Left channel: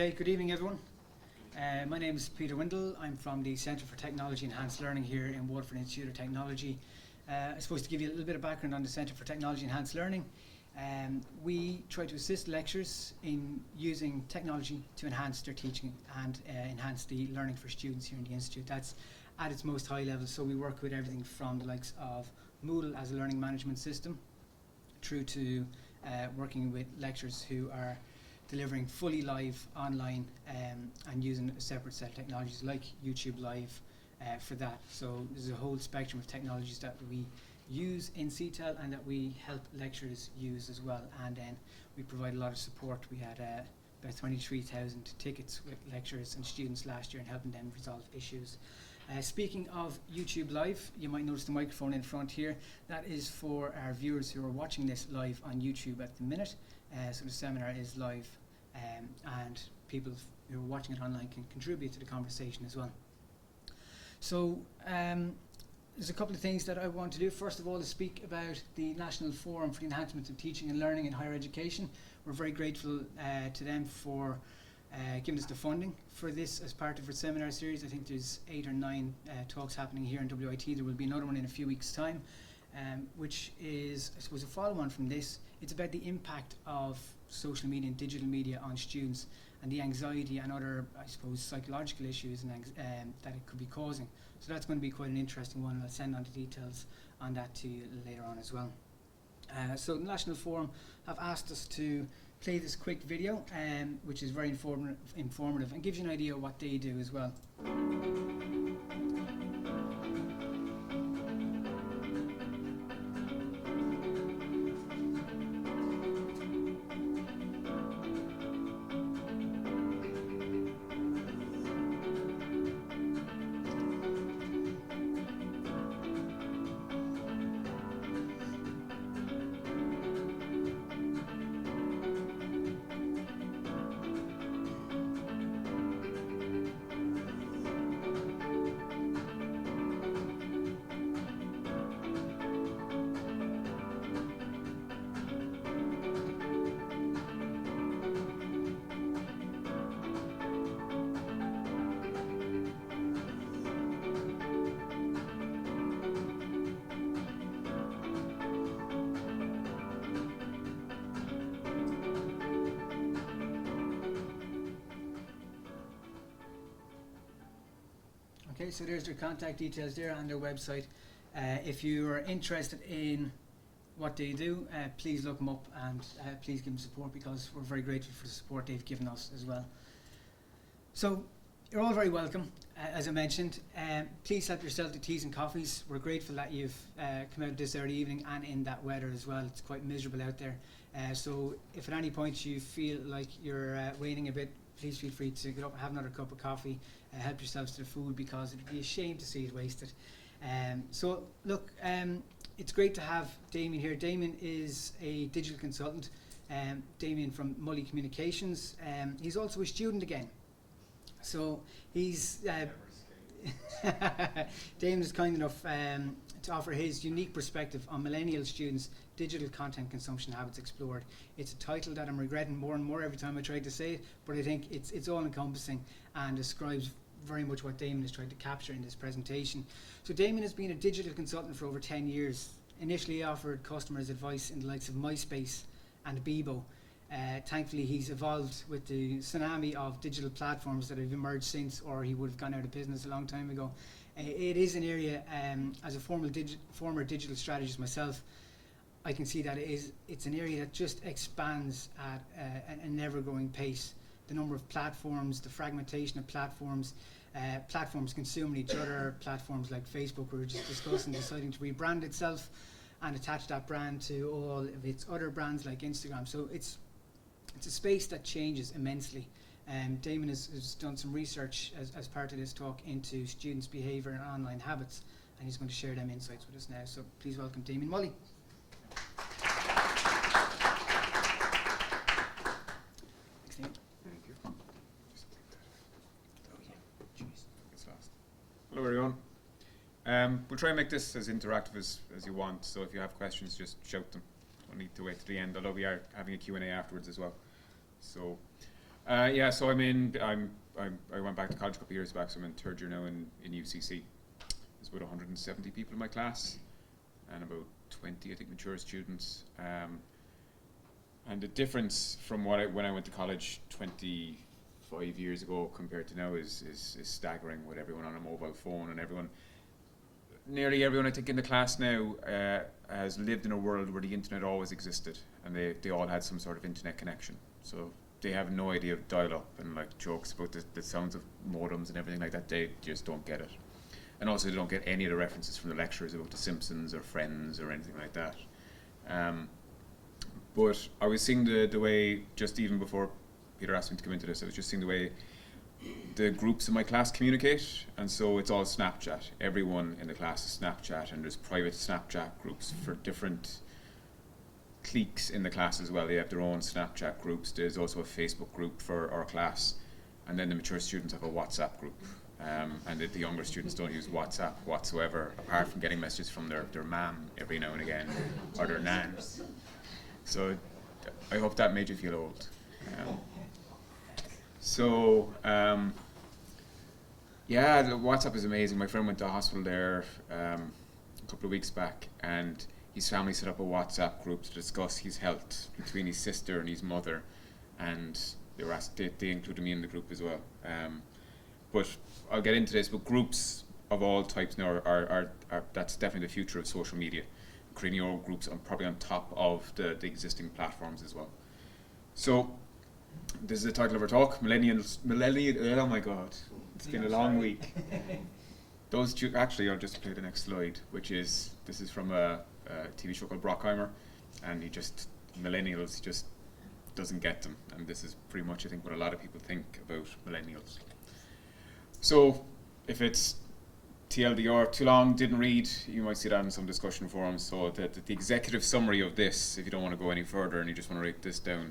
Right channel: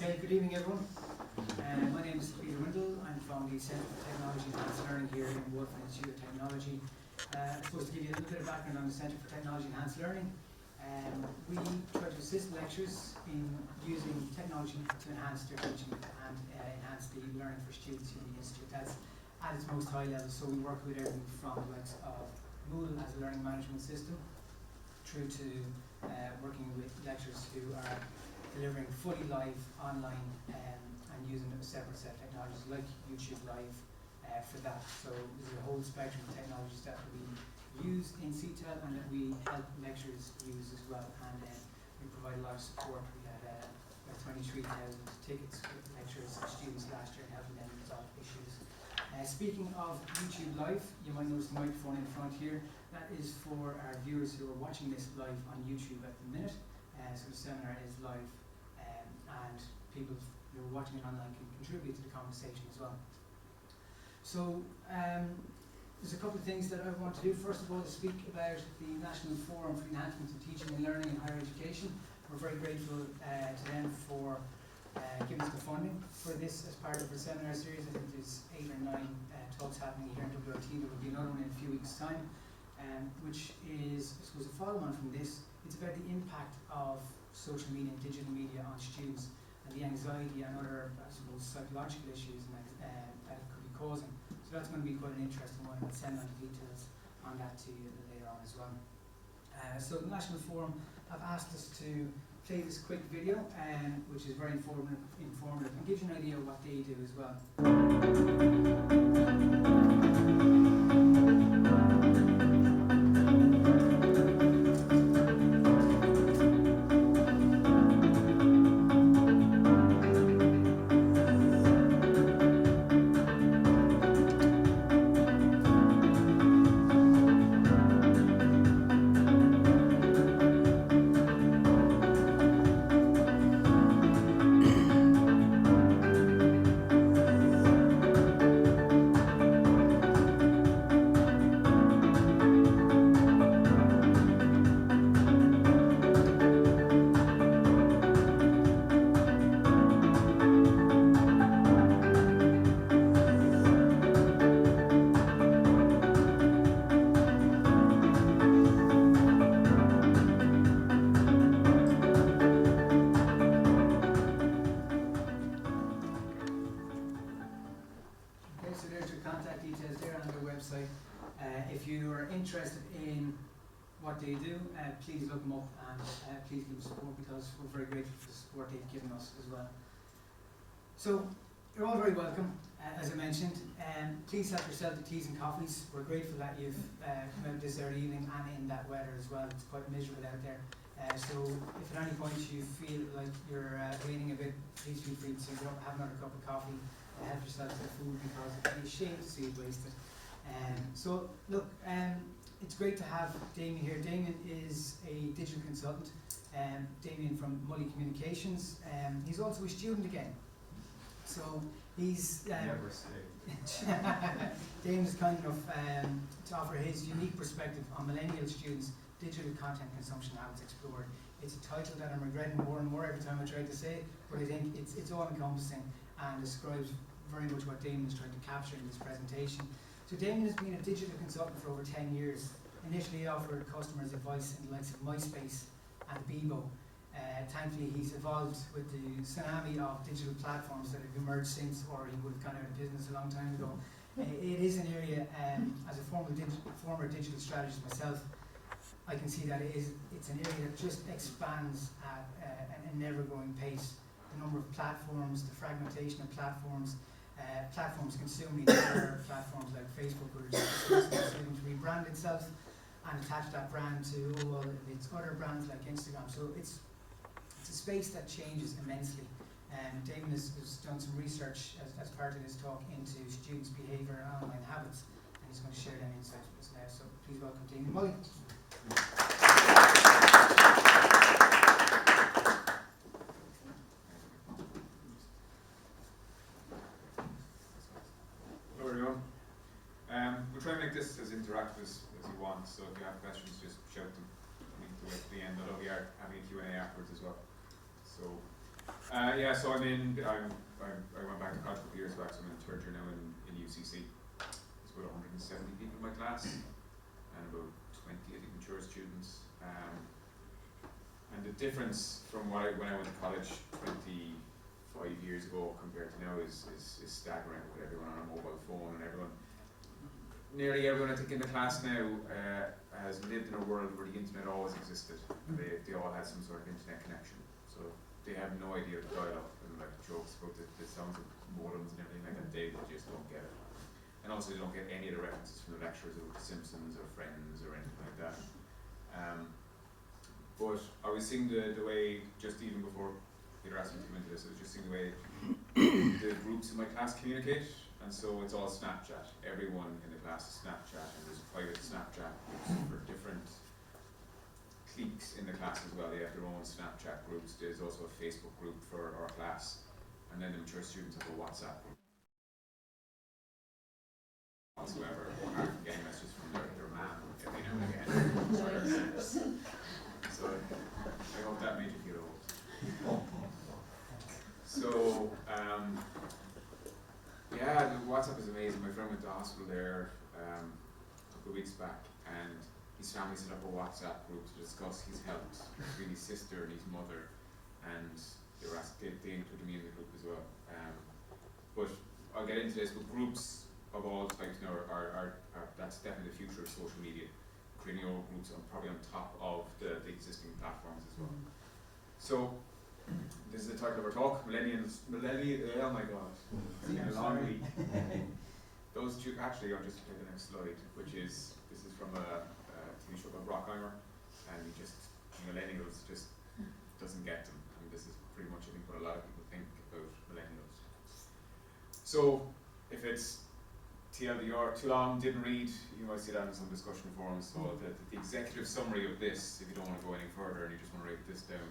Okay, good evening everyone. My name is Peter Windle. I'm from the Centre for Technology Enhanced Learning here in Waterford Institute of Technology. I'm supposed to give you a little bit of background on the Centre for Technology Enhanced Learning. We try to assist lecturers in using technology to enhance their teaching and enhance the learning for students here in the Institute. That's at its most high level, so we work with everything from the likes of Moodle as a learning management system through to working with lecturers who are delivering fully live online and using a separate set of technologies like YouTube Live for that. So there's a whole spectrum of technologies that we use in CTEL and that we help lecturers use as well. And then we provide a lot of support. We had about 23,000 tickets with lecturers and students last year and helping them resolve issues. Speaking of YouTube Live, you might notice the microphone in front here. That is for our viewers who are watching this live on YouTube at the minute. So the seminar is live and people who are watching it online can contribute to the conversation as well. So there's a couple of things that I want to do. First of all, to speak about the National Forum for the Enhancement of Teaching and Learning in Higher Education. We're very grateful to them for giving us the funding for this as part of our seminar series. I think there's 8 or 9 talks happening here in WIT. There will be another one in a few weeks' time, which is, I suppose, a follow-on from this. It's about the impact of social media and digital media on students and the anxiety and other, I suppose, psychological issues that it could be causing. So that's going to be quite an interesting one, and I'll send on the details on that to you later on as well. So the National Forum have asked us to play this quick video, which is very informative and gives you an idea of what they do as well. So there's your contact details there on their website. If you are interested in what they do, please look them up and please give them support, because we're very grateful for the support they've given us as well. So you're all very welcome, as I mentioned. Please help yourself to teas and coffees. We're grateful that you've come out this early evening and in that weather as well. It's quite miserable out there. So if at any point you feel like you're waiting a bit, please feel free to get up and have another cup of coffee. Help yourselves to food, because it'd be a shame to see it wasted. So look, it's great to have Damien here. Damien is a digital consultant. Damien from Mully Communications. He's also a student again. So he's Damien's kind enough to offer his unique perspective on millennial students' digital content consumption habits explored. It's a title that I'm regretting more and more every time I try to say it, but I think it's all encompassing and describes very much what Damien is trying to capture in this presentation. So Damien has been a digital consultant for over 10 years. Initially he offered customers advice in the likes of MySpace and Bebo. Thankfully he's evolved with the tsunami of digital platforms that have emerged since, or he would have gone out of business a long time ago. It is an area, as a former digital strategist myself, I can see that it's an area that just expands at an ever-growing pace. The number of platforms, the fragmentation of platforms, platforms consume each other, platforms like Facebook, we were just discussing, deciding to rebrand itself and attach that brand to all of its other brands like Instagram. So it's a space that changes immensely. Damien has done some research as part of this talk into students' behaviour and online habits, and he's going to share them insights with us now. So please welcome Damien Mully. Hello everyone. We'll try and make this as interactive as you want, so if you have questions just shout them. I don't need to wait to the end, although we are having a Q&A afterwards as well. So Yeah, so I went back to college a couple of years back, so I'm in third year now in UCC. There's about 170 people in my class, and about 20, I think, mature students. And the difference from when I went to college 25 years ago compared to now is staggering, with everyone on a mobile phone, and nearly everyone I think in the class now has lived in a world where the internet always existed, and they all had some sort of internet connection. So they have no idea of dial-up and like jokes about the sounds of modems and everything like that. They just don't get it. And also they don't get any of the references from the lecturers about The Simpsons or Friends or anything like that. But I was seeing the way, just even before Peter asked me to come into this, I was just seeing the way the groups in my class communicate, and so it's all Snapchat. Everyone in the class is Snapchat, and there's private Snapchat groups for different cliques in the class as well. They have their own Snapchat groups. There's also a Facebook group for our class, and then the mature students have a WhatsApp group. And the younger students don't use WhatsApp whatsoever, apart from getting messages from their mum every now and again, or their nans. So I hope that made you feel old. Yeah, WhatsApp is amazing. My friend went to a hospital there a couple of weeks back, and his family set up a WhatsApp group to discuss his health between his sister and his mother, and they included me in the group as well. But I'll get into this, but groups of all types now are that's definitely the future of social media. Creating your own groups probably on top of the existing platforms as well. So this is the title of our talk, Millennial, oh my god, it's been a long week. Actually, I'll just play the next slide, this is from a TV show called Brockheimer, and Millennials just doesn't get them, and this is pretty much, I think, what a lot of people think about Millennials. So, if it's TLDR, too long, didn't read, you might see that in some discussion forums. So the executive summary of this, if you don't want to go any further and you just want to write this down,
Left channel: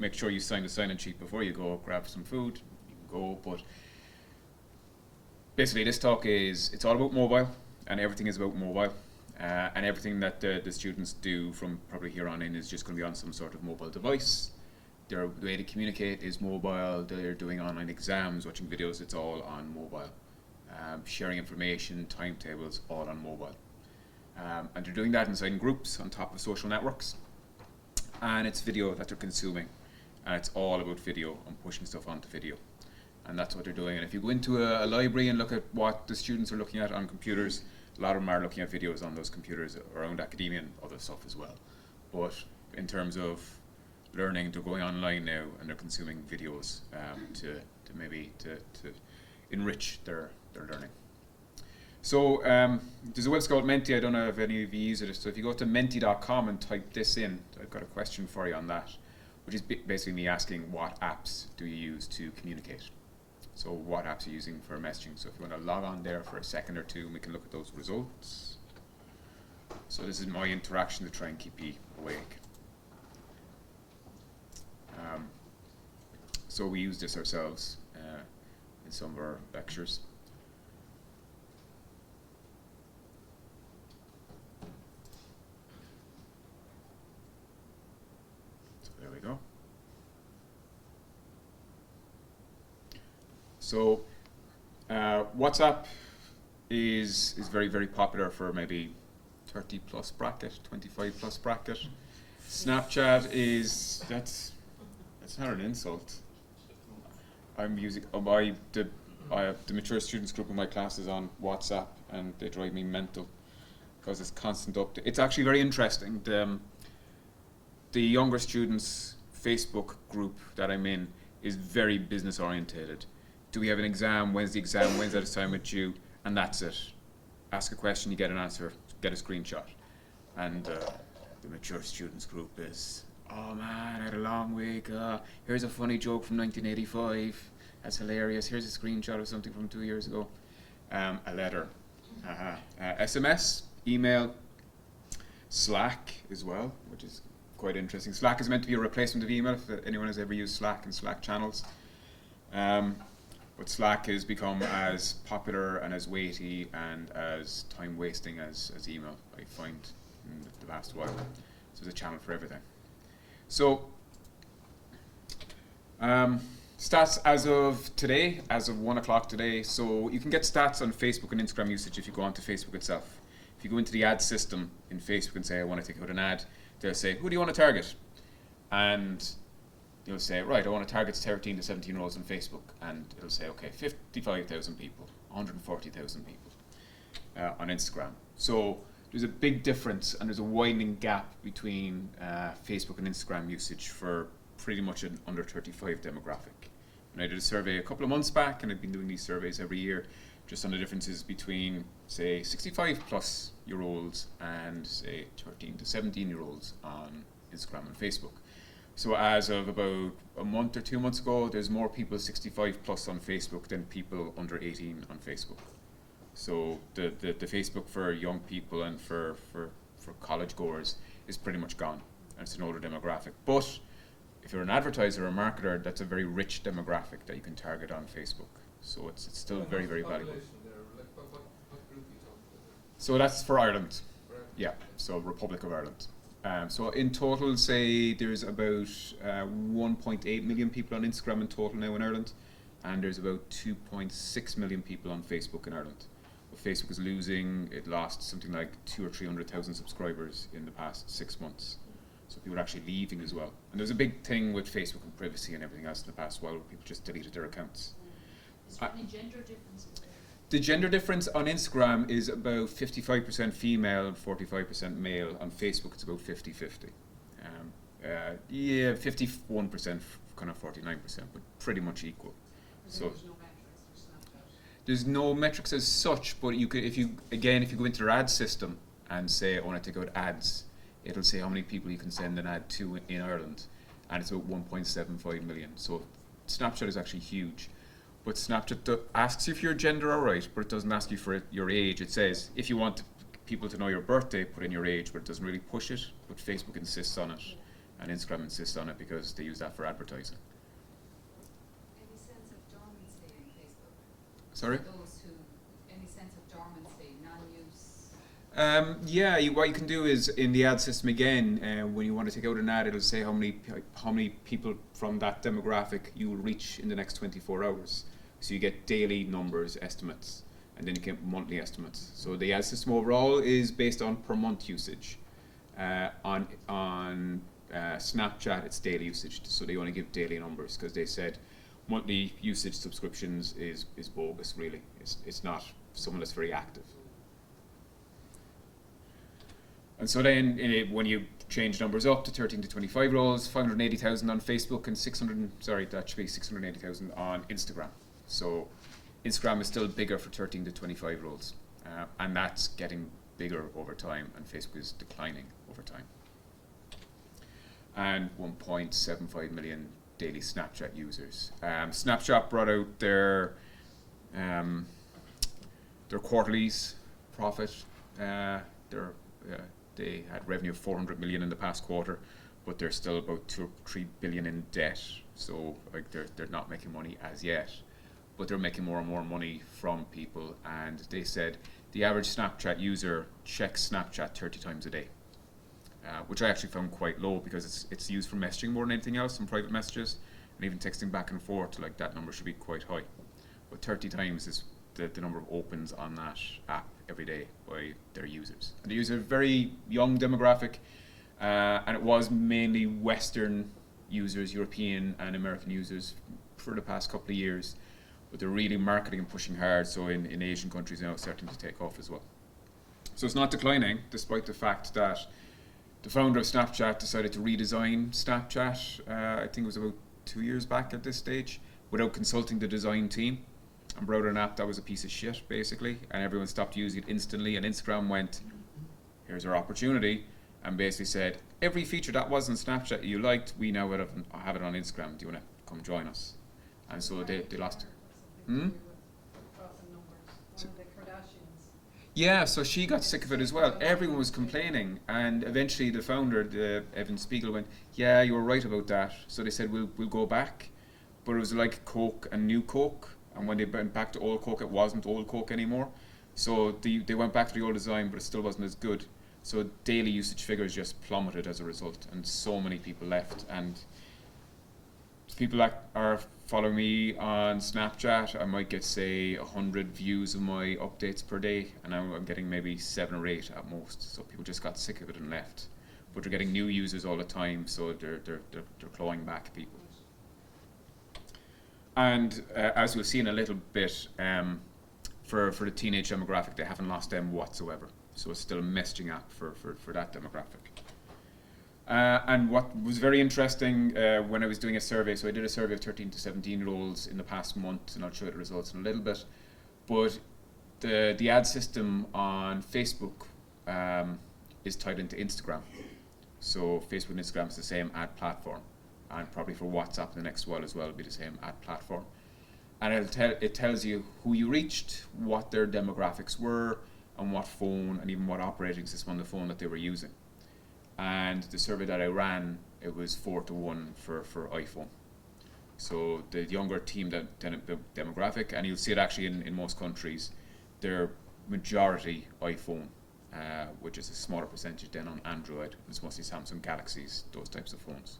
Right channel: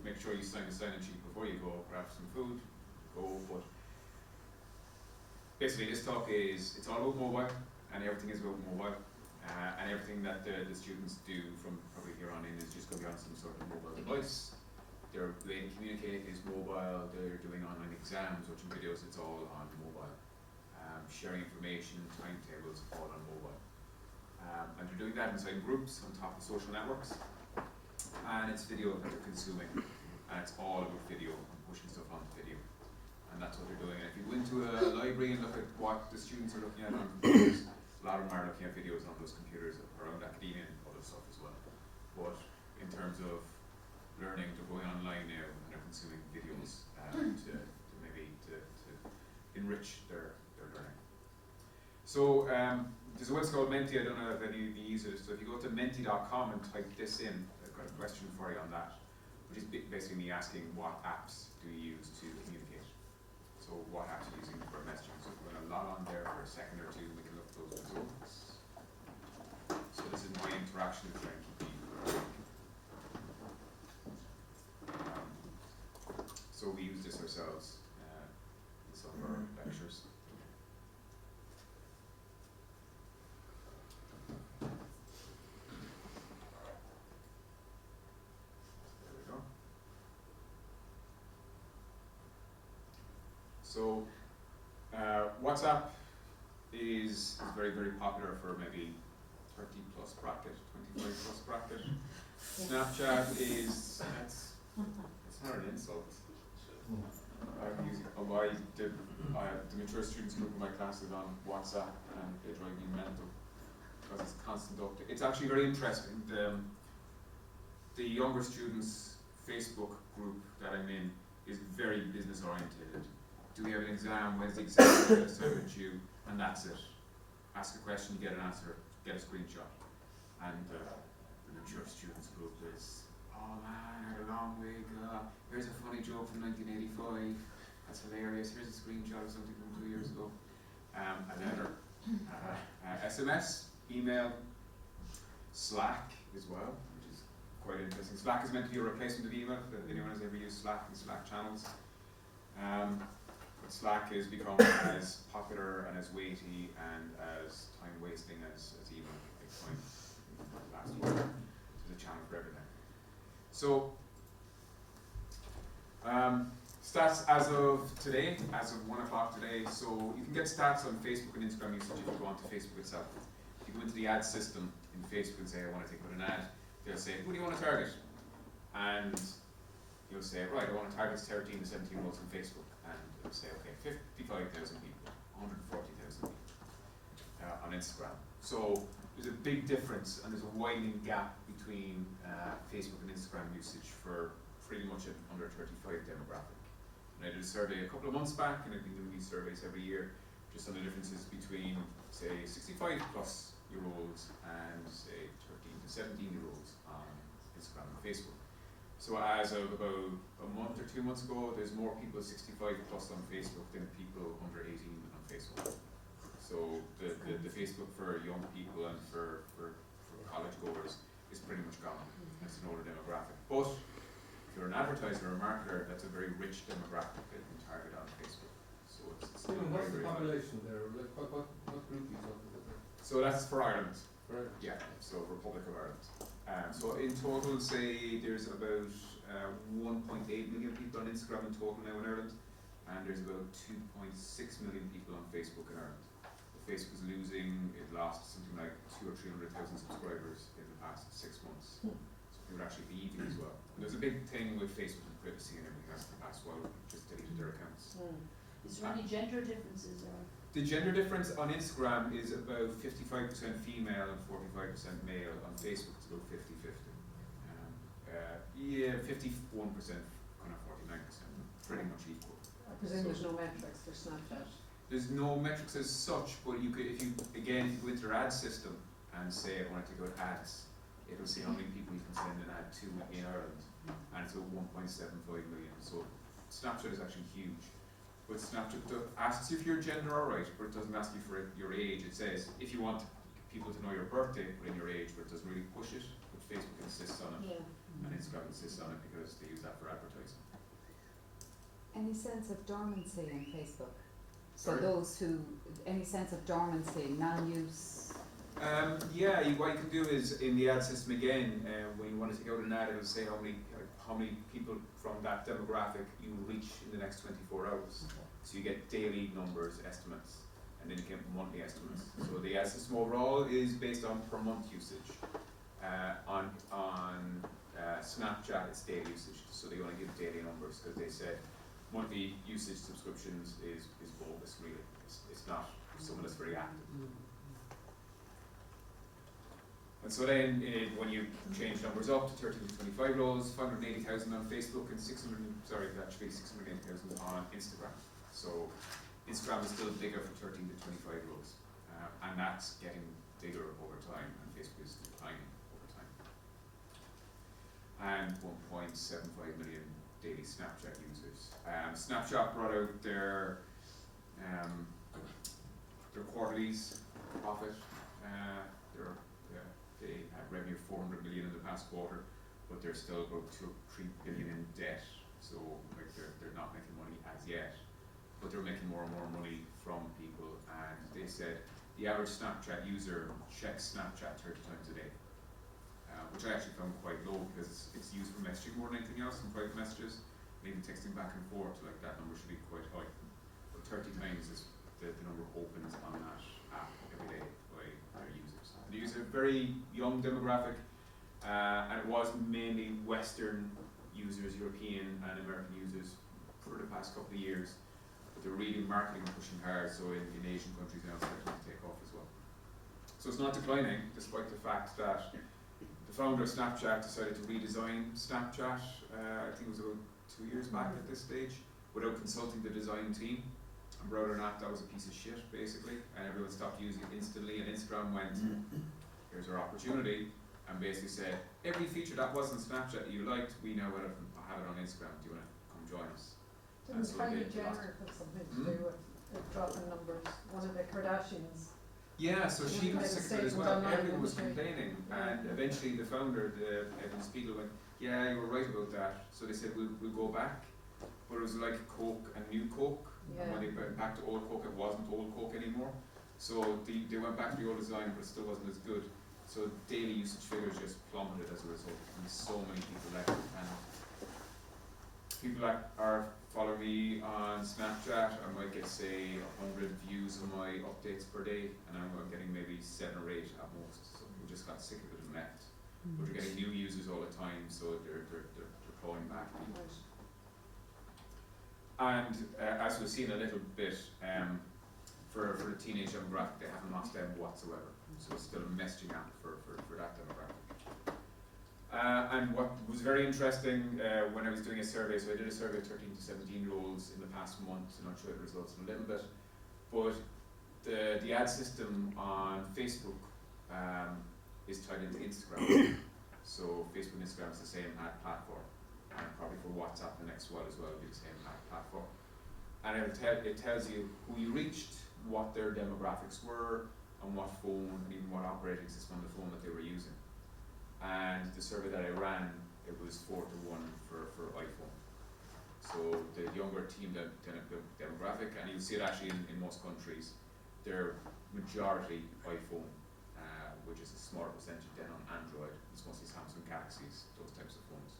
make sure you sign the sign-in sheet before you go, grab some food, go. But basically this talk it's all about mobile, and everything is about mobile. And everything that the students do from probably here on in is just going to be on some sort of mobile device. Their way to communicate is mobile. They're doing online exams, watching videos, it's all on mobile. Sharing information, timetables, all on mobile. And they're doing that inside groups on top of social networks. And it's video that they're consuming. And it's all about video and pushing stuff onto video. And that's what they're doing. And if you go into a library and look at what the students are looking at on computers, a lot of them are looking at videos on those computers around academia and other stuff as well. But in terms of learning, they're going online now and they're consuming videos to enrich their learning. So there's a website called Menti. I don't know if any of you use it. So if you go to menti.com and type this in, I've got a question for you on that, which is basically me asking what apps do you use to communicate. So what apps are you using for messaging? So if you want to log on there for a second or two, we can look at those results. So this is my interaction to try and keep you awake. So we use this ourselves in some of our lectures. So there we go. So WhatsApp is very, very popular for maybe 30 plus bracket, 25 plus bracket. Snapchat that's not an insult. I'm using the mature students group of my class is on WhatsApp, and they drive me mental because it's constant update. It's actually very interesting. The younger students Facebook group that I'm in is very business orientated. Do we have an exam? When's the exam? When's that assignment due? And that's it. Ask a question, you get an answer, get a screenshot. And the mature students group is, oh man, I had a long week. Here's a funny joke from 1985. That's hilarious. Here's a screenshot of something from 2 years ago. A letter. SMS, email, Slack as well, which is quite interesting. Slack is meant to be a replacement of email, if anyone has ever used Slack and Slack channels. But Slack has become as popular and as weighty and as time wasting as email, I find, in the last while. So there's a channel for everything. So Stats as of today, as of 1 o'clock today. So you can get stats on Facebook and Instagram usage if you go onto Facebook itself. If you go into the ad system in Facebook and say, I want to take out an ad, they'll say, who do you want to target? And you'll say, right, I want to target 13 to 17 year olds on Facebook. And it'll say, okay, 55,000 people, 140,000 people on Instagram. So there's a big difference and there's a widening gap between Facebook and Instagram usage for pretty much an under 35 demographic. And I did a survey a couple of months back, and I've been doing these surveys every year, just on the differences between, say, 65 plus year olds and, say, 13 to 17 year olds on Instagram and Facebook. So as of about a month or 2 months ago, there's more people 65 plus on Facebook than people under 18 on Facebook. So the Facebook for young people and for college goers is pretty much gone. And it's an older demographic. But if you're an advertiser or a marketer, that's a very rich demographic that you can target on Facebook. So it's still very, very valuable. There? Like what group are you talking about there? So that's for Ireland. Right. Yeah, so Republic of Ireland. So in total, say there's about 1.8 million people on Instagram in total now in Ireland, and there's about 2.6 million people on Facebook in Ireland. But Facebook is losing, it lost something like 200,000 or 300,000 subscribers in the past 6 months. So people are actually leaving as well. And there's a big thing with Facebook and privacy and everything else in the past while people just deleted their accounts. Is there any gender differences there? The gender difference on Instagram is about 55% female and 45% male. On Facebook it's about 50-50. Yeah, 51%, kind of 49%, but pretty much equal. I presume there's no metrics for Snapchat. There's no metrics as such, but you could, if you go into their ad system and say, I want to take out ads, it'll say how many people you can send an ad to in Ireland, and it's about 1.75 million. So Snapchat is actually huge. But Snapchat asks you if your gender alright, but it doesn't ask you for your age. It says, if you want people to know your birthday, put in your age, but it doesn't really push it. But Facebook insists on it, and Instagram insists on it because they use that for advertising. Any sense of dormancy in Facebook? Sorry? For those who, any sense of dormancy, non-use? Yeah, what you can do is in the ad system again, when you want to take out an ad, it'll say how many people from that demographic you will reach in the next 24 hours. So you get daily numbers, estimates, and then you get monthly estimates. So the ad system overall is based on per month usage. On Snapchat, it's daily usage, so they only give daily numbers because they said monthly usage subscriptions is bogus. Really, it's not someone that's very active. And so then, when you change numbers up to 13 to 25 year olds, 580,000 on Facebook and 680,000 on Instagram. So Instagram is still bigger for 13 to 25 year olds, and that's getting bigger over time, and Facebook is declining over time. And 1.75 million daily Snapchat users. Snapchat brought out their quarterlies profit. They had revenue of 400 million in the past quarter, but they're still about 2 or 3 billion in debt. So like they're not making money as yet, but they're making more and more money from people. And they said the average Snapchat user checks Snapchat 30 times a day, which I actually found quite low because it's used for messaging more than anything else, and private messages, and even texting back and forth. Like that number should be quite high, but 30 times is the number of opens on that app every day by their users. And they use a very young demographic, and it was mainly Western users, European and American users for the past couple of years, but they're really marketing and pushing hard, so in Asian countries now it's starting to take off as well. So it's not declining, despite the fact that the founder of Snapchat decided to redesign Snapchat, I think it was about 2 years back at this stage, without consulting the design team, and brought out an app that was a piece of shit basically, and everyone stopped using it instantly, and Instagram went, here's our opportunity, and basically said, every feature that was in Snapchat you liked, we now have it on Instagram, do you want to come join us? And so they lost. Something to do with dropping numbers. One of the Kardashians. Yeah, so she got sick of it as well. Everyone was complaining, and eventually the founder, Evan Spiegel, went, yeah, you were right about that. So they said, we'll go back, but it was like Coke and new Coke, and when they went back to old Coke, it wasn't old Coke anymore. So they went back to the old design, but it still wasn't as good. So daily usage figures just plummeted as a result, and so many people left. And people that are following me on Snapchat, I might get say 100 views of my updates per day, and I'm getting maybe 7 or 8 at most. So people just got sick of it and left. But you're getting new users all the time, so they're clawing back people. And as we'll see in a little bit, for the teenage demographic, they haven't lost them whatsoever. So it's still a messaging app for that demographic. And what was very interesting when I was doing a survey, so I did a survey of 13 to 17 year olds in the past month, and I'll show you the results in a little bit. But the ad system on Facebook is tied into Instagram. So Facebook and Instagram is the same ad platform, and probably for WhatsApp the next one as well will be the same ad platform. And it tells you who you reached, what their demographics were, and what phone, and even what operating system on the phone that they were using. And the survey that I ran, it was 4-1 for iPhone. So the younger team demographic, and you'll see it actually in most countries, they're majority iPhone, which is a smaller percentage than on Android. It's mostly Samsung Galaxies, those types of phones.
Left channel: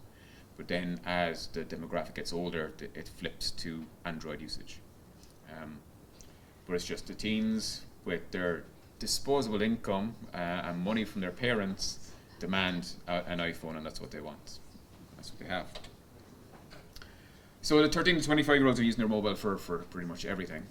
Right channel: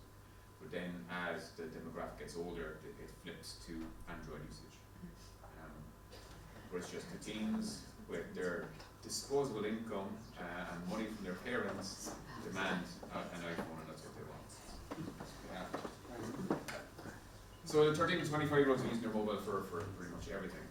But then as the demographic gets older, it flips to Android usage. But it's just the teens with their disposable income and money from their parents demand an iPhone, and that's what they want. That's what they have. So the 13 to 25 year olds are using their mobile for pretty much everything.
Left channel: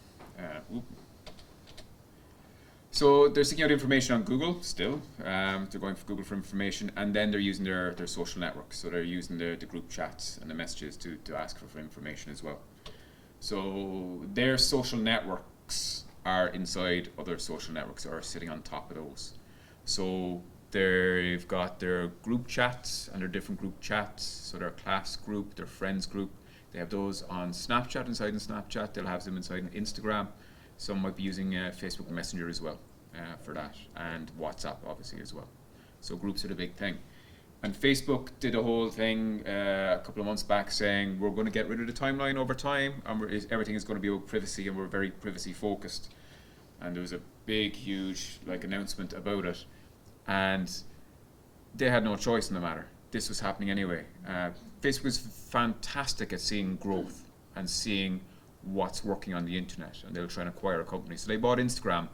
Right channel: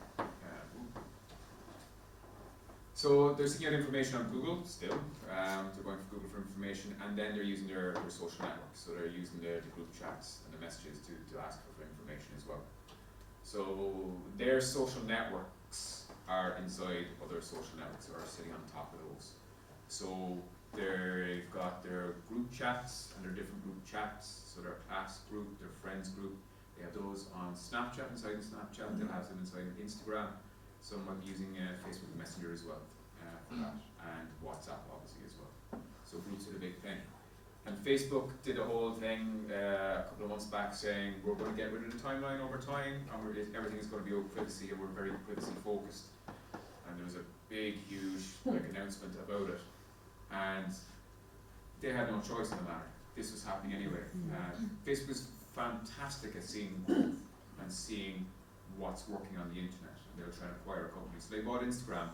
So they're seeking out information on Google still. They're going for Google for information, and then they're using their social networks. So they're using the group chats and the messages to ask for information as well. So their social networks are inside other social networks, or sitting on top of those. So they've got their group chats, and their different group chats. So their class group, their friends group. They have those on Snapchat, inside in Snapchat. They'll have them inside in Instagram. Some might be using Facebook Messenger as well for that, and WhatsApp obviously as well. So groups are the big thing. And Facebook did a whole thing a couple of months back saying we're going to get rid of the timeline over time, and everything is going to be about privacy, and we're very privacy focused. And there was a big, huge announcement about it, and they had no choice in the matter. This was happening anyway. Facebook was fantastic at seeing growth and seeing what's working on the internet, and they were trying to acquire a company. So they bought Instagram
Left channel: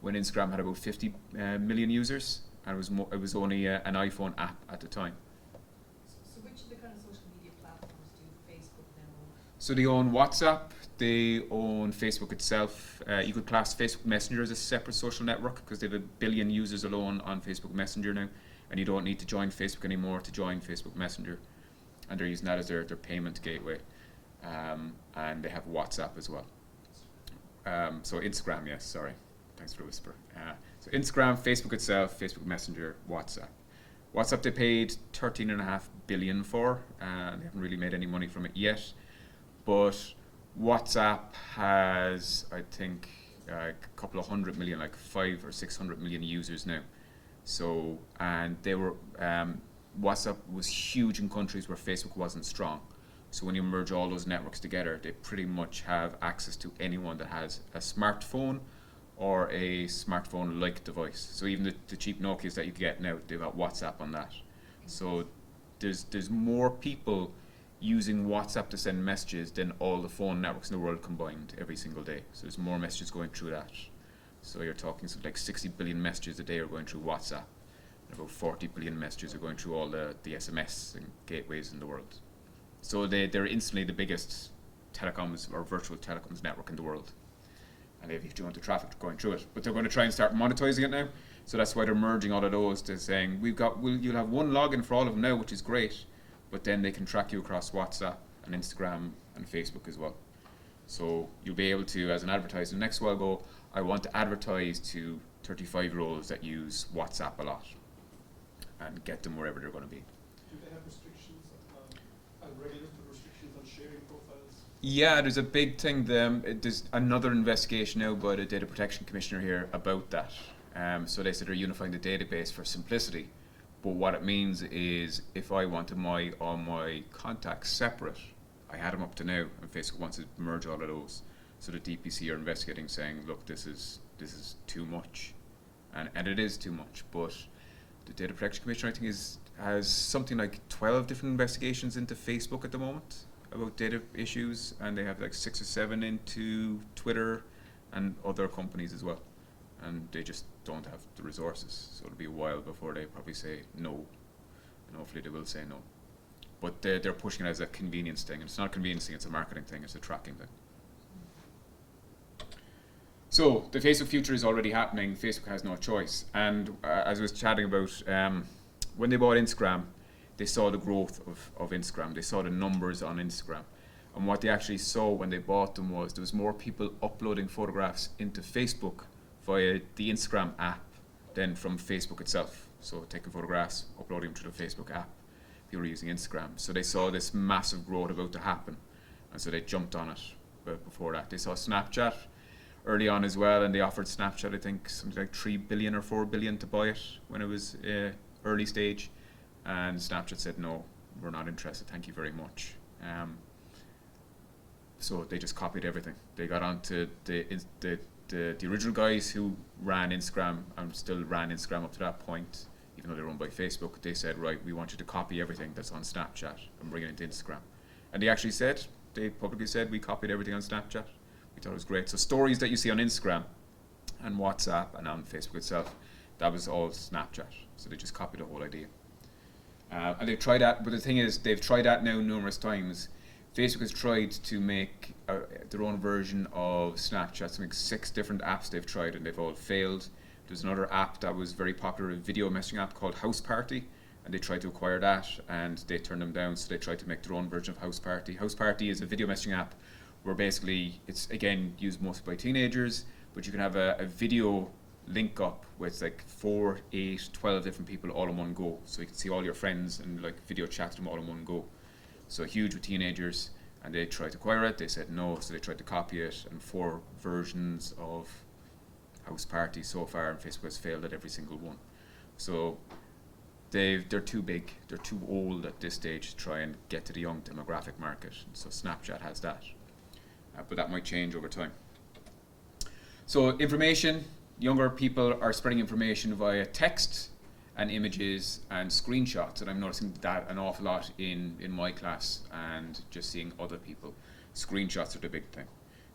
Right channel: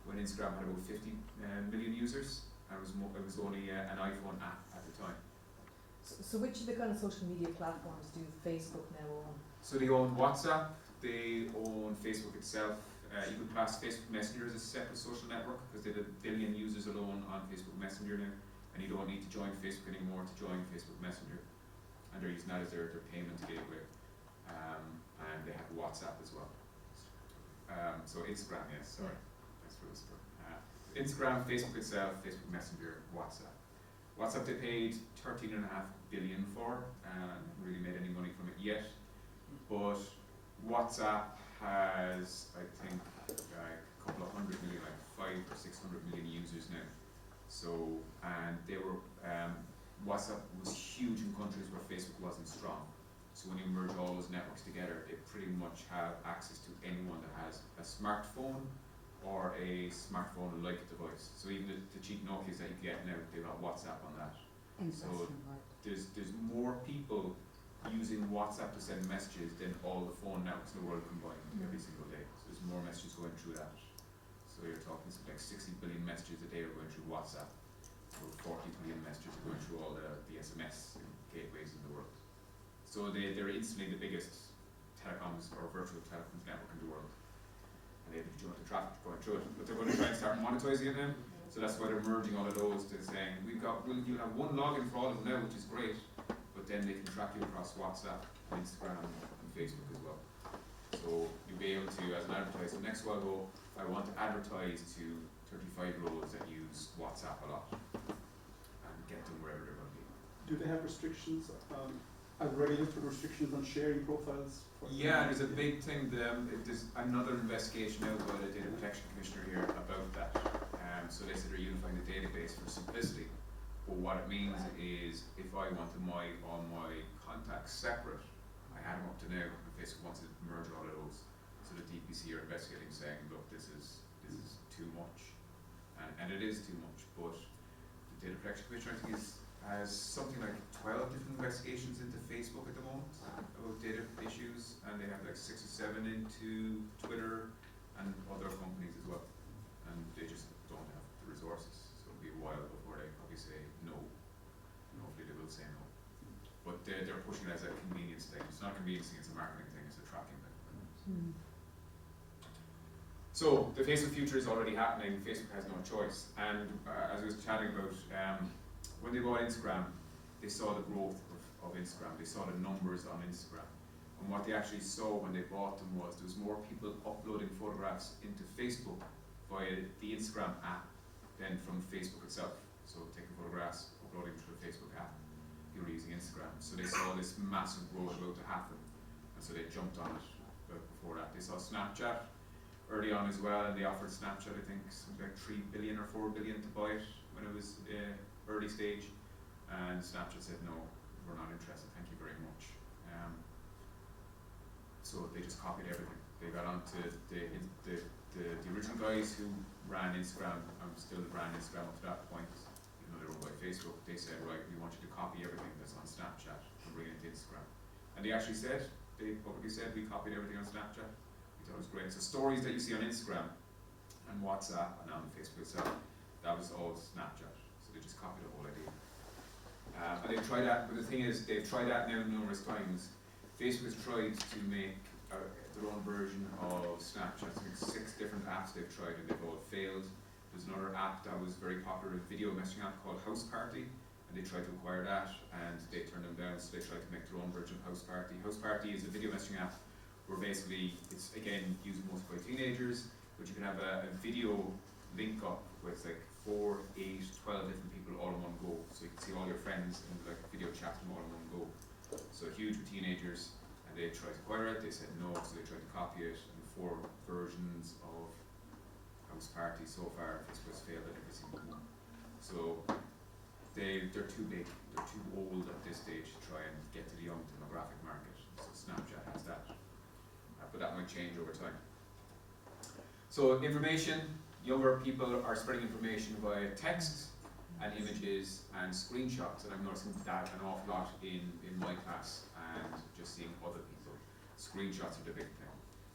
when Instagram had about 50 million users, and it was only an iPhone app at the time. So which of the kind of social media platforms do Facebook now own? So they own WhatsApp, they own Facebook itself. You could class Facebook Messenger as a separate social network because they have 1 billion users alone on Facebook Messenger now, and you don't need to join Facebook anymore to join Facebook Messenger, and they're using that as their payment gateway. And they have WhatsApp as well. So Instagram, yes, sorry. Thanks for the whisper. So Instagram, Facebook itself, Facebook Messenger, WhatsApp. WhatsApp they paid 13.5 billion for. They haven't really made any money from it yet. But WhatsApp has, I think, a couple of 100 million, like 500 or 600 million users now. So, and they were, WhatsApp was huge in countries where Facebook wasn't strong. So when you merge all those networks together, they pretty much have access to anyone that has a smartphone or a smartphone-like device. So even the cheap Nokias that you get now, they've got WhatsApp on that. So there's more people using WhatsApp to send messages than all the phone networks in the world combined every single day. So there's more messages going through that. So you're talking something like 60 billion messages a day are going through WhatsApp. About 40 billion messages are going through all the SMS and gateways in the world. So they're instantly the biggest telecoms or virtual telecoms network in the world. And they have huge amount of traffic going through it. But they're going to try and start monetizing it now. So that's why they're merging all of those to saying you'll have one login for all of them now, which is great, but then they can track you across WhatsApp and Instagram and Facebook as well. So you'll be able to, as an advertiser, next while go, I want to advertise to 35-year-olds that use WhatsApp a lot and get them wherever they're going to be. Do they have restrictions, regulatory restrictions on sharing profiles? Yeah, there's a big thing. There's another investigation now by the Data Protection Commissioner here about that. So they said they're unifying the database for simplicity. But what it means is if I wanted all my contacts separate, I had them up to now, and Facebook wants to merge all of those. So the DPC are investigating, saying, look, this is too much, and it is too much. But the Data Protection Commissioner, I think, has something like 12 different investigations into Facebook at the moment, about data issues, and they have like 6 or 7 into Twitter and other companies as well, and they just don't have the resources. So it'll be a while before they probably say no, and hopefully they will say no. But they're pushing it as a convenience thing. It's not a convenience thing; it's a marketing thing. It's a tracking thing. So the Facebook future is already happening. Facebook has no choice. And as I was chatting about, when they bought Instagram, they saw the growth of Instagram. They saw the numbers on Instagram. And what they actually saw when they bought them was there was more people uploading photographs into Facebook via the Instagram app than from Facebook itself. So taking photographs, uploading them to the Facebook app. People were using Instagram. So they saw this massive growth about to happen. And so they jumped on it. But before that, they saw Snapchat early on as well, and they offered Snapchat, I think, something like 3 billion or 4 billion to buy it when it was early stage, and Snapchat said no, we're not interested, thank you very much. So they just copied everything. They got onto the original guys who ran Instagram and still ran Instagram up to that point, even though they're run by Facebook. They said, right, we want you to copy everything that's on Snapchat and bring it into Instagram. And they actually said, they publicly said, we copied everything on Snapchat. Thought it was great. So stories that you see on Instagram and WhatsApp and on Facebook itself, that was all Snapchat. So they just copied the whole idea. And they've tried that, but the thing is, they've tried that now numerous times. Facebook has tried to make their own version of Snapchat. Something 6 different apps they've tried, and they've all failed. There's another app that was very popular, a video messaging app called House Party, and they tried to acquire that, and they turned them down. So they tried to make their own version of House Party. House Party is a video messaging app where basically it's again used mostly by teenagers, but you can have a video link up with like 4, 8, 12 different people all in one go. So you can see all your friends and like video chat them all in one go. So huge with teenagers, and they tried to acquire it, they said no, so they tried to copy it, and 4 versions of House Party so far, and Facebook has failed at every single one. So they're too big, they're too old at this stage to try and get to the young demographic market. So Snapchat has that. But that might change over time. So information, younger people are spreading information via text and images and screenshots, and I'm noticing that an awful lot in my class, and just seeing other people. Screenshots are the big thing.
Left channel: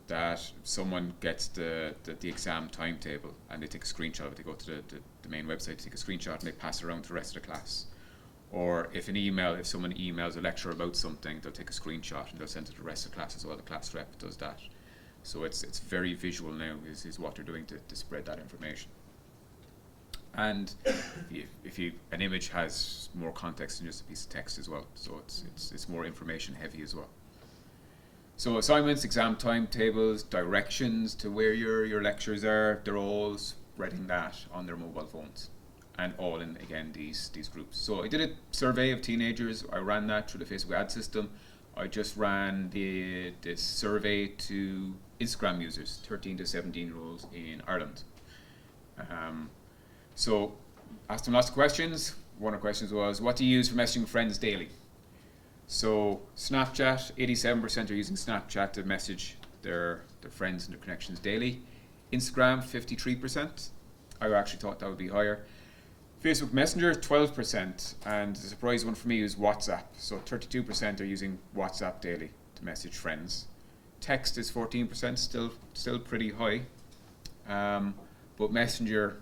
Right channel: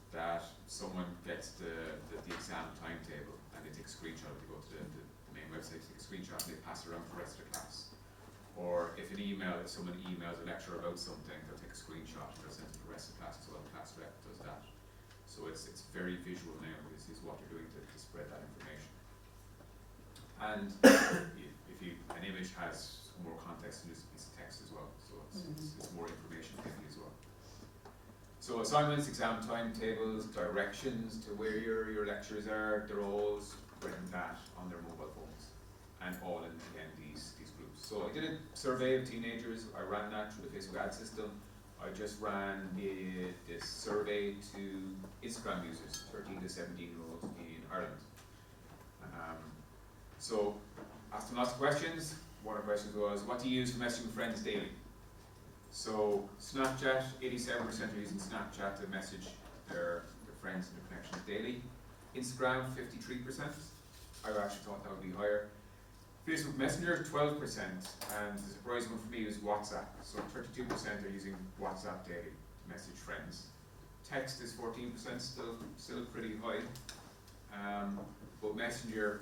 That someone gets the exam timetable and they take a screenshot of it, they go to the main website, take a screenshot, and they pass it around to the rest of the class. Or if someone emails a lecture about something, they'll take a screenshot and they'll send it to the rest of the class as well. The class rep does that. So it's very visual now is what they're doing to spread that information. And if an image has more context than just a piece of text as well, so it's more information heavy as well. So assignments, exam timetables, directions to where your lectures are, they're all spreading that on their mobile phones. And all in, again, these groups. So I did a survey of teenagers. I ran that through the Facebook ad system. I just ran this survey to Instagram users, 13 to 17-year-olds in Ireland. So asked them lots of questions. One of the questions was, what do you use for messaging friends daily? So Snapchat, 87% are using Snapchat to message their friends and their connections daily. Instagram, 53%. I actually thought that would be higher. Facebook Messenger, 12%, and the surprise one for me is WhatsApp. So 32% are using WhatsApp daily to message friends. Text is 14%, still pretty high. But Messenger,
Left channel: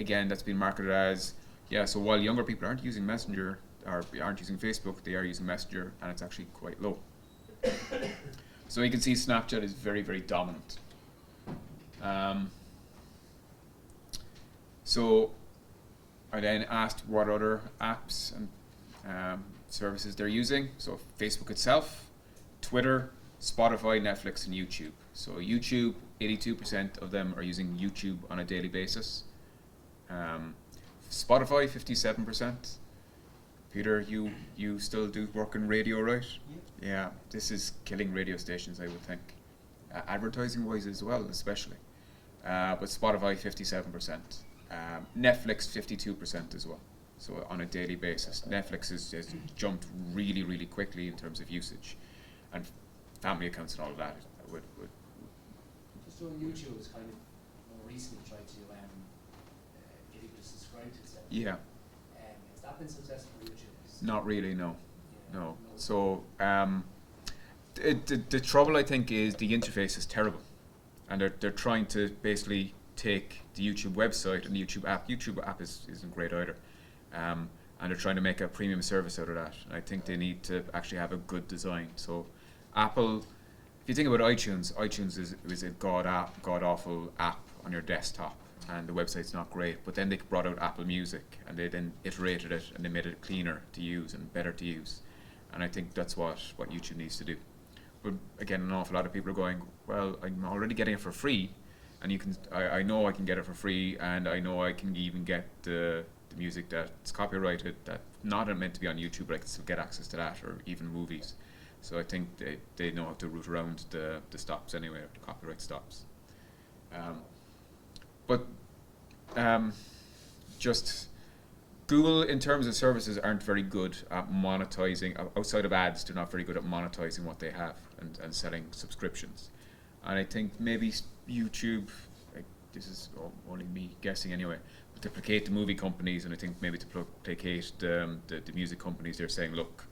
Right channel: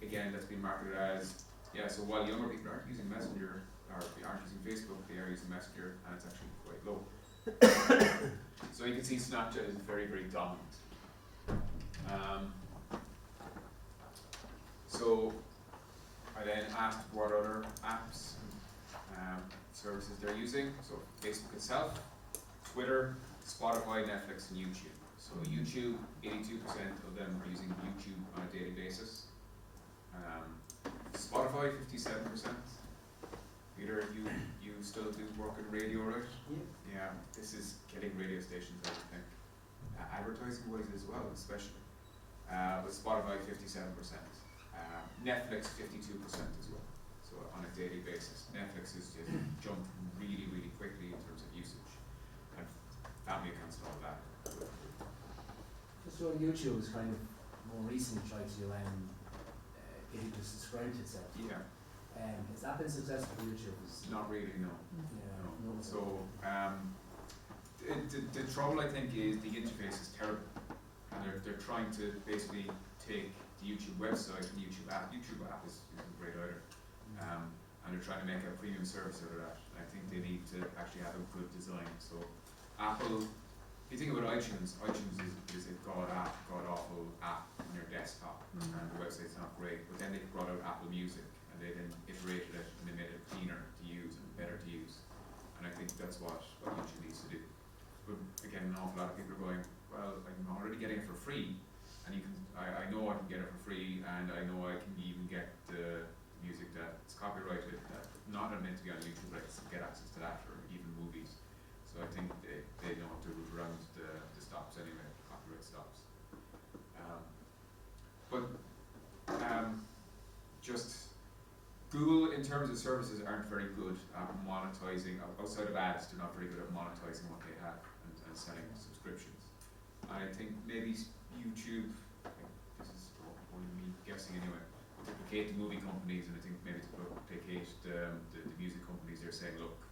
again, that's been marketed as, so while younger people aren't using Messenger, or aren't using Facebook, they are using Messenger, and it's actually quite low. So you can see Snapchat is very, very dominant. So I then asked what other apps and services they're using. So Facebook itself, Twitter, Spotify, Netflix, and YouTube. So YouTube, 82% of them are using YouTube on a daily basis. Spotify, 57%. Peter, you still do work in radio, right? Yeah, this is killing radio stations, I would think. Advertising-wise as well, especially. But Spotify, 57%. Netflix, 52% as well. So on a daily basis, Netflix has jumped really, really quickly in terms of usage, and family accounts and all of that. So YouTube is kind of more recently tried to get you to subscribe to itself. Yeah. Has that been successful for YouTube? Not really, no. Yeah, No. So The trouble I think is the interface is terrible, and they're trying to basically take the YouTube website and the YouTube app. YouTube app isn't great either, and they're trying to make a premium service out of that. I think they need to actually have a good design. So Apple, if you think about iTunes is a god awful app on your desktop, and the website's not great. But then they brought out Apple Music, and they then iterated it, and they made it cleaner to use and better to use. And I think that's what YouTube needs to do. But again, an awful lot of people are going, well, I'm already getting it for free, and I know I can get it for free, and I know I can even get the music that's copyrighted, that's not meant to be on YouTube, but I can still get access to that, or even movies. So I think they know how to route around the stops anyway, the copyright stops. Just Google, in terms of services, aren't very good at monetizing. Outside of ads, they're not very good at monetizing what they have and selling subscriptions. And I think maybe YouTube, this is only me guessing anyway, to placate the movie companies, and I think maybe to placate the music companies, they're saying, look,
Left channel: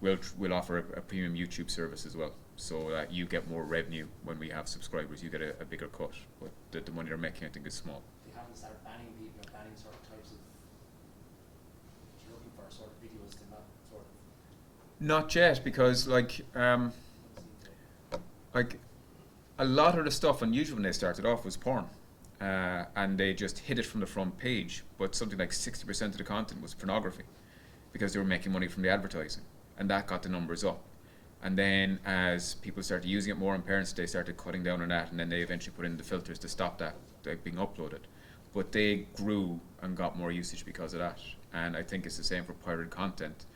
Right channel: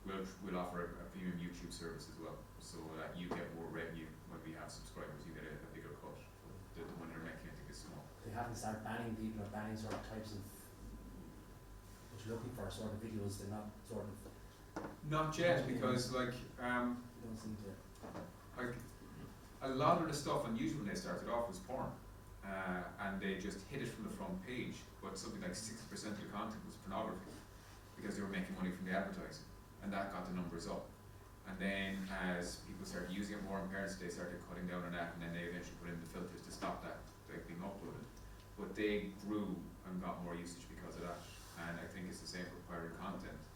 we'll offer a premium YouTube service as well, so that you get more revenue when we have subscribers. You get a bigger cut, but the money they're making, I think, is small. They haven't started banning people or banning certain types of what you're looking for, sort of videos. They're not sort of. Not yet, because like a lot of the stuff on YouTube when they started off was porn, and they just hid it from the front page. But something like 60% of the content was pornography, because they were making money from the advertising, and that got the numbers up. And then as people started using it more, and parents, they started cutting down on that, and then they eventually put in the filters to stop that being uploaded. But they grew and got more usage because of that. And I think it's the same for pirated content.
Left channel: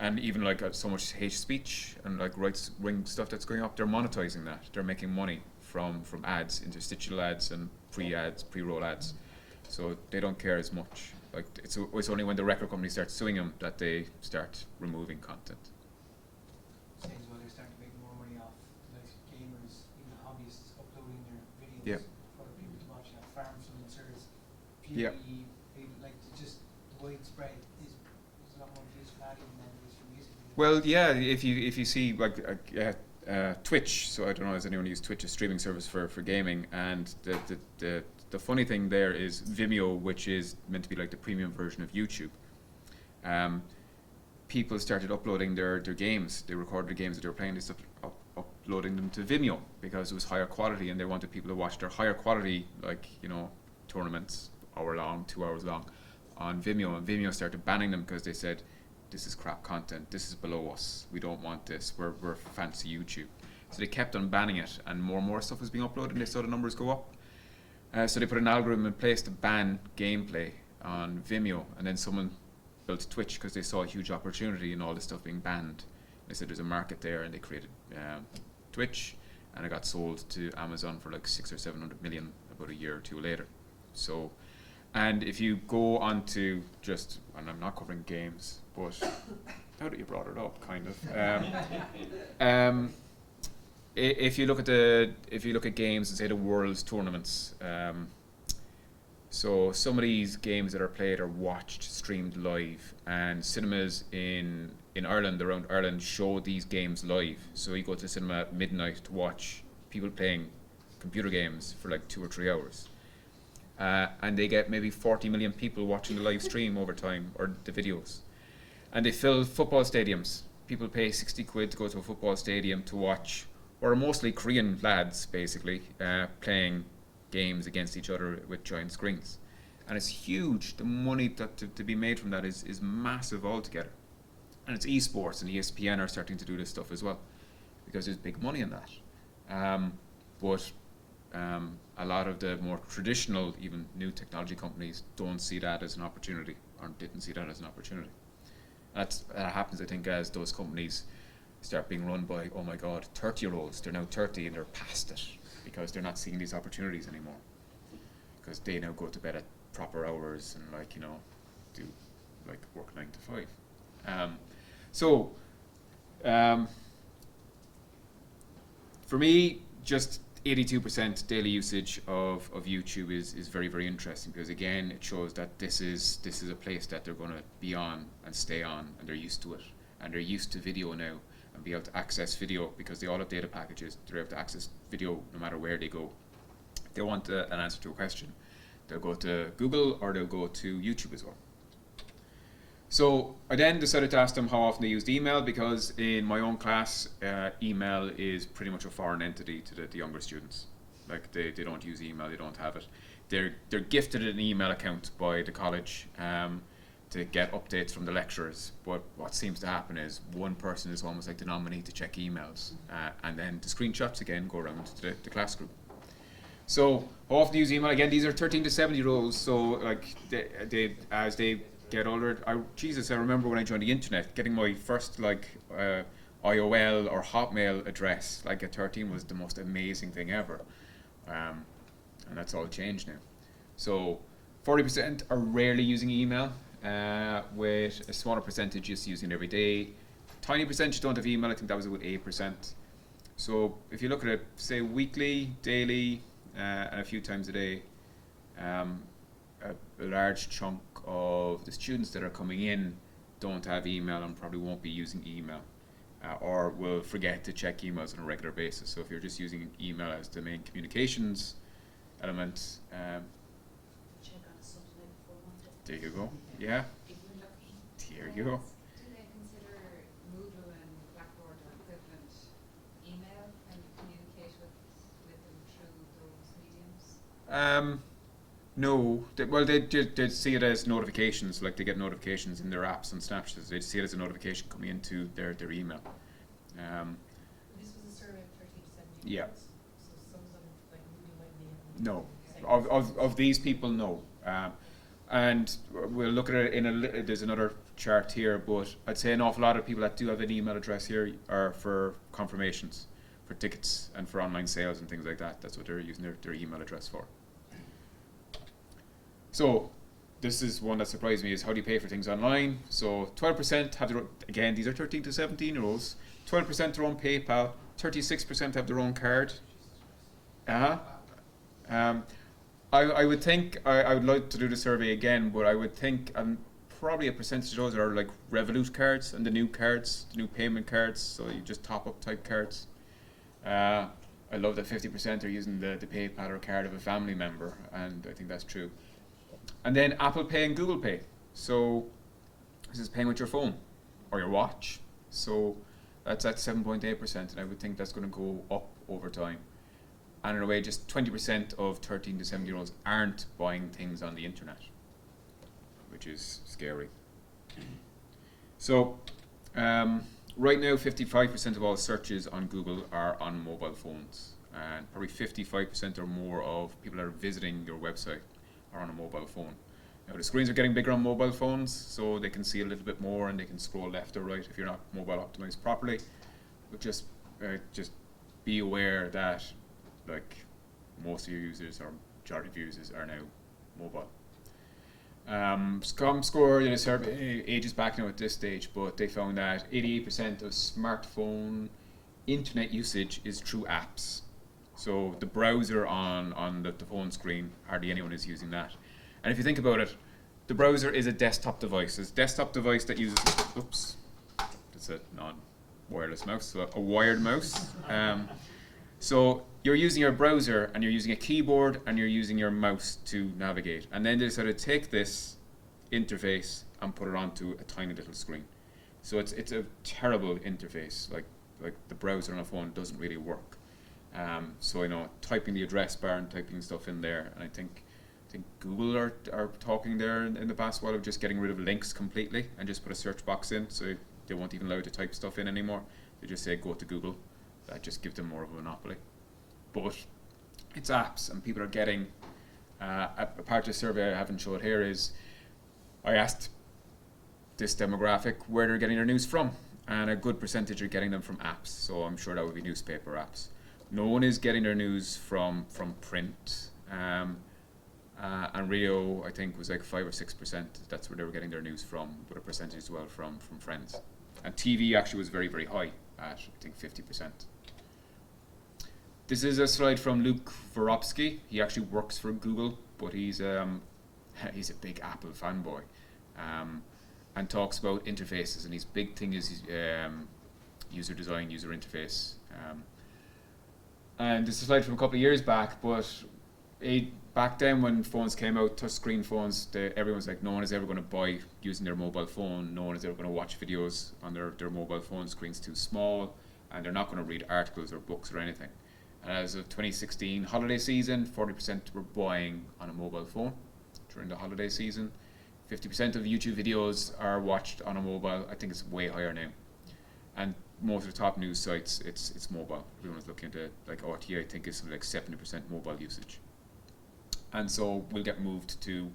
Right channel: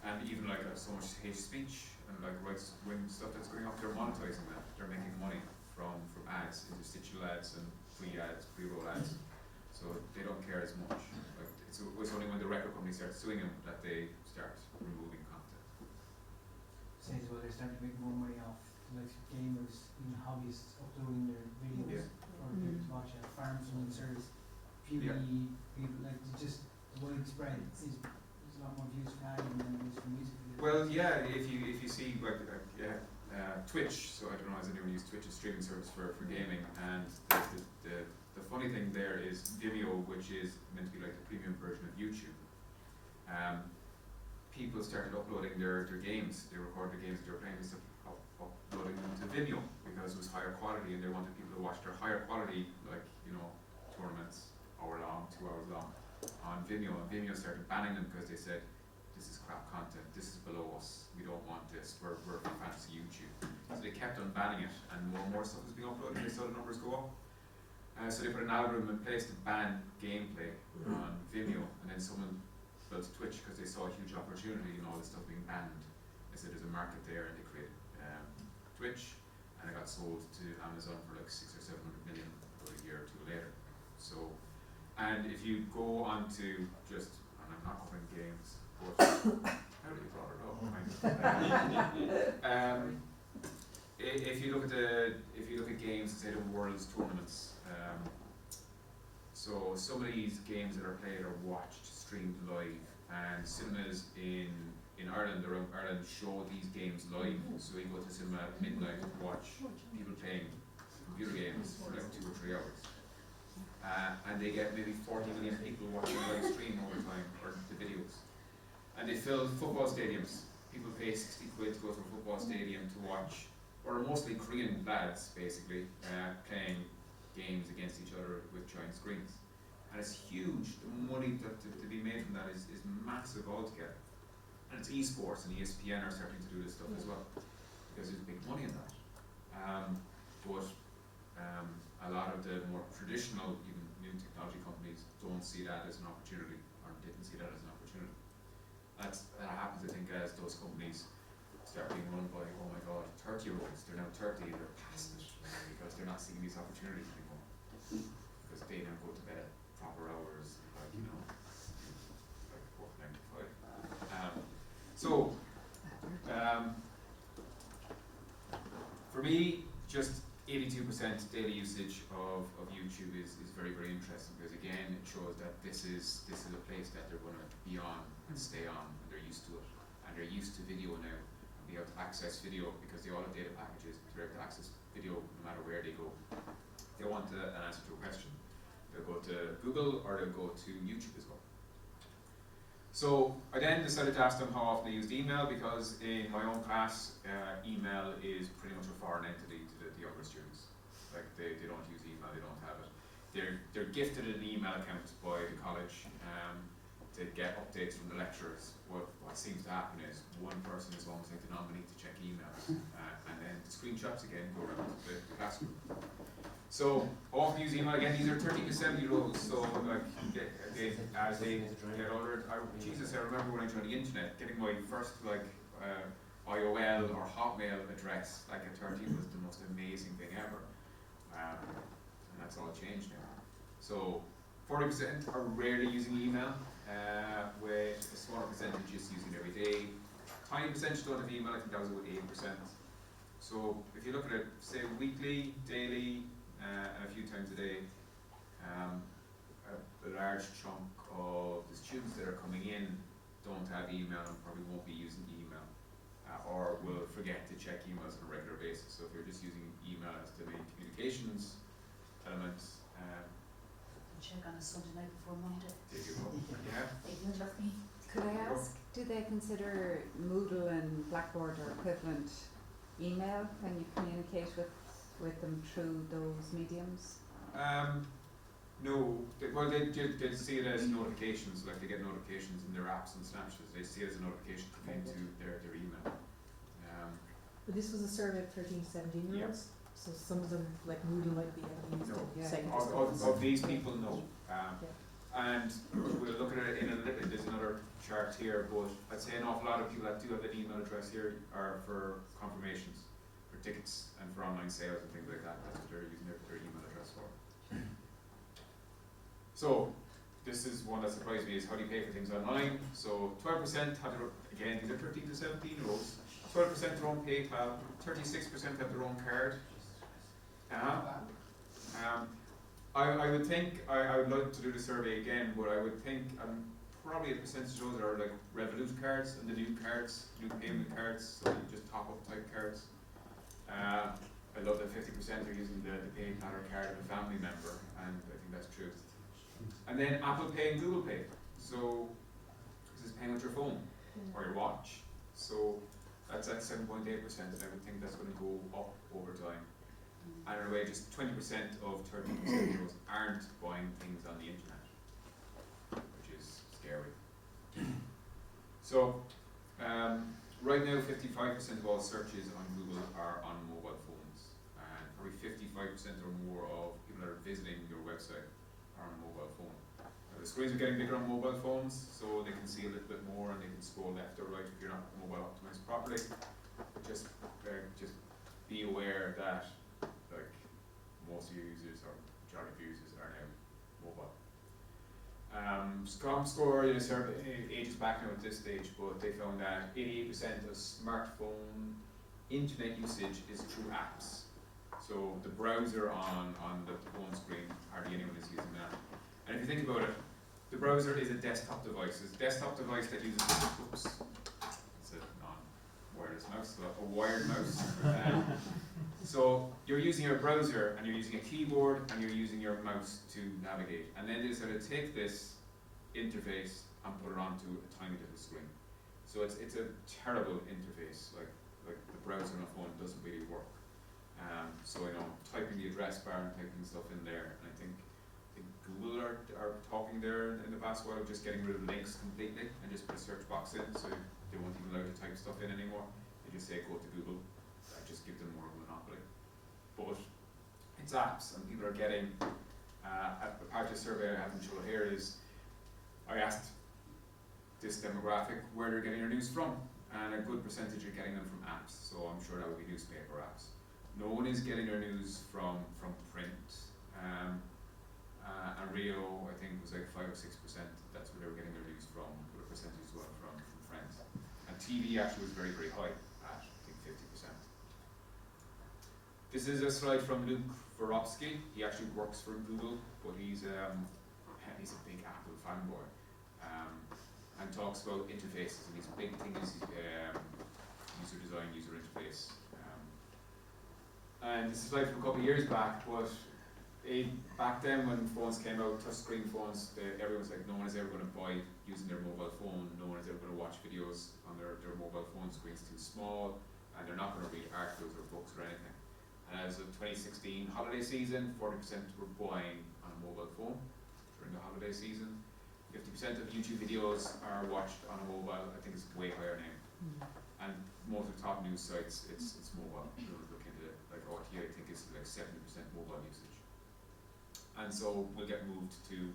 And even like so much hate speech and like rights ring stuff that's going up, they're monetizing that. They're making money from ads, interstitial ads and pre-roll ads. So they don't care as much. Like it's only when the record company starts suing them that they start removing content. Stage where they start to make more money off, like gamers, even hobbyists uploading their videos for people to watch. Farm influencers, PvE, people, like it's just widespread. There's a lot more views for ads than there is for music videos. Well, yeah, if you see like Twitch, so I don't know, has anyone used Twitch, a streaming service for gaming, and the funny thing there is Vimeo, which is meant to be like the premium version of YouTube. People started uploading their games. They recorded the games that they were playing. They started uploading them to Vimeo because it was higher quality, and they wanted people to watch their higher quality, like tournaments, hour long, 2 hours long, on Vimeo. And Vimeo started banning them because they said, "This is crap content. This is below us. We don't want this. We're fancy YouTube." So they kept on banning it, and more stuff was being uploaded. And they saw the numbers go up. So they put an algorithm in place to ban gameplay on Vimeo, and then someone built Twitch because they saw a huge opportunity in all this stuff being banned. They said there's a market there, and they created Twitch, and it got sold to Amazon for like 600 or 700 million about a year or two later. So, and if you go on to just, and I'm not covering games, but how do you brought it up, kind of. If you look at games and say the world's tournaments, so some of these games that are played are watched, streamed live, and cinemas in Ireland, around Ireland, show these games live. So you go to the cinema at midnight to watch people playing computer games for like 2 or 3 hours. And they get maybe 40 million people watching the live stream over time, or the videos. And they fill football stadiums. People pay 60 quid to go to a football stadium to watch, or mostly Korean lads basically, playing games against each other with giant screens. And it's huge. The money to be made from that is massive altogether. And it's esports, and ESPN are starting to do this stuff as well, because there's big money in that. But a lot of the more traditional, even new technology companies don't see that as an opportunity, or didn't see that as an opportunity. That happens, I think, as those companies start being run by, oh my god, 30-year-olds. They're now 30 and they're past it, because they're not seeing these opportunities anymore. Because they now go to bed at proper hours and do like work 9 to 5. For me, just 82% daily usage of YouTube is very, very interesting, because again it shows that this is a place that they're going to be on and stay on, and they're used to it, and they're used to video now, and be able to access video because they all have data packages. They're able to access video no matter where they go. If they want an answer to a question, they'll go to Google or they'll go to YouTube as well. So I then decided to ask them how often they used email, because in my own class, email is pretty much a foreign entity to the younger students. Like they don't use email, they don't have it. They're gifted an email account by the college to get updates from the lecturers. But what seems to happen is one person is almost like the nominee to check emails, and then the screenshots again go around to the class group. So often use email again. These are 13 to 17-year-olds. So like they as they get older, I remember when I joined the internet, getting my first IOL or Hotmail address like at 13 was the most amazing thing ever, and that's all changed now. So 40% are rarely using email, with a smaller percentage just using it every day. Tiny percentage don't have email. I think that was about 8%. So if you look at it, say weekly, daily, and a few times a day, a large chunk of the students that are coming in don't have email and probably won't be using email, or will forget to check emails on a regular basis. So if you're just using email as the main communications element, Check on a Sunday night before Monday. there you go. Yeah, It will look me. there Can you I go. ask, do they consider Moodle and Blackboard or equivalent email when you communicate with them through those mediums? No, they see it as notifications, like they get notifications in their apps and Snapchats. They see it as a notification coming into their email. But this was a survey of 13 to 17 year olds, so some of them, like Moodle, might be having No, segments. of these people, no. And we'll look at it in there's another chart here, but I'd say an awful lot of people that do have an email address here are for confirmations, for tickets and for online sales and things like that. That's what they're using their email address for. So this is one that surprised me, is how do you pay for things online? So 12% have again, these are 13 to 17 year olds, 12% their own PayPal, 36% have their own card. I would think, I would like to do the survey again, but I would think probably a percentage of those are like Revolut cards and the new cards, the new payment cards, so you just top up type cards. I love that 50% are using the PayPal or card of a family member, and I think that's true. And then Apple Pay and Google Pay. So this is paying with your phone or your watch. So that's at 7.8%, and I would think that's going to go up over time. And in a way, just 20% of 13 to 17 year olds aren't buying things on the internet, which is scary. So right now, 55% of all searches on Google are on mobile phones, and probably 55% or more of people that are visiting your website are on a mobile phone. Now the screens are getting bigger on mobile phones, so they can see a little bit more and they can scroll left or right if you're not mobile optimized properly. But just be aware that like most of your users, or majority of users, are now mobile. Comscore did a survey ages back now at this stage, but they found that 88% of smartphone internet usage is through apps. So the browser on the phone screen, hardly anyone is using that. And if you think about it, the browser is a desktop device. It's a desktop device that uses, oops, that's a non-wireless mouse, so a wired mouse. So you're using your browser and you're using a keyboard and you're using your mouse to navigate. And then they decided to take this interface and put it onto a tiny little screen. So it's a terrible interface. Like the browser on a phone doesn't really work. So typing the address bar and typing stuff in there, and I think Google are talking there in the past while of just getting rid of links completely and just put a search box in, so they won't even allow you to type stuff in anymore. They just say go to Google. That just gives them more of a monopoly. But it's apps, and people are getting a part of the survey I haven't showed here is I asked this demographic where they're getting their news from, and a good percentage are getting them from apps. So I'm sure that would be newspaper apps. No one is getting their news from print, and Rio I think was like 5 or 6%. That's where they were getting their news from, but a percentage as well from friends. And TV actually was very, very high at I think 50%. This is a slide from Luke Voropsky. He actually works for Google, but he's a big Apple fanboy, and talks about interfaces. And his big thing is user design, user interface. And this is a slide from a couple of years back, but back then when phones came out, touchscreen phones, everyone's like, no one is ever going to buy using their mobile phone, no one is ever going to watch videos on their mobile phone, screen's too small, and they're not going to read articles or books or anything. And as of 2016 holiday season, 40% were buying on a mobile phone during the holiday season. 50% of YouTube videos are watched on a mobile. I think it's way higher now. And most of the top news sites, it's mobile. We don't look into like RT, I think it's like 70% mobile usage. And so we'll get moved to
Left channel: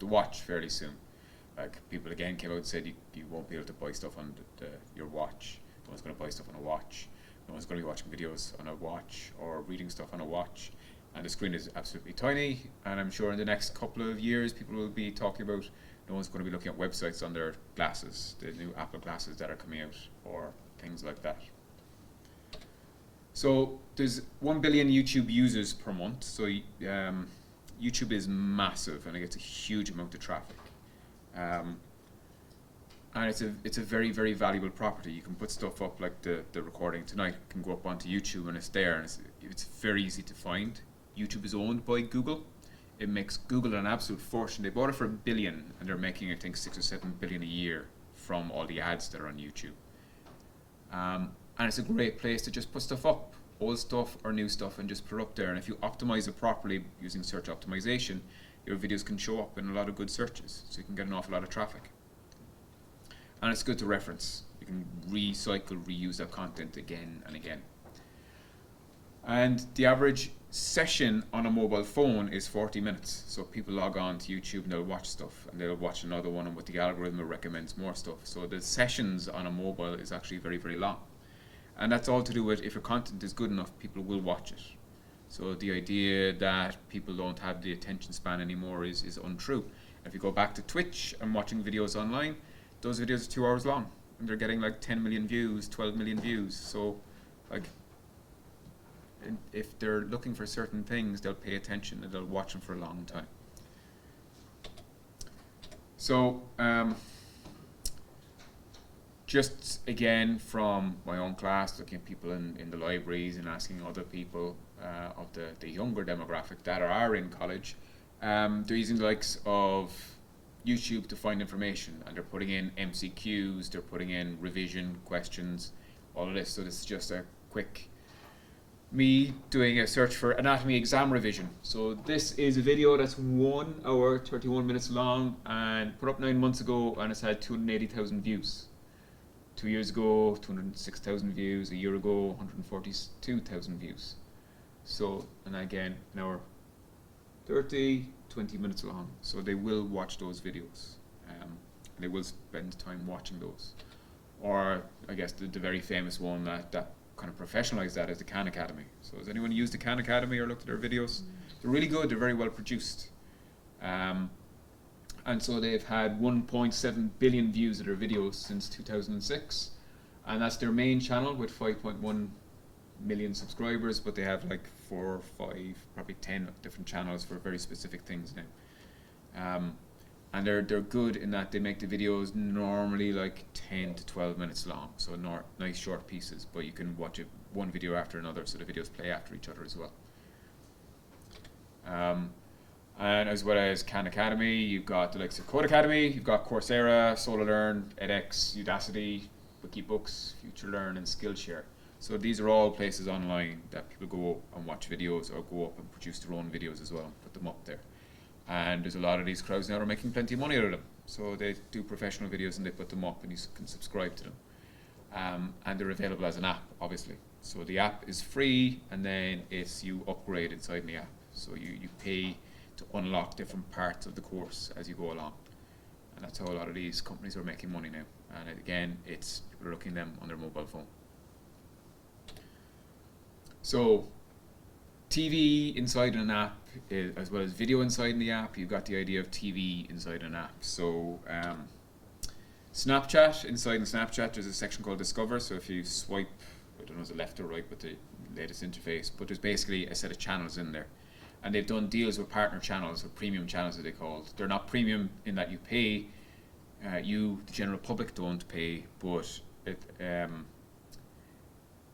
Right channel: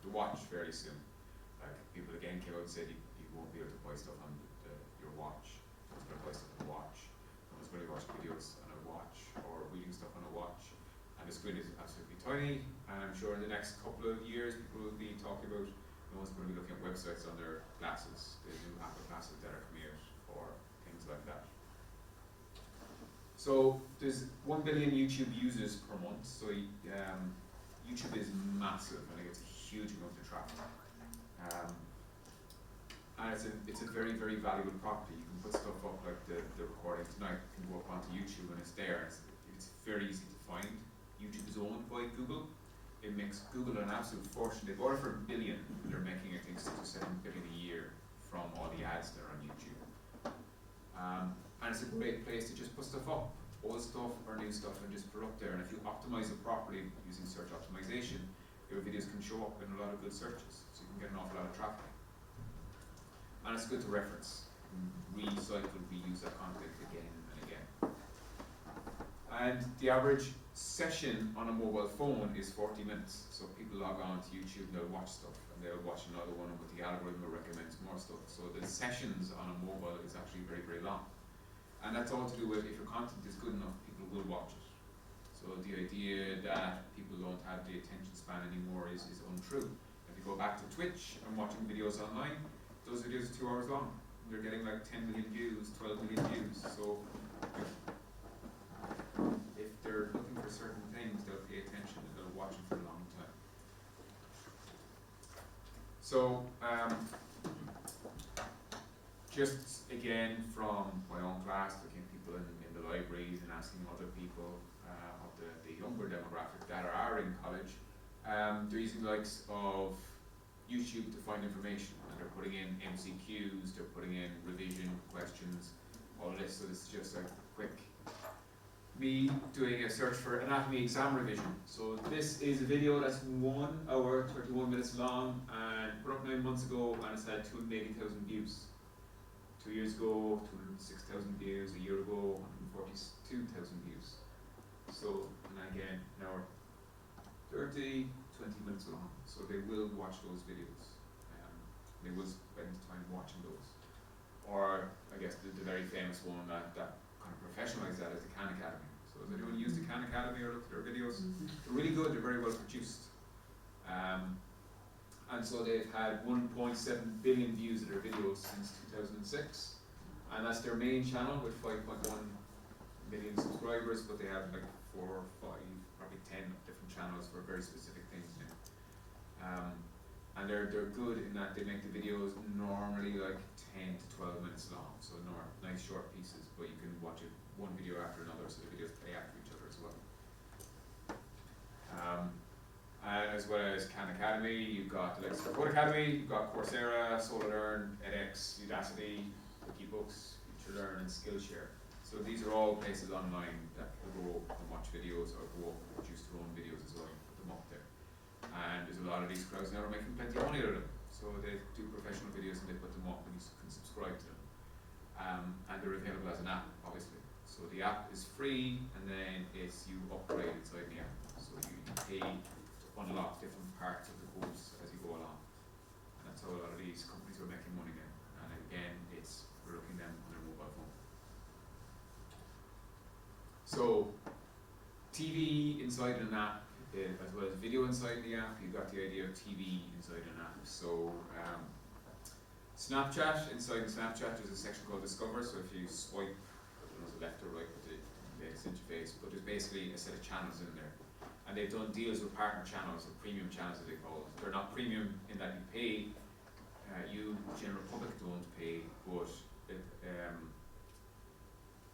the watch fairly soon. Like people again came out and said you won't be able to buy stuff on your watch. No one's going to buy stuff on a watch. No one's going to be watching videos on a watch or reading stuff on a watch. And the screen is absolutely tiny. And I'm sure in the next couple of years, people will be talking about no one's going to be looking at websites on their glasses, the new Apple glasses that are coming out, or things like that. So there's 1 billion YouTube users per month. So YouTube is massive and it gets a huge amount of traffic. And it's a very, very valuable property. You can put stuff up like the recording tonight can go up onto YouTube and it's there. And it's very easy to find. YouTube is owned by Google. It makes Google an absolute fortune. They bought it for $1 billion and they're making I think 6 or 7 billion a year from all the ads that are on YouTube. And it's a great place to just put stuff up, old stuff or new stuff, and just put it up there. And if you optimize it properly using search optimization, your videos can show up in a lot of good searches, so you can get an awful lot of traffic. And it's good to reference. You can recycle, reuse that content again and again. And the average session on a mobile phone is 40 minutes. So people log on to YouTube and they'll watch stuff, and they'll watch another one, and with the algorithm it recommends more stuff. So the sessions on a mobile is actually very, very long. And that's all to do with if your content is good enough, people will watch it. So the idea that people don't have the attention span anymore is untrue. If you go back to Twitch and watching videos online, those videos are 2 hours long and they're getting like 10 million views, 12 million views. So like if they're looking for certain things, they'll pay attention and they'll watch them for a long time. So just again from my own class, looking at people in the libraries and asking other people of the younger demographic that are in college, they're using the likes of YouTube to find information, and they're putting in MCQs, they're putting in revision questions, all of this. So this is just a quick me doing a search for anatomy exam revision. So this is a video that's 1 hour 31 minutes long and put up 9 months ago, and it's had 280,000 views. 2 years ago 206,000 views, a year ago 142,000 views. So, and again, an hour 20 minutes long. So they will watch those videos. They will spend time watching those. Or I guess the very famous one that kind of professionalized that is the Khan Academy. So has anyone used the Khan Academy or looked at their videos? They're really good, they're very well produced. And so they've had 1.7 billion views of their videos since 2006. And that's their main channel with 5.1 million subscribers, but they have like 4 or 5, probably 10 different channels for very specific things now. And they're good in that they make the videos normally like 10 to 12 minutes long, so nice short pieces, but you can watch it one video after another, so the videos play after each other as well. And as well as Khan Academy, you've got the likes of Code Academy, you've got Coursera, SoloLearn, edX, Udacity, Wikibooks, FutureLearn, and Skillshare. So these are all places online that people go and watch videos, or go up and produce their own videos as well and put them up there. And there's a lot of these crowds now that are making plenty of money out of them. So they do professional videos and they put them up and you can subscribe to them. And they're available as an app, obviously. So the app is free, and then you upgrade inside the app. So you pay to unlock different parts of the course as you go along. And that's how a lot of these companies are making money now. And again, it's looking them on their mobile phone. So TV inside an app, as well as video inside the app, you've got the idea of TV inside an app. So Snapchat, inside Snapchat there's a section called Discover, so if you swipe, I don't know if it's left or right with the latest interface, but there's basically a set of channels in there. And they've done deals with partner channels, or premium channels as they called. They're not premium in that you pay, you, the general public, don't pay, but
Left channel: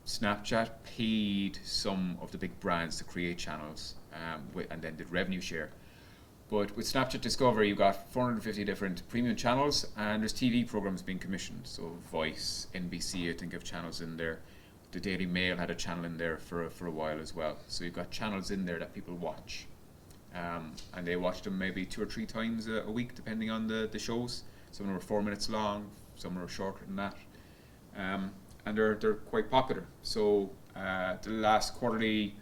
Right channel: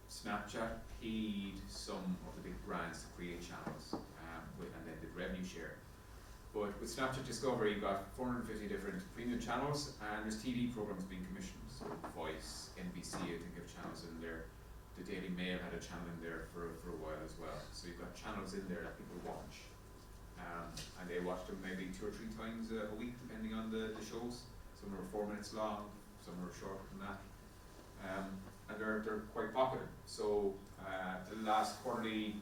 Snapchat paid some of the big brands to create channels, and then did revenue share. But with Snapchat Discover, you've got 450 different premium channels, and there's TV programs being commissioned. So Voice, NBC, I think have channels in there. The Daily Mail had a channel in there for a while as well. So you've got channels in there that people watch, and they watch them maybe 2 or 3 times a week, depending on the shows. Some are 4 minutes long, some are shorter than that, and they're quite popular. So the last quarterly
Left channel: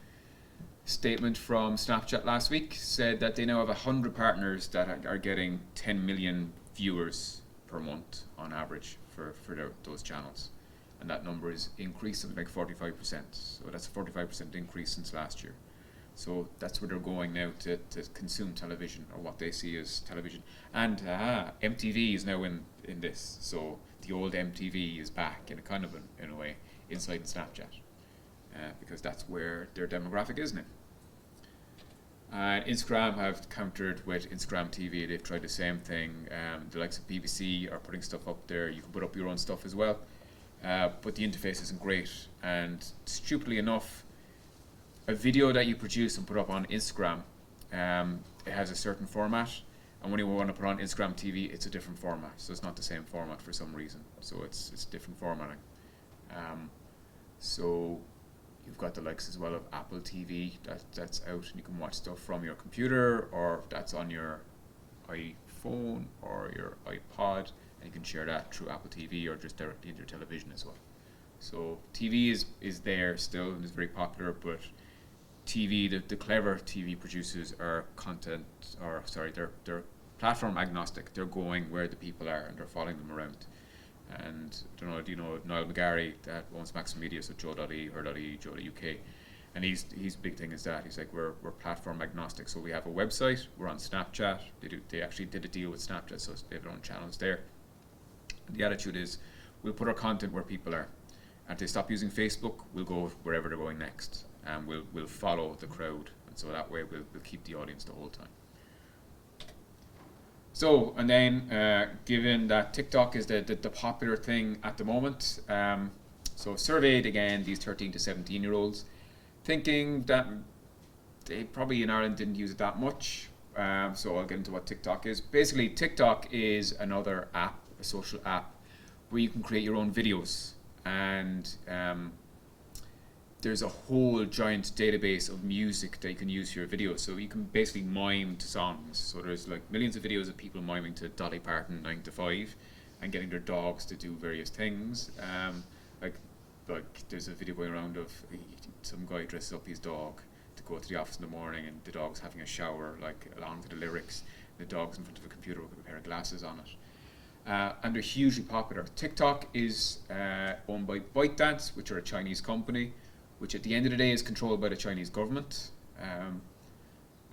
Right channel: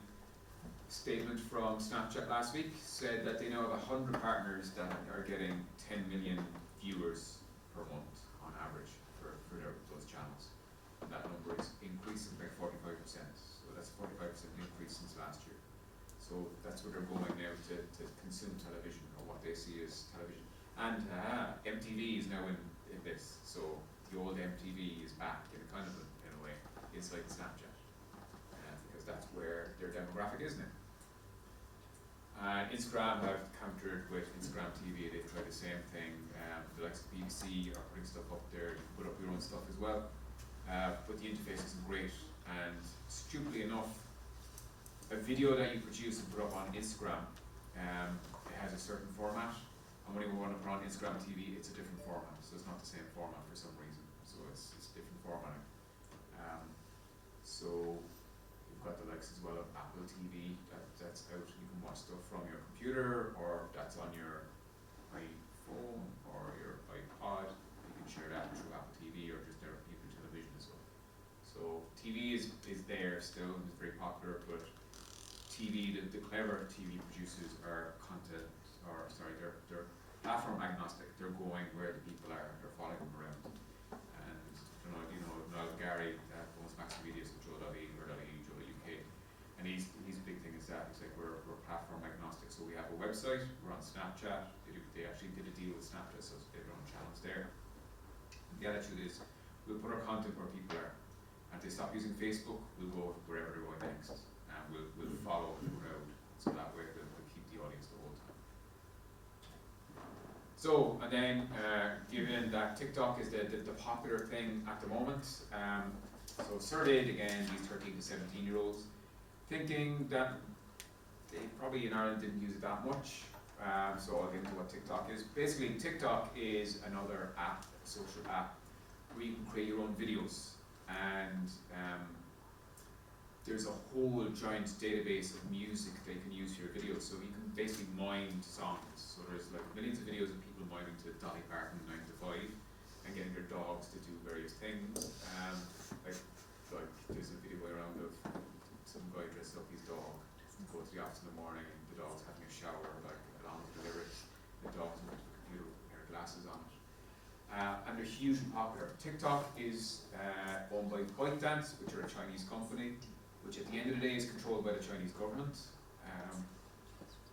statement from Snapchat last week said that they now have 100 partners that are getting 10 million viewers per month on average for those channels, and that number is increasing like 45%. So that's a 45% increase since last year. So that's where they're going now to consume television, or what they see as television. And MTV is now in this, so the old MTV is back in a kind of in a way inside Snapchat, because that's where their demographic is now. Instagram have countered with Instagram TV. They've tried the same thing. The likes of BBC are putting stuff up there. You can put up your own stuff as well, but the interface isn't great. And stupidly enough, a video that you produce and put up on Instagram, it has a certain format, and when you want to put on Instagram TV, it's a different format. So it's not the same format for some reason. So it's different formatting. So you've got the likes as well of Apple TV that's out, and you can watch stuff from your computer, or that's on your iPhone or your iPod, and you can share that through Apple TV or just directly into your television as well. So TV is there still and is very popular, but TV, the clever TV producers are they're platform agnostic. They're going where the people are and they're following them around. And do you know Niall McGarry that owns Max Media, so Joe.e, Her.e, Joe.uk, and his big thing is that he's like we're platform agnostic. So we have a website, we're on Snapchat. They actually did a deal with Snapchat, so they have their own channels there. The attitude is we'll put our content where people are, and if they stop using Facebook, we'll go wherever they're going next, and we'll follow the crowd, and so that way we'll keep the audience the whole time. So, and then given that TikTok is the popular thing at the moment, so surveyed again these 13 to 17 year olds, thinking that they probably in Ireland didn't use it that much. So I'll get into what TikTok is. Basically, TikTok is another app, a social app, where you can create your own videos, and there's a whole giant database of music that you can use for your videos. So you can basically mime to songs. So there's like millions of videos of people miming to Dolly Parton 9 to 5 and getting their dogs to do various things. Like there's a video going around of some guy dresses up his dog to go to the office in the morning, and the dog's having a shower like along to the lyrics. The dog's in front of a computer with a pair of glasses on it. And they're hugely popular. TikTok is owned by ByteDance, which are a Chinese company, which at the end of the day is controlled by the Chinese government,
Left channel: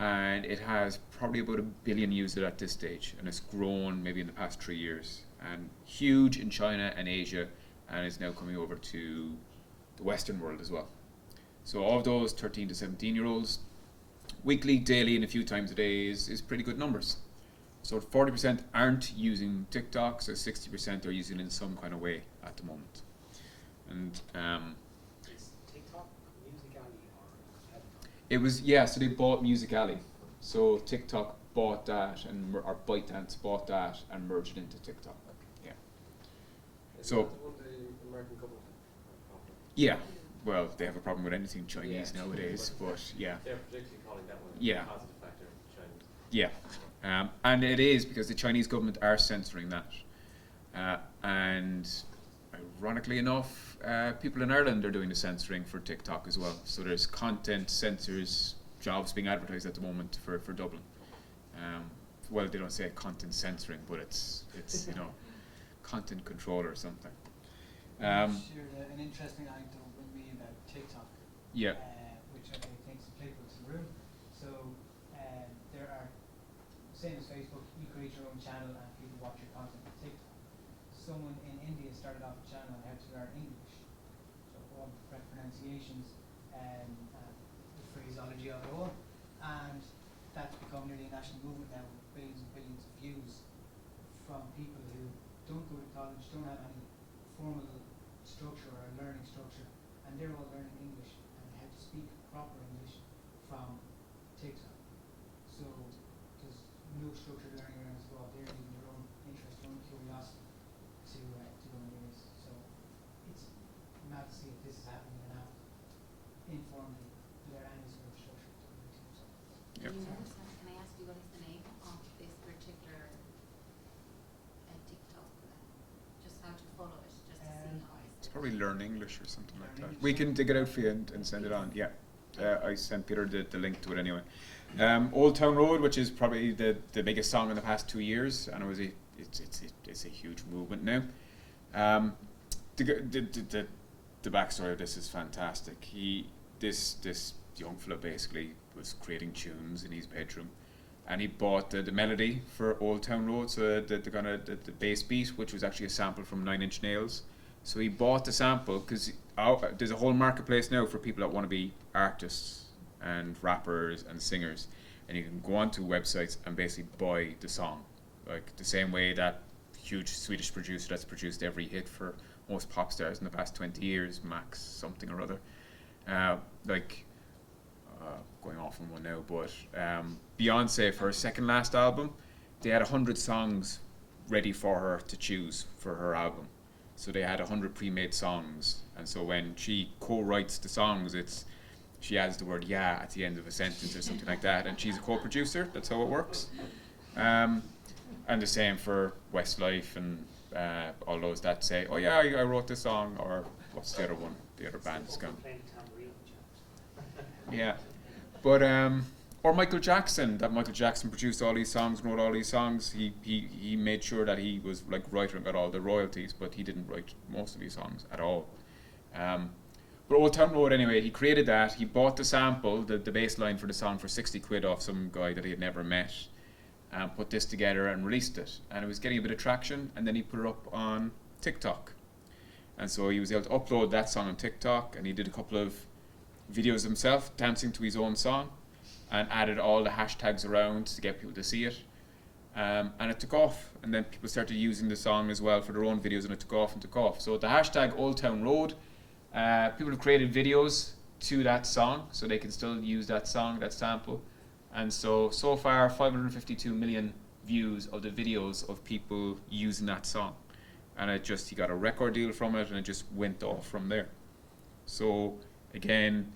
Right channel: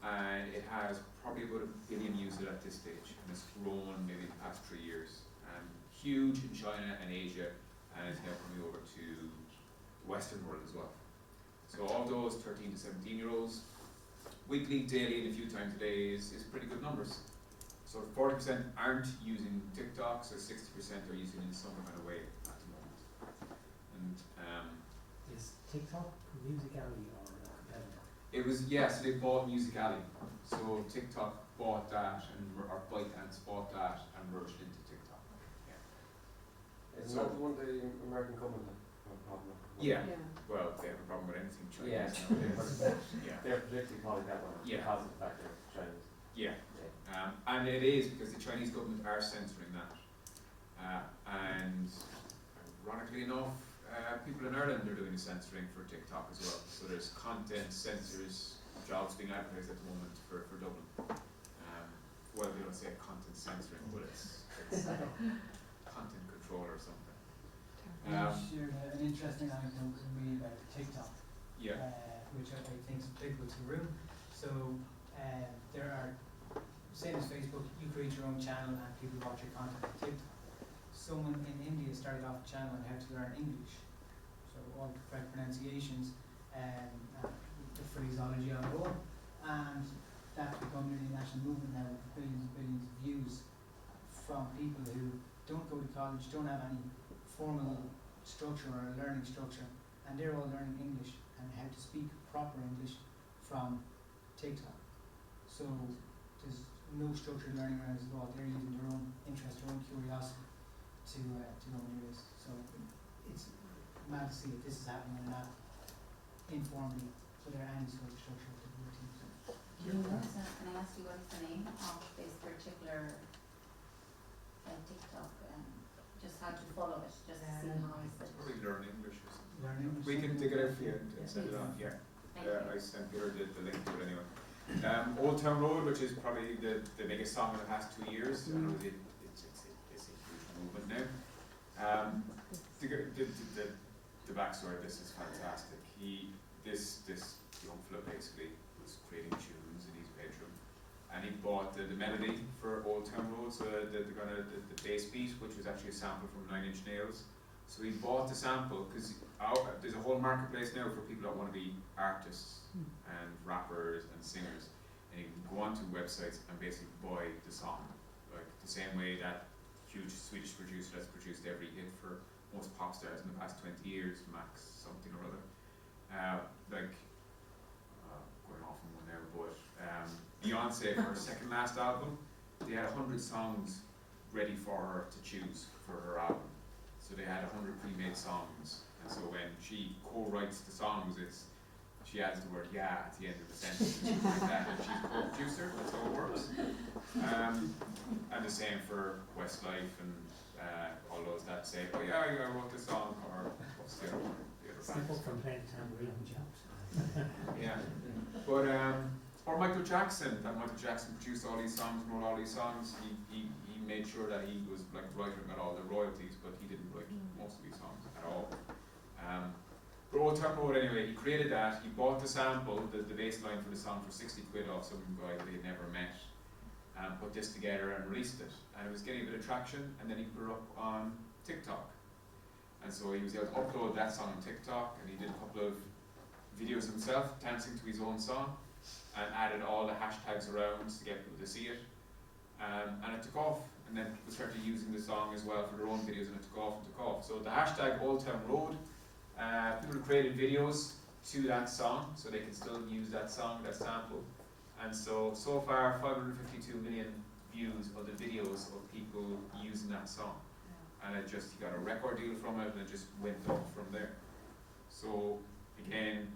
and it has probably about 1 billion users at this stage, and it's grown maybe in the past 3 years, and huge in China and Asia, and is now coming over to the Western world as well. So all of those 13 to 17 year olds, weekly, daily, and a few times a day is pretty good numbers. So 40% aren't using TikTok, so 60% are using it in some kind of way at the moment. And Is TikTok Musical.ly or competitor? it was, so they bought Musical.ly. So TikTok bought that, or ByteDance bought that and merged it into TikTok. Yeah. Is So- that the one the American government have a problem with? Yeah. Well, they have a problem with anything Chinese Yeah. nowadays, but yeah. They're particularly calling that one Yeah. because of the fact they're Chinese. Yeah. And it is because the Chinese government are censoring that. And ironically enough, people in Ireland are doing the censoring for TikTok as well. So there's content censors jobs being advertised at the moment for Dublin. Well, they don't say content censoring, but it's content control or something. Shared an interesting anecdote with me about TikTok, Yeah. which I think is applicable to the room. So there are, same as Facebook, you create your own channel and people watch your content on TikTok. Someone in India started off a channel on how to learn English, so all the correct pronunciations and the phraseology on all, and that's become nearly a national movement now with billions and billions of views from people who don't go to college, don't have any formal structure or a learning structure, and they're all learning English and how to speak proper English from TikTok. So there's no structured learning around it at all. They're using their own interest, their own curiosity to go into this. So it's mad to see if this is happening in that informally without any sort of structure to the routine. Yep. Can I ask you what is the name of this particular TikTok? Just how to follow it, just to see how It's it's. probably Learn English or something like Learn that. English. We can dig it out for you and send it on. Yeah. I sent Peter the link to it anyway. Old Town Road, which is probably the biggest song in the past 2 years, and it's a huge movement now. The backstory of this is fantastic. This young fella basically was creating tunes in his bedroom, and he bought the melody for Old Town Road, so the bass beat, which was actually a sample from 9 Inch Nails. So he bought the sample because there's a whole marketplace now for people that want to be artists and rappers and singers, and you can go onto websites and basically buy the song, like the same way that huge Swedish producer that's produced every hit for most pop stars in the past 20 years, Max something or other, going off on one now, but Beyonce, for her second last album, they had 100 songs ready for her to choose for her album. So they had 100 pre-made songs, and so when she co-writes the songs, she adds the word "yeah" at the end of a sentence or something like that, and she's a co-producer. That's how it works. And the same for Westlife and all those that say, "Oh yeah, I wrote this song," or what's the other one? The other band's gone. Yeah, but or Michael Jackson. That Michael Jackson produced all these songs, wrote all these songs. He made sure that he was like writer and got all the royalties, but he didn't write most of these songs at all. But Old Town Road, anyway, he created that. He bought the sample, the bass line for the song, for 60 quid off some guy that he had never met, and put this together and released it. And it was getting a bit of traction, and then he put it up on TikTok. And so he was able to upload that song on TikTok, and he did a couple of videos himself dancing to his own song, and added all the hashtags around to get people to see it. And it took off, and then people started using the song as well for their own videos, and it took off and took off. So the hashtag Old Town Road, people have created videos to that song, so they can still use that song, that sample. And so far 552 million views of the videos of people using that song. And he got a record deal from it, and it just went off from there. So again,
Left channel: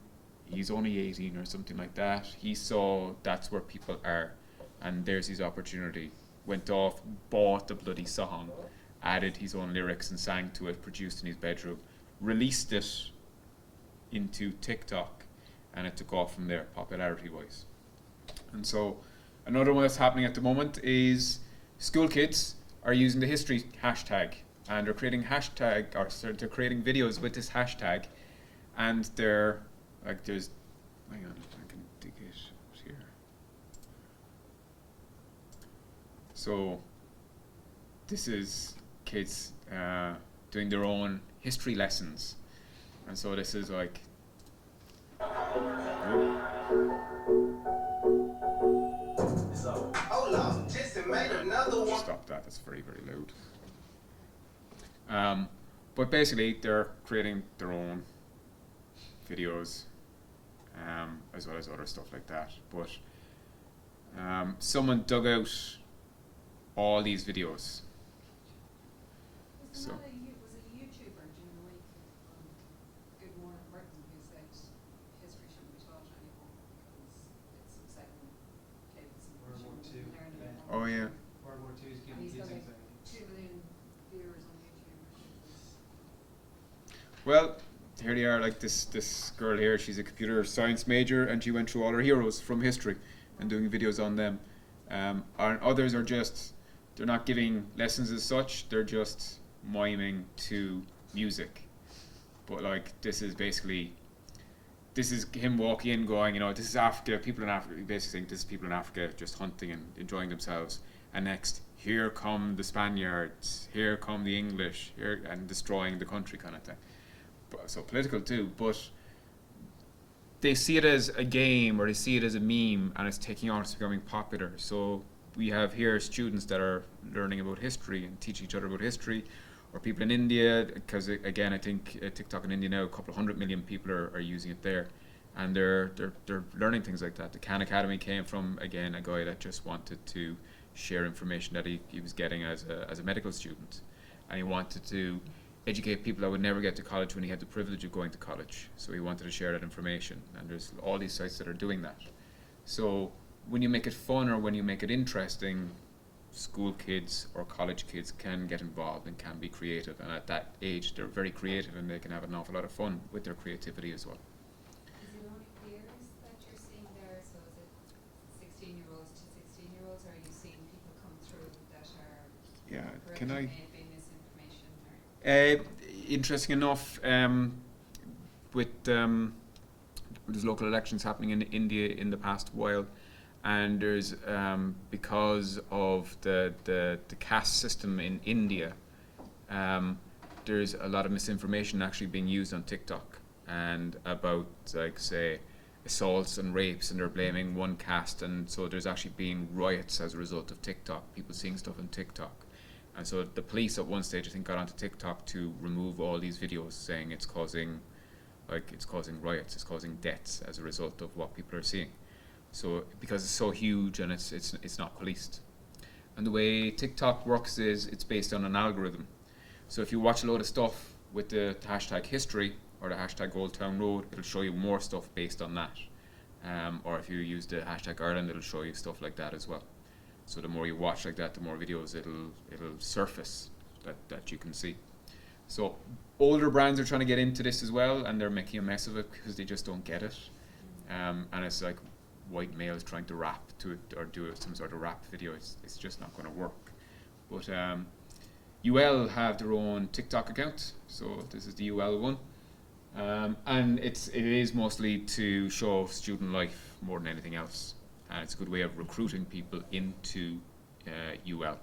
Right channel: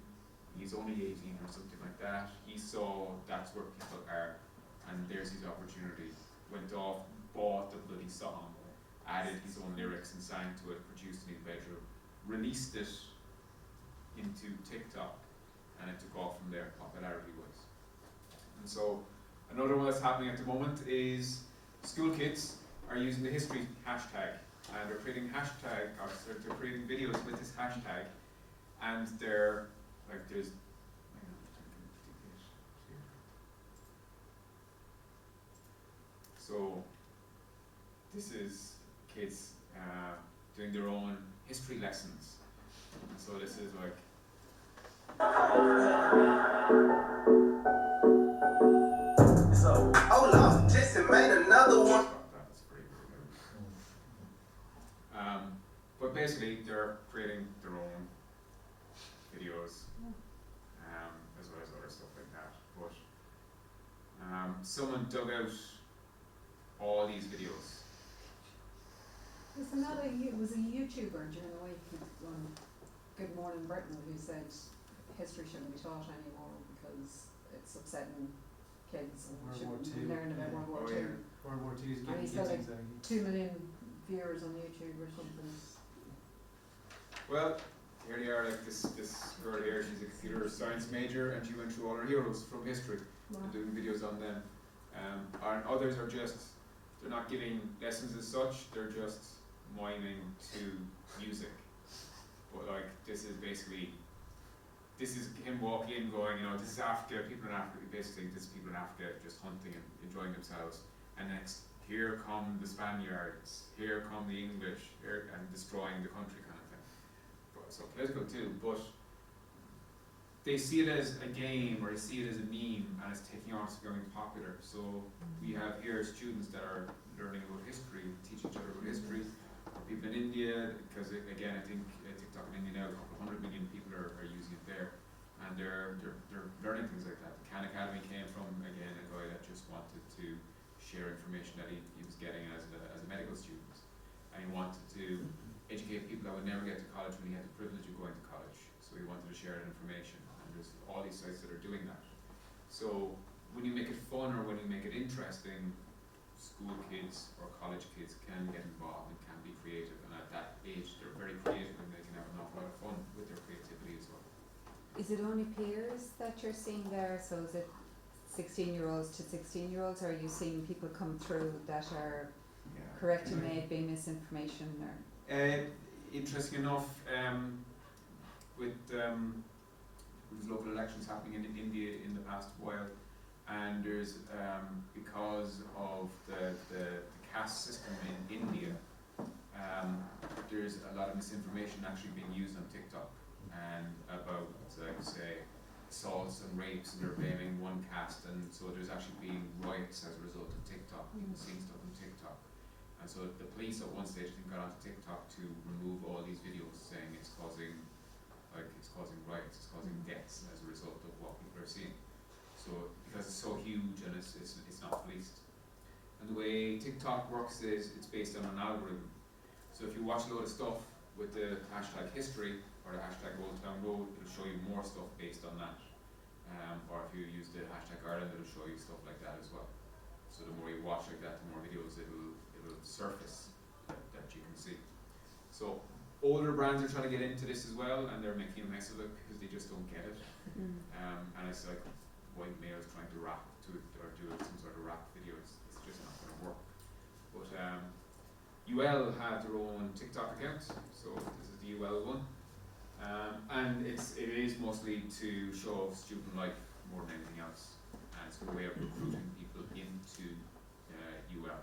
he's only 18 or something like that. He saw that's where people are, and there's his opportunity. Went off, bought the bloody song, added his own lyrics and sang to it, produced in his bedroom, released it into TikTok, and it took off from there, popularity wise. And so another one that's happening at the moment is school kids are using the history hashtag, and they're creating they're creating videos with this hashtag, and they're like, hang on, I can dig it here. So this is kids doing their own history lessons, and so this is like So, hold on, Jesse made another one. stop that, that's very, very loud. But basically they're creating their own videos, as well as other stuff like that. But someone dug out all these videos. Was a YouTuber during the week on Good Morning Britain who said history shouldn't be taught anymore because it's upsetting kids and World War shouldn't II, learn about yeah. World War II. World War II is And getting he's kids got like anxiety. 2 million viewers on YouTube or something. Well, here they are, like this girl here, she's a computer science major, and she went through all her heroes from history and doing videos on them. And others are just, they're not giving lessons as such, they're just miming to music. But like, this is him walking in going, this is Africa, people in Africa, basically saying this is people in Africa just hunting and enjoying themselves. And next, here come the Spaniards, here come the English, here, and destroying the country kind of thing. So political too, but they see it as a game, or they see it as a meme, and it's taking on, it's becoming popular. So we have here students that are learning about history and teaching each other about history, or people in India, because again, I think TikTok in India now, a couple of 100 million people are using it there, and they're learning things like that. The Khan Academy came from, again, a guy that just wanted to share information that he was getting as a medical student, and he wanted to educate people that would never get to college when he had the privilege of going to college. So he wanted to share that information, and there's all these sites that are doing that. So when you make it fun or when you make it interesting, school kids or college kids can get involved and can be creative, and at that age they're very creative and they can have an awful lot of fun with their creativity as well. Is it only peers that you're seeing there? So is it 16-year-olds to 16-year-olds, or are you seeing people come through that are correcting maybe misinformation? Or Interesting enough, with there's local elections happening in India in the past while, and there's because of the caste system in India, there's a lot of misinformation actually being used on TikTok, and about, like, say, assaults and rapes, and they're blaming one caste, and so there's actually been riots as a result of TikTok, people seeing stuff on TikTok. And so the police at one stage, I think, got onto TikTok to remove all these videos, saying it's causing riots, it's causing deaths as a result of what people are seeing. So because it's so huge and it's not policed. And the way TikTok works is it's based on an algorithm. So if you watch a load of stuff with the hashtag history or the hashtag Old Town Road, it'll show you more stuff based on that. Or if you use the hashtag Ireland, it'll show you stuff like that as well. So the more you watch like that, the more videos it'll surface that you can see. So older brands are trying to get into this as well, and they're making a mess of it because they just don't get it. And it's like white males trying to rap to it or do some sort of rap video. It's just not going to work. But UL have their own TikTok account, so this is the UL one, and it is mostly to show off student life more than anything else. And it's a good way of recruiting people into UL.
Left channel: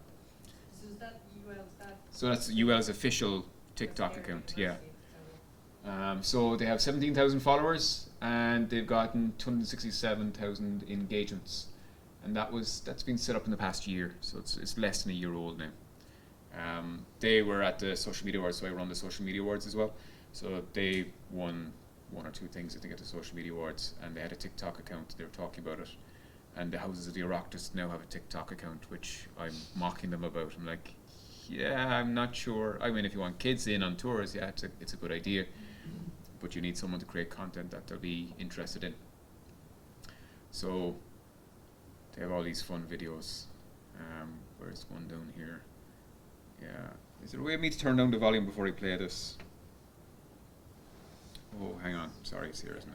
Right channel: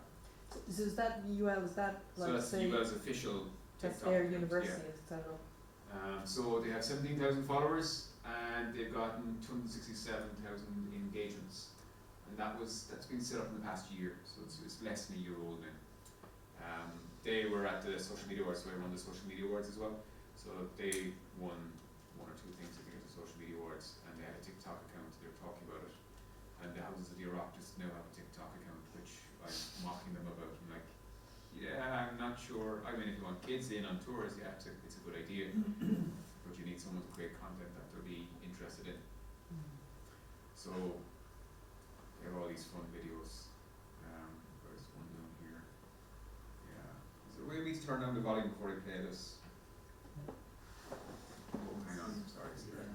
So is that UL? Is that? So that's UL's official TikTok account. Yeah. So they have 17,000 followers and they've gotten 267,000 engagements, and that's been set up in the past year. So it's less than a year old now. They were at the social media awards, so I run the social media awards as well. So they won one or two things, I think, at the social media awards, and they had a TikTok account. They were talking about it. And the Houses of the Oireachtas now have a TikTok account, which I'm mocking them about. I'm like, yeah, I'm not sure. I mean, if you want kids in on tours, yeah, it's a good idea. But you need someone to create content that they'll be interested in. So they have all these fun videos. Where's one down here? Yeah. Is there a way of me to turn down the volume before I play this? Oh, hang on. Sorry, seriously.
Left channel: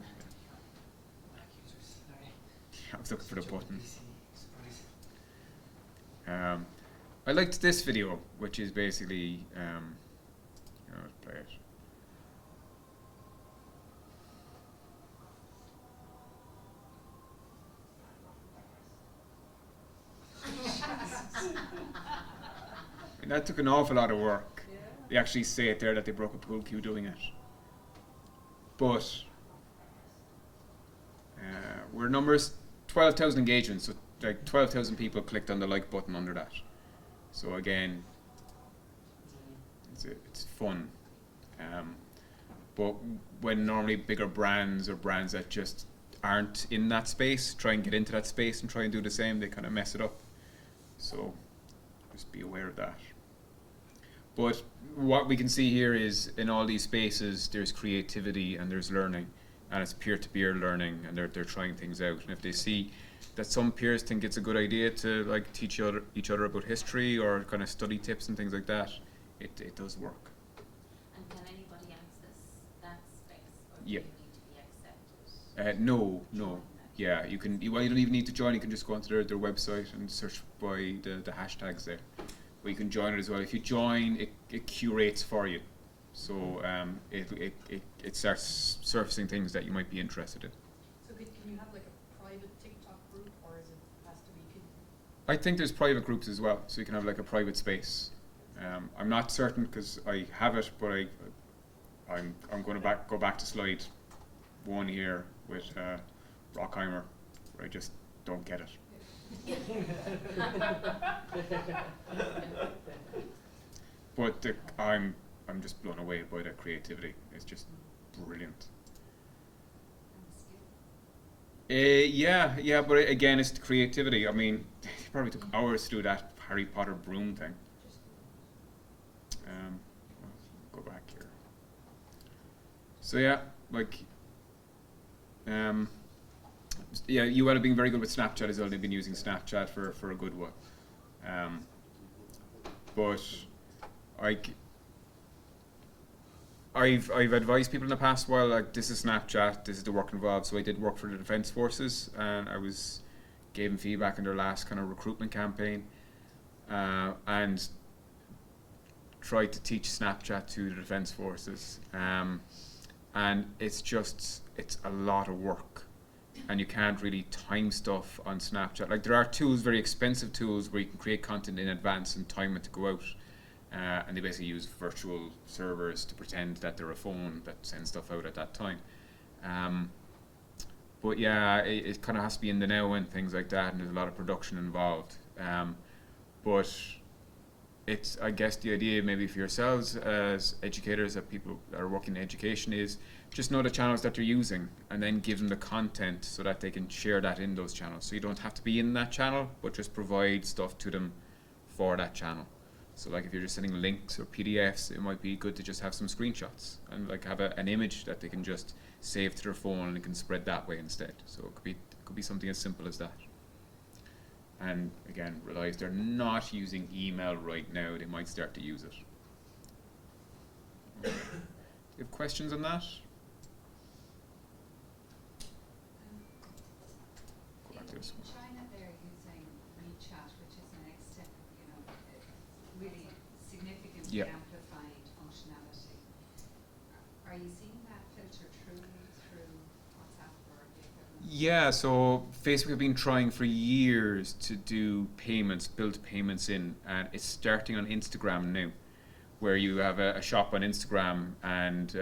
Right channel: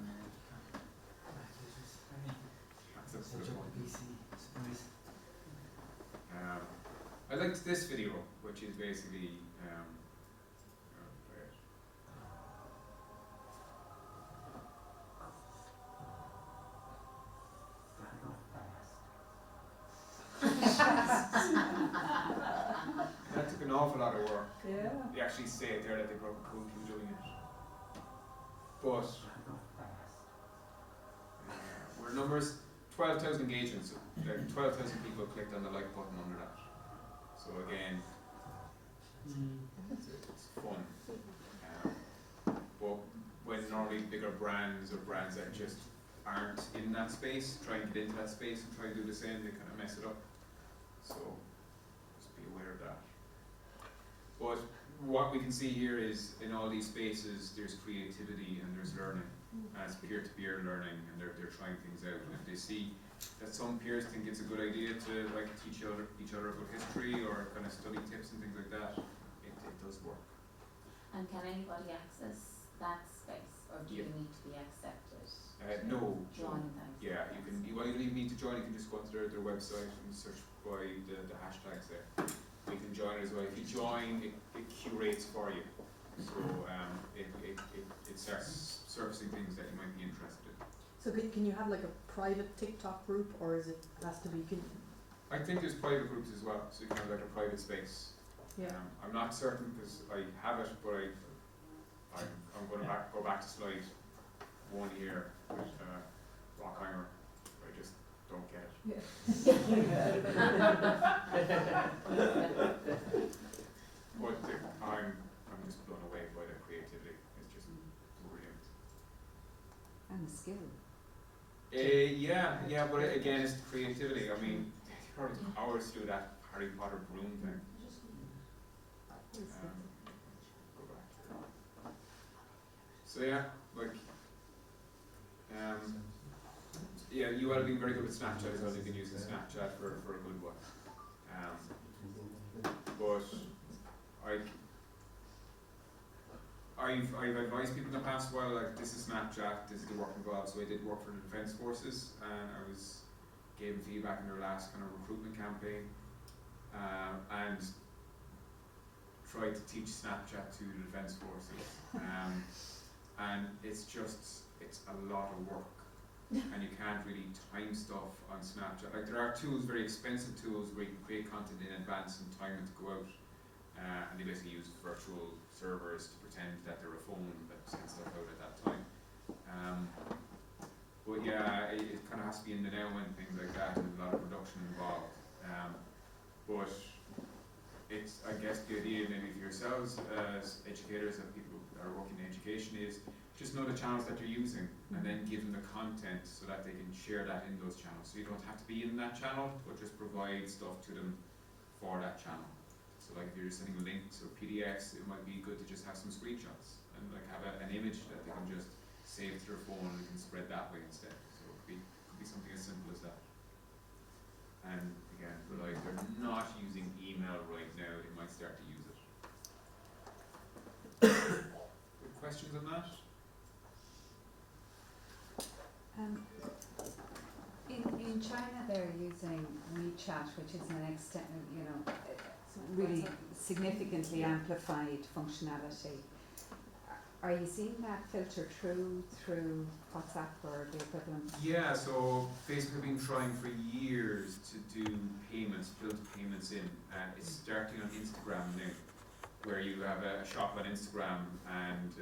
I was looking for the button. I liked this video, which is basically let's play it. And that took an awful lot of work. Yeah. They actually say it there that they broke a pool cue doing it. But we're numbers 12,000 engagements, so like 12,000 people clicked on the like button under that. So again, it's fun. But when normally bigger brands or brands that just aren't in that space try and get into that space and try and do the same, they kind of mess it up. So just be aware of that. But what we can see here is in all these spaces there's creativity and there's learning, and it's peer-to-peer learning, and they're trying things out. And if they see that some peers think it's a good idea to like teach each other about history or kind of study tips and things like that, it does work. And can anybody access that space, or do Yeah. you need to be accepted? No. Join them? Yeah, you can. You don't even need to join. You can just go onto their website and search by the hashtags there. But you can join it as well. If you join, it curates for you. So it starts surfacing things that you might be interested in. So can you have like a private TikTok group, or is it has to be? I think there's private groups as well, so you can have like a private space. I'm not certain because I have it, but I'm going to go back to slide one here with Rockheimer, where I just don't get it. but I'm just blown away by their creativity. It's just brilliant. And the skill. Yeah, but again, it's the creativity. I mean, it probably took hours to do that Harry Potter broom thing. Go back here. So yeah, like, yeah, you would have been very good with Snapchat as well. They've been using Snapchat for a good while. But I've advised people in the past while, like, this is Snapchat, this is the work involved. So I did work for the Defence Forces, and I gave them feedback in their last kind of recruitment campaign, and tried to teach Snapchat to the Defence Forces, and it's a lot of work, and you can't really time stuff on Snapchat. Like, there are tools, very expensive tools, where you can create content in advance and time it to go out. And they basically use virtual servers to pretend that they're a phone that sends stuff out at that time. But yeah, it kind of has to be in the now and things like that, and there's a lot of production involved. But it's, I guess, the idea maybe for yourselves as educators, that people that are working in education, is just know the channels that they're using, and then give them the content so that they can share that in those channels. So you don't have to be in that channel, but just provide stuff to them for that channel. So like, if you're just sending links or PDFs, it might be good to just have some screenshots and like have an image that they can just save to their phone and can spread that way instead. So it could be something as simple as that. And again, realize they're not using email right now. They might start to use it. You have questions on that? In China, they're using WeChat, which is an really significantly amplified functionality. Are you seeing that filter through WhatsApp or the equivalent? Yeah, so Facebook have been trying for years to do payments, build payments in, and it's starting on Instagram now, where you have a shop on Instagram, and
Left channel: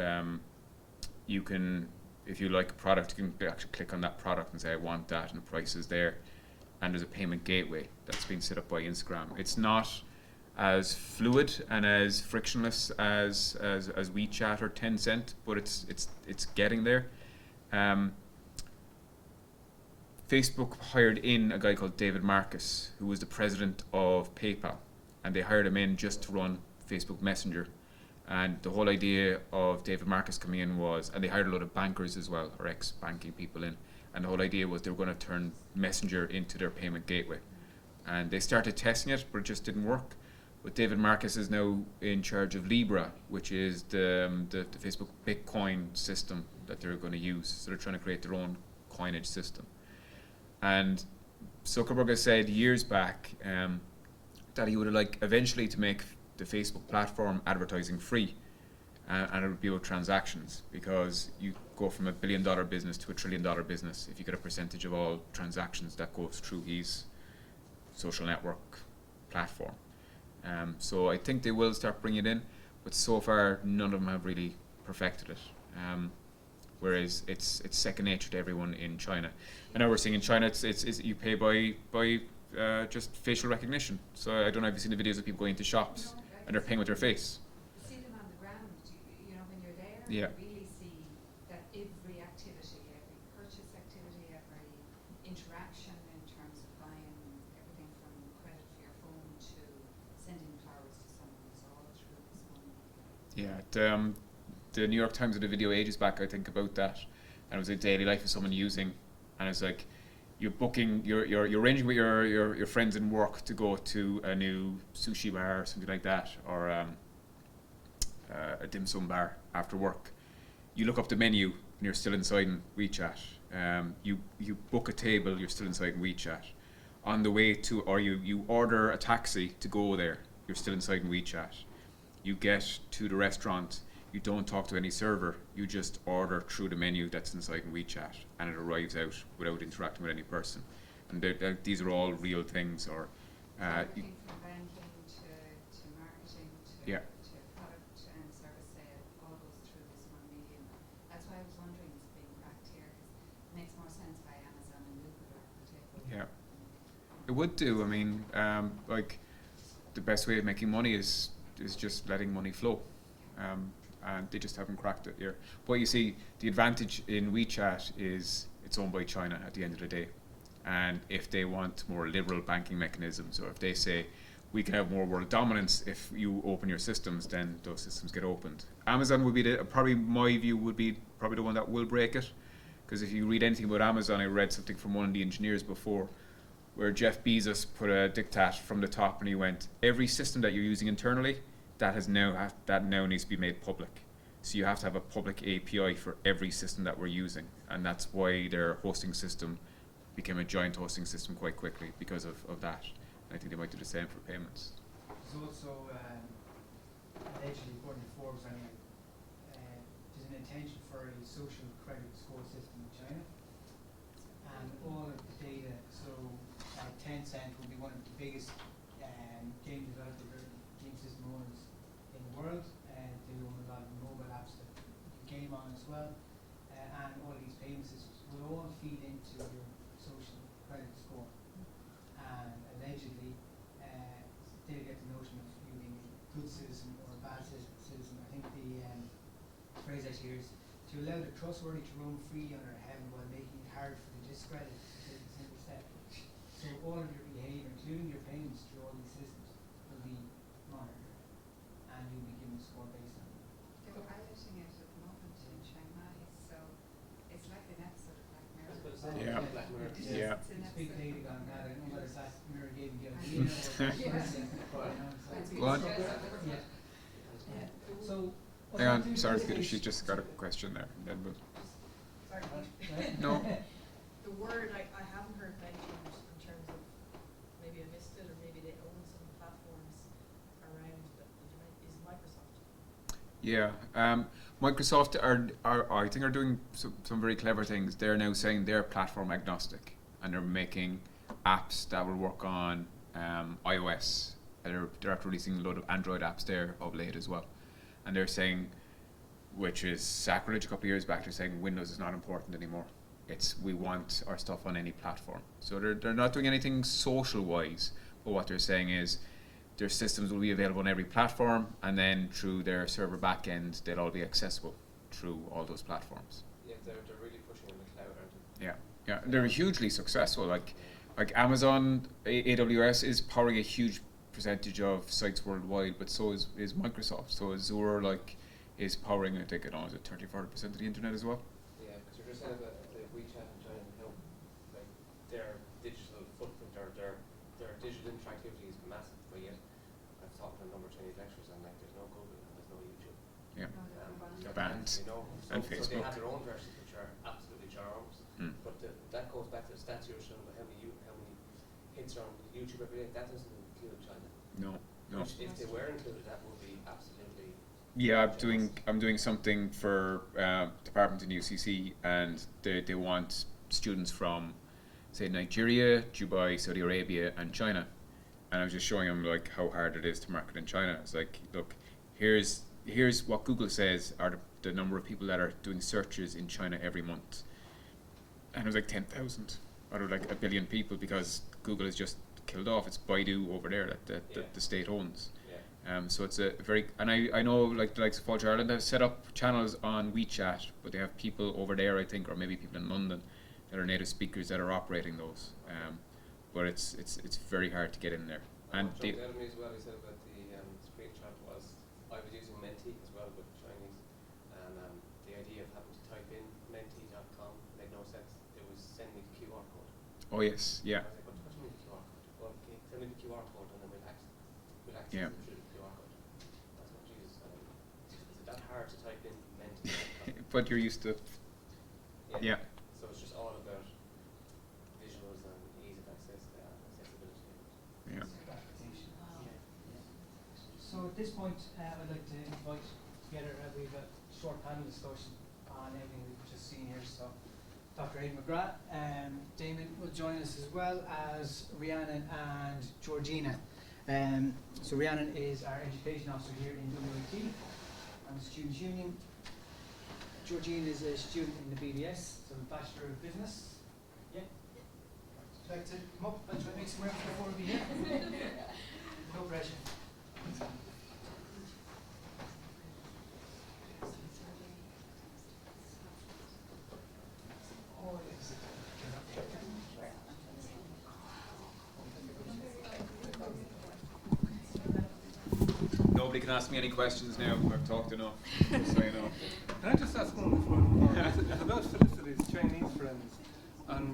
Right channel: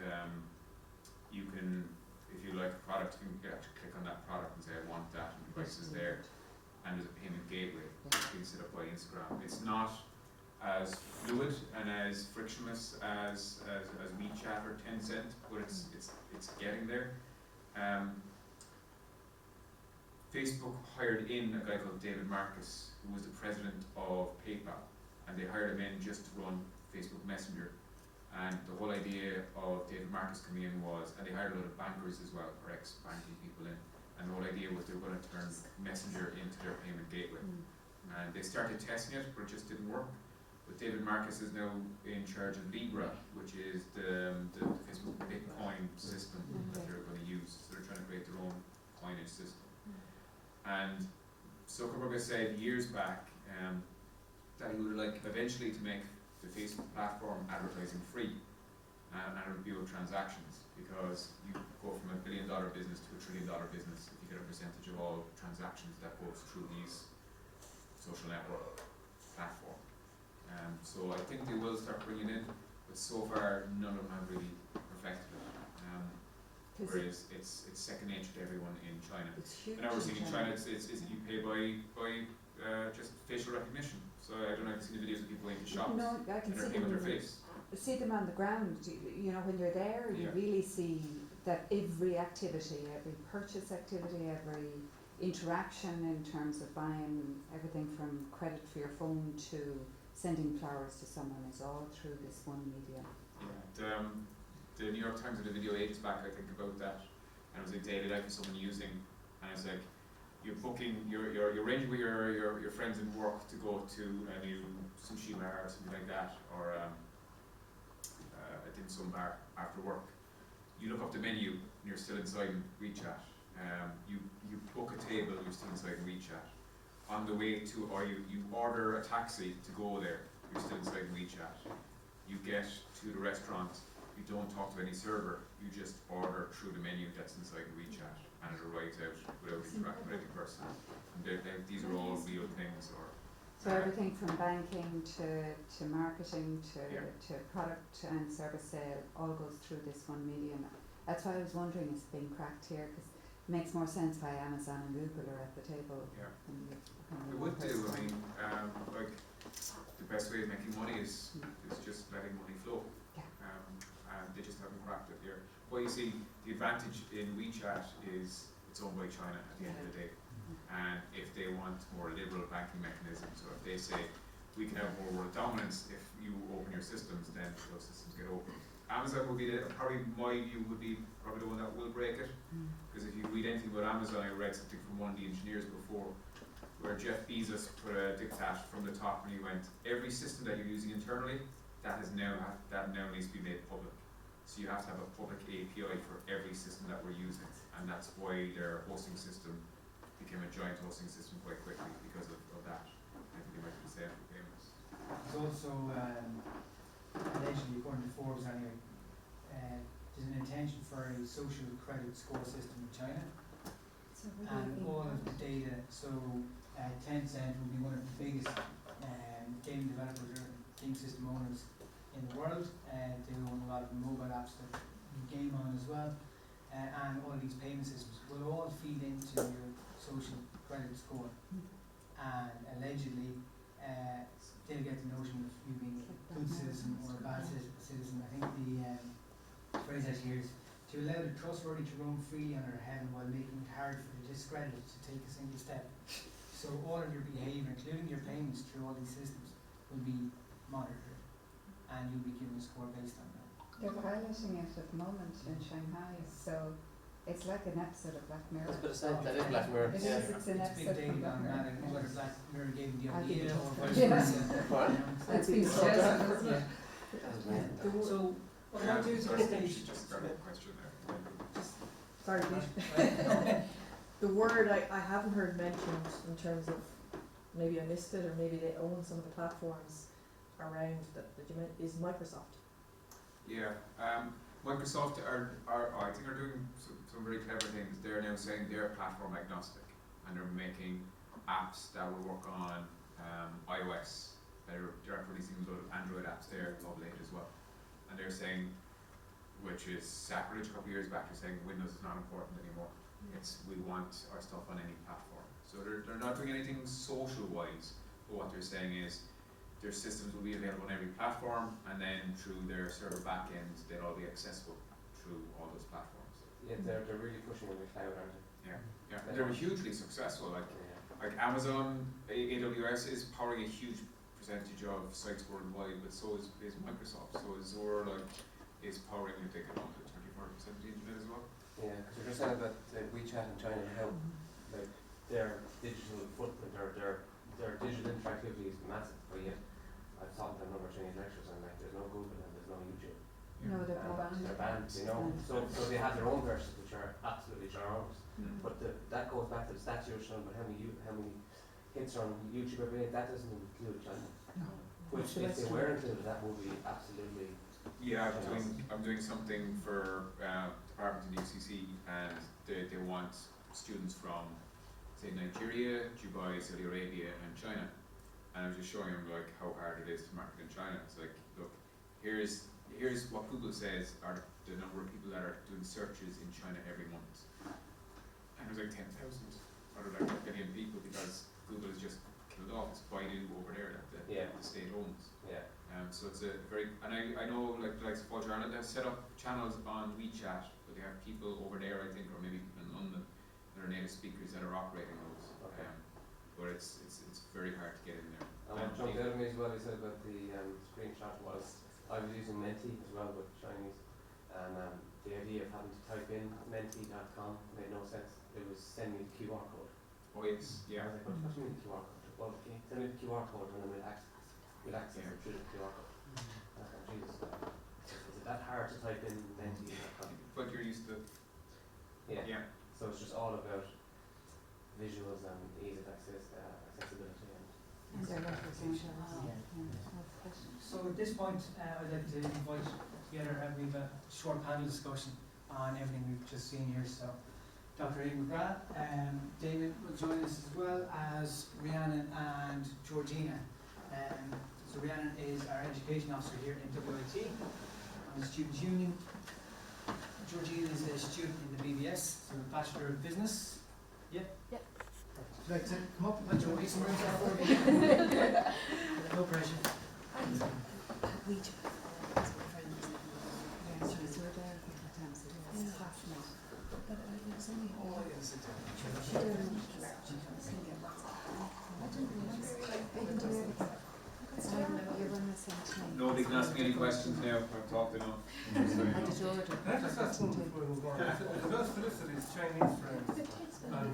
you can, if you like a product, you can actually click on that product and say, I want that, and the price is there. And there's a payment gateway that's been set up by Instagram. It's not as fluid and as frictionless as WeChat or Tencent, but it's getting there. Facebook hired in a guy called David Marcus, who was the president of PayPal, and they hired him in just to run Facebook Messenger. And the whole idea of David Marcus coming in was, and they hired a lot of bankers as well, or ex-banking people in, and the whole idea was they were going to turn Messenger into their payment gateway. And they started testing it, but it just didn't work. But David Marcus is now in charge of Libra, which is the Facebook Bitcoin system that they're going to use. So they're trying to create their own coinage system. And Zuckerberg has said years back that he would like eventually to make the Facebook platform advertising free, and it would be about transactions, because you go from $1 billion business to $1 trillion business if you get a percentage of all transactions that goes through his social network platform. So I think they will start bringing it in, but so far none of them have really perfected it. Whereas it's second nature to everyone in China. And now we're seeing in China it's you pay by just facial recognition. So I don't know if you've seen the videos of people going into shops and they're paying with their face. See them on the ground, you know, when you're there, you really see that every activity, every purchase activity, every interaction in terms of buying everything from credit for your phone to sending flowers to someone is all through this one media. Yeah, the New York Times did a video ages back, I think, about that, and it was a daily life of someone using, and it's like you're booking, you're arranging with your friends in work to go to a new sushi bar or something like that, or a dim sum bar after work. You look up the menu and you're still inside in WeChat. You book a table, you're still inside in WeChat. On the way to, or you order a taxi to go there, you're still inside in WeChat. You get to the restaurant, you don't talk to any server, you just order through the menu that's inside in WeChat, and it arrives out without interacting with any person. And these are all real things. Or so everything from banking to marketing to product and service sale all goes through this one medium. That's why I was wondering, it's being cracked here, because it makes more sense why Amazon and Google are at the table. Yeah, it would do. I mean, like the best way of making money is just letting money flow. And they just haven't cracked it here. But you see, the advantage in WeChat is it's owned by China at the end of the day. And if they want more liberal banking mechanisms, or if they say we can have more world dominance if you open your systems, then those systems get opened. Amazon would be probably my view would be probably the one that will break it. Because if you read anything about Amazon, I read something from one of the engineers before, where Jeff Bezos put a diktat from the top, and he went, every system that you're using internally, that now needs to be made public. So you have to have a public API for every system that we're using, and that's why their hosting system became a giant hosting system quite quickly because of that. I think they might do the same for payments. There's also, allegedly, according to Forbes anyway, there's an intention for a social credit score system in China. And all of the data, so Tencent will be one of the biggest game developers or game system owners in the world. They own a lot of mobile apps that you game on as well. And all these payment systems will all feed into your social credit score. And allegedly, they'll get the notion of you being a good citizen or a bad citizen. I think the phrase actually here is to allow the trustworthy to roam freely on our heaven while making it hard for the discredited to take a single step. So all of your behaviour, including your payments through all these systems, will be monitored, and you'll be given a score based on that. They're piloting it at the moment in Shanghai, so it's like an episode of Black Mirror. That's what it sounds like, Black Mirror. It is, Yeah. it's an It's big episode data of Black on that. I Mirror. don't know whether Black Mirror gave you the I idea think or Yes. It's It's been What? suggested, isn't Yeah. it? So, Hang on, sorry, Peter, she just got a question there. And then Sorry, right? No. the word I haven't heard mentioned in terms of, maybe I missed it, or maybe they own some of the platforms around that you meant, is Microsoft. Yeah, Microsoft are I think are doing some very clever things. They're now saying they're platform agnostic, and they're making apps that will work on iOS. They're actually releasing a load of Android apps there of late as well. And they're saying, which is sacrilege a couple of years back, they're saying Windows is not important anymore. We want our stuff on any platform. So they're not doing anything social wise, but what they're saying is their systems will be available on every platform, and then through their server backend they'll all be accessible through all those platforms. Yeah, they're really pushing on the cloud, aren't they? Yeah, they're hugely successful. Like Amazon, AWS is powering a huge percentage of sites worldwide, but so is Microsoft. So Azure is powering, I think, 30-40% of the internet as well. Yeah, because you're just saying about like WeChat in China and how like their digital footprint or their digital interactivity is massive, but yet I've taught them a number of Chinese lectures and like there's no Google and there's no YouTube. Yeah. No, they're all They're banned. banned. you know. And So they have their own versions which are absolutely ginormous. But that goes back to the stats you were showing about how many hits are on YouTube every day. That doesn't include China. No. If they were included, that would be absolutely. Yeah, I'm doing something for department in UCC, and they want students from, say, Nigeria, Dubai, Saudi Arabia, and China. And I was just showing them like how hard it is to market in China. It's like, look, here's what Google says are the number of people that are doing searches in China every month, and it was like 10,000 out of like a billion people, because Google is just killed off. It's Baidu over there that the state owns. Yeah. So it's a very, and I know like the likes of Culture Ireland have set up channels on WeChat, but they have people over there, I think, or maybe people in London that are native speakers that are operating those. But it's very hard to get in there. And John Delamy as well, he said about the screenshot was, I was using Menti as well with Chinese, and the idea of having to type in menti.com made no sense. It was send me the QR code. oh yes, yeah. I was like, what do you mean the QR code? Well, can you send me the QR code and then we'll access Yeah. it through the QR code. I was like, Jesus, is it that hard to type in menti.com? But you're used to, yeah. So it's just all about visuals and ease of accessibility. Yeah. So at this point, I'd like to invite together, we have a short panel discussion on everything we've just seen here. So Dr. Aidan McGrath, Damon will join us as well as Rhiannon and Georgina. So Rhiannon is our education officer here in WIT. I'm the Student Union. Georgina is a student in the BBS, so Bachelor of Business. Yeah? Yeah. you like to come up and join me somewhere for me? No pressure. Nobody can ask me any questions now. I've talked enough. So you know. Can I just ask one before? It's about Felicity's Chinese friends and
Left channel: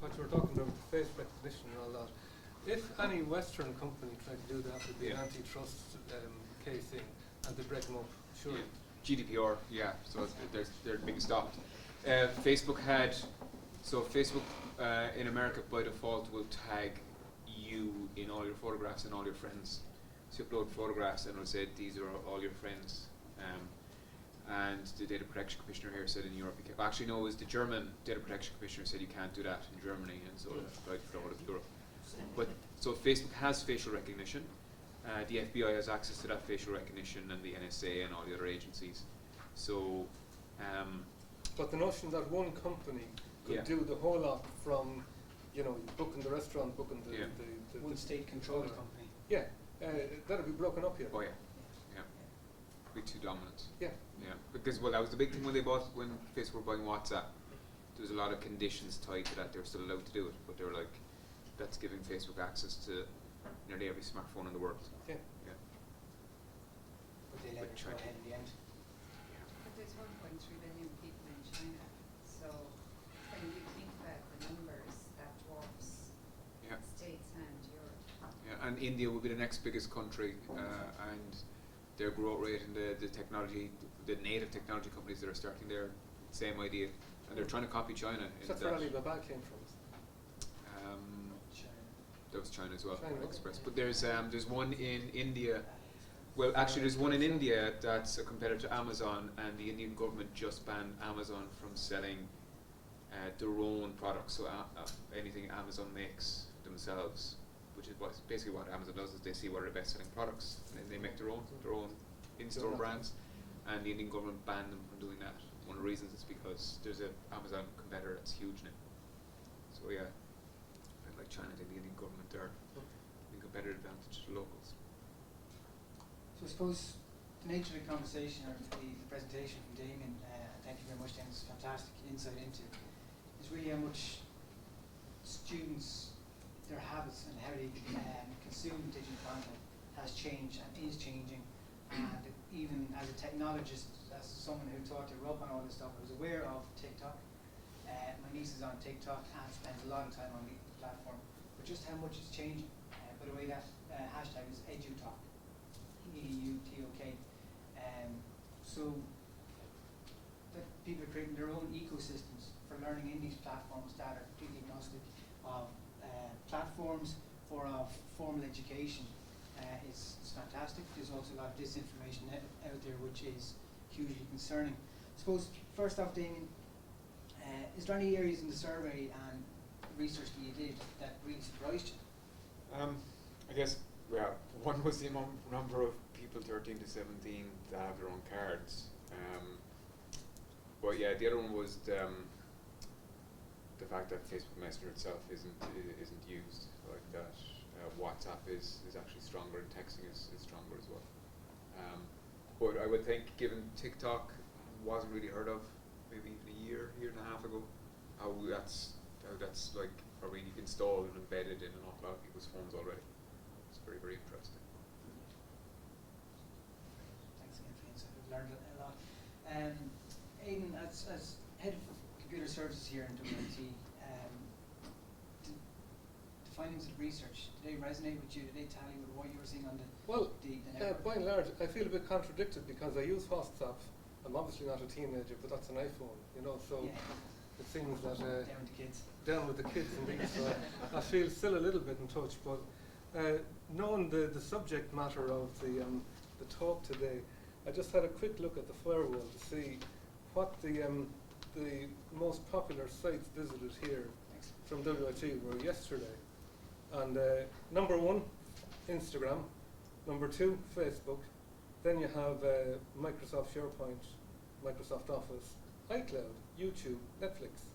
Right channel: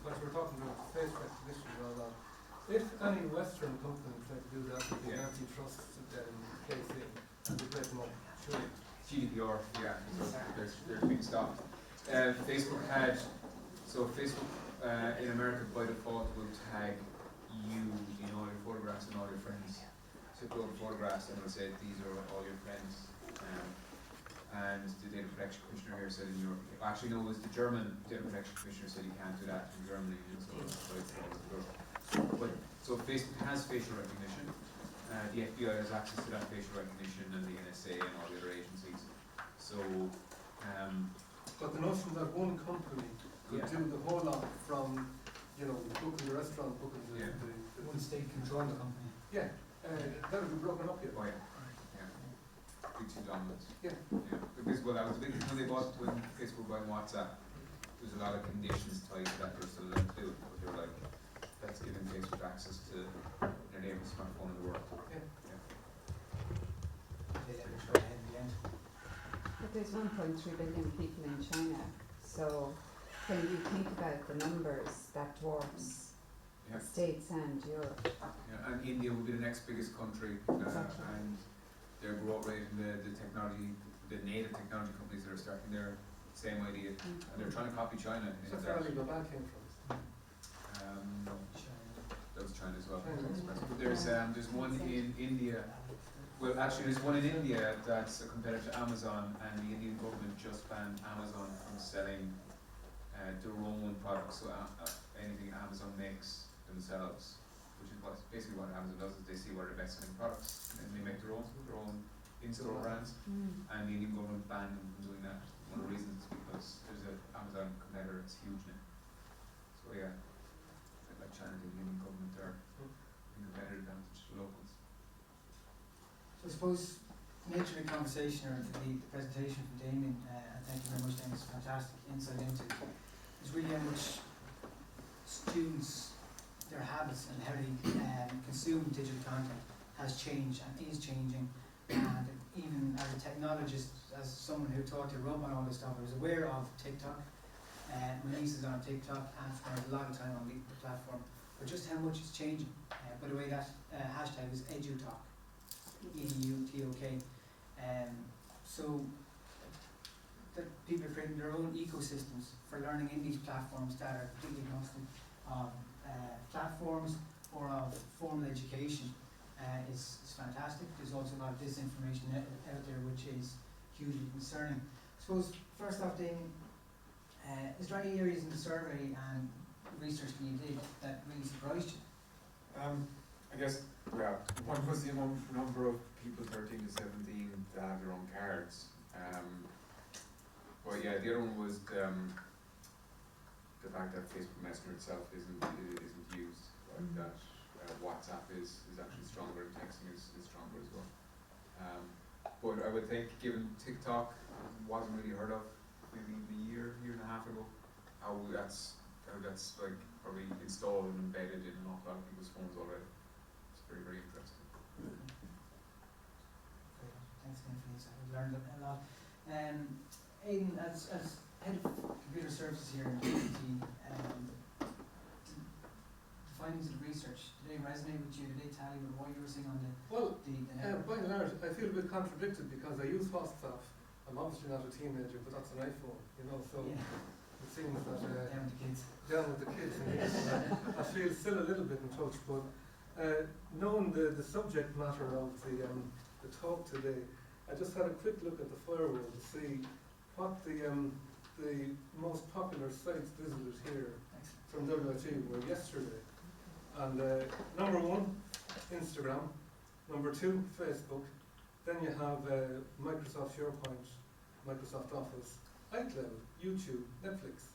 what we're talking about, face recognition and all that. If any Western company tried to do that with the antitrust case in and the break no should it? GDPR, yeah. So they're being stopped. Facebook in America by default will tag you in all your photographs and all your friends. So you upload photographs and it'll say these are all your friends. And the Data Protection Commissioner here said in Europe, actually no, it was the German Data Protection Commissioner said you can't do that in Germany, and so it's like throw it at the door. But so Facebook has facial recognition. The FBI has access to that facial recognition, and the NSA and all the other agencies. So, but the notion that one company could yeah. do the whole lot from, booking the restaurant, booking the One state controlled company. yeah, that'll be broken up here. Oh yeah, yeah. Be too dominant. Yeah. Yeah, because that was a big thing when Facebook were buying WhatsApp. There's a lot of conditions tied to that. They were still allowed to do it, but they were like, that's giving Facebook access to nearly every smartphone in the world. Yeah. Yeah. They never try ahead in the end. But there's 1.3 billion people in China, so when you think about the numbers, that dwarfs Yeah. States and Europe. Yeah, and India will be the next biggest country, and their growth rate in the technology, the native technology companies that are starting there, same idea, and they're trying to copy China. That's where Alibaba came from. That was China as well, China. Express. But there's one in India. Well, actually, there's one in India that's a competitor to Amazon, and the Indian government just banned Amazon from selling their own products. So anything Amazon makes themselves, which is basically what Amazon does, is they see what are the best selling products, and then they make their own in-store brands. And the Indian government banned them from doing that. One of the reasons is because there's a Amazon competitor that's huge now. So yeah, like China and the Indian government are in competitive advantage to locals. So I suppose the nature of the conversation or the presentation from Damien, and thank you very much, Damien, it's fantastic insight into is really how much students, their habits and how they consume digital content has changed and is changing. And even as a technologist, as someone who taught to rub on all this stuff, I was aware of TikTok. My niece is on TikTok and spends a lot of time on the platform. But just how much it's changing. By the way, that hashtag is EduTalk. EduTok. So that people are creating their own ecosystems for learning in these platforms that are completely agnostic of platforms or of formal education. It's fantastic. There's also a lot of disinformation out there, which is hugely concerning. I suppose, first off, Damien, is there any areas in the survey and research that you did that really surprised you? I guess, well, one was the number of people 13 to 17 that have their own cards. But yeah, the other one was the fact that Facebook Messenger itself isn't used, like that. WhatsApp is actually stronger, and texting is stronger as well. But I would think, given TikTok wasn't really heard of maybe a year and a half ago, how that's like already installed and embedded in an awful lot of people's phones already. It's very, very interesting. Thanks again for the insight. I've learned a lot. Aidan, as head of computer services here in PhD, the findings of the research, did they resonate with you? Did they tally with what you were seeing on the Well, by and large, I feel a bit contradicted because I use WhatsApp. I'm obviously not a teenager, but that's an iPhone, so it seems that down to kids. Down with the kids in here, so I feel still a little bit in touch. But knowing the subject matter of the talk today, I just had a quick look at the firewall to see what the most popular sites visited here from WFG were yesterday. And number 1, Instagram. Number 2, Facebook. Then you have Microsoft SharePoint, Microsoft Office, iCloud, YouTube, Netflix.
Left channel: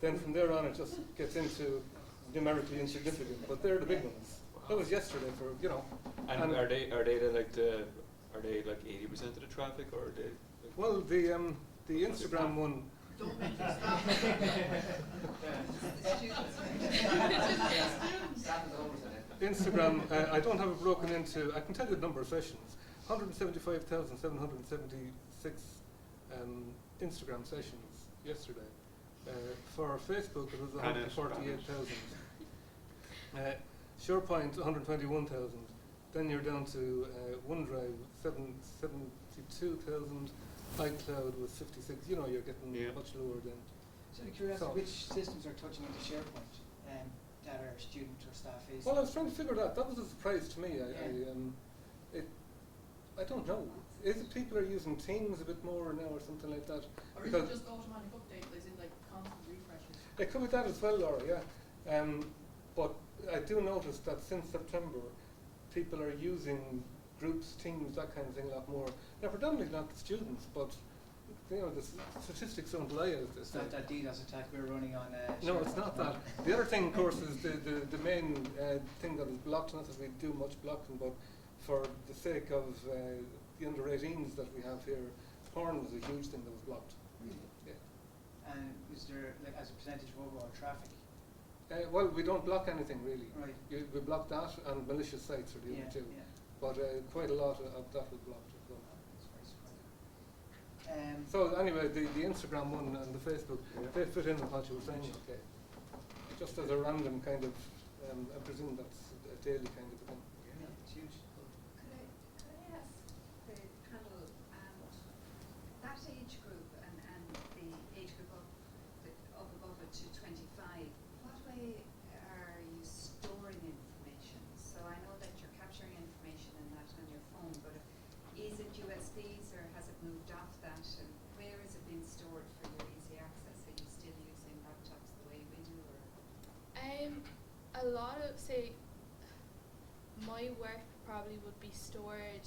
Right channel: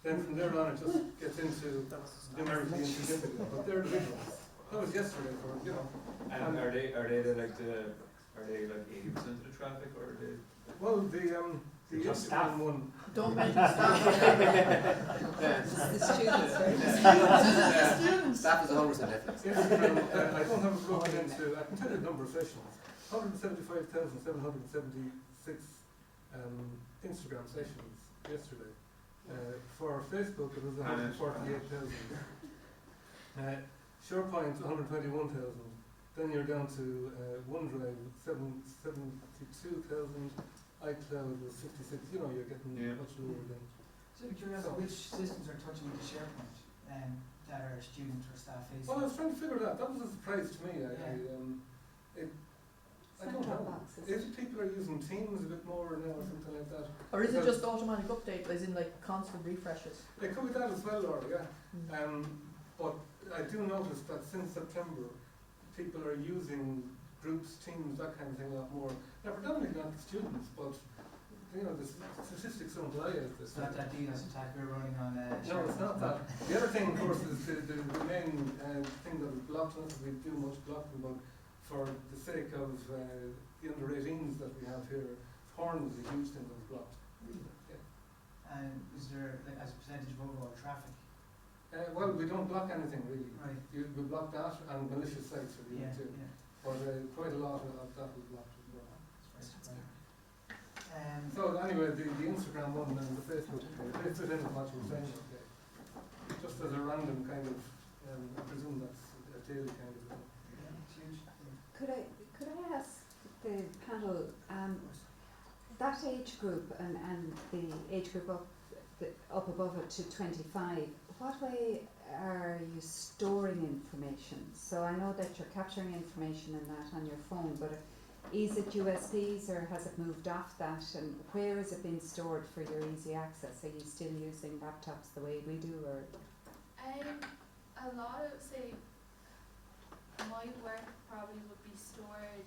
Then from there on, it just gets into numerically insignificant. But they're the big ones. That was yesterday, for you know. And are they like 80% of the traffic, or are they? Well, the Instagram one. Don't mention staff. The students, Staff is 100% effort. Instagram, I don't have it broken into, I can tell you the number of sessions. 175,776 Instagram sessions yesterday. For Facebook, it was 148,000. SharePoint, 121,000. Then you're down to OneDrive, 72,000. iCloud was 56. You know, you're getting much lower than. So I'm curious, which systems are touching into SharePoint that are student or staff facing? Well, I was trying to figure it out. That was a surprise to me. I don't know. If people are using Teams a bit more now or something like that. Or is it just automatic update, as in like constant refreshes? It could be that as well, Laura, yeah. But I do notice that since September, people are using groups, teams, that kind of thing a lot more. Now, predominantly not the students, but you know, the statistics don't lie as this. It's not that DDoS attack we're running on. No, it's not that. The other thing, of course, is the main thing that is blocked. Not that we do much blocking, but for the sake of the under 18s that we have here, porn was a huge thing that was blocked. Really? Yeah. And is there, like, as a percentage of overall traffic? Well, we don't block anything really. Right. We block that and malicious sites are the other two. Yeah. But quite a lot of that was blocked as well. That's So anyway, the Instagram one and the Facebook, they fit in with what you were saying. Okay. Just as a random kind of, I presume that's a daily kind of thing. Yeah, it's huge. Could I ask the panel, that age group and the age group up above it to 25, what way are you storing information? So I know that you're capturing information in that on your phone, but is it USBs or has it moved off that, and where is it being stored for your easy access? Are you still using laptops the way we do, or? A lot of, say, my work probably would be stored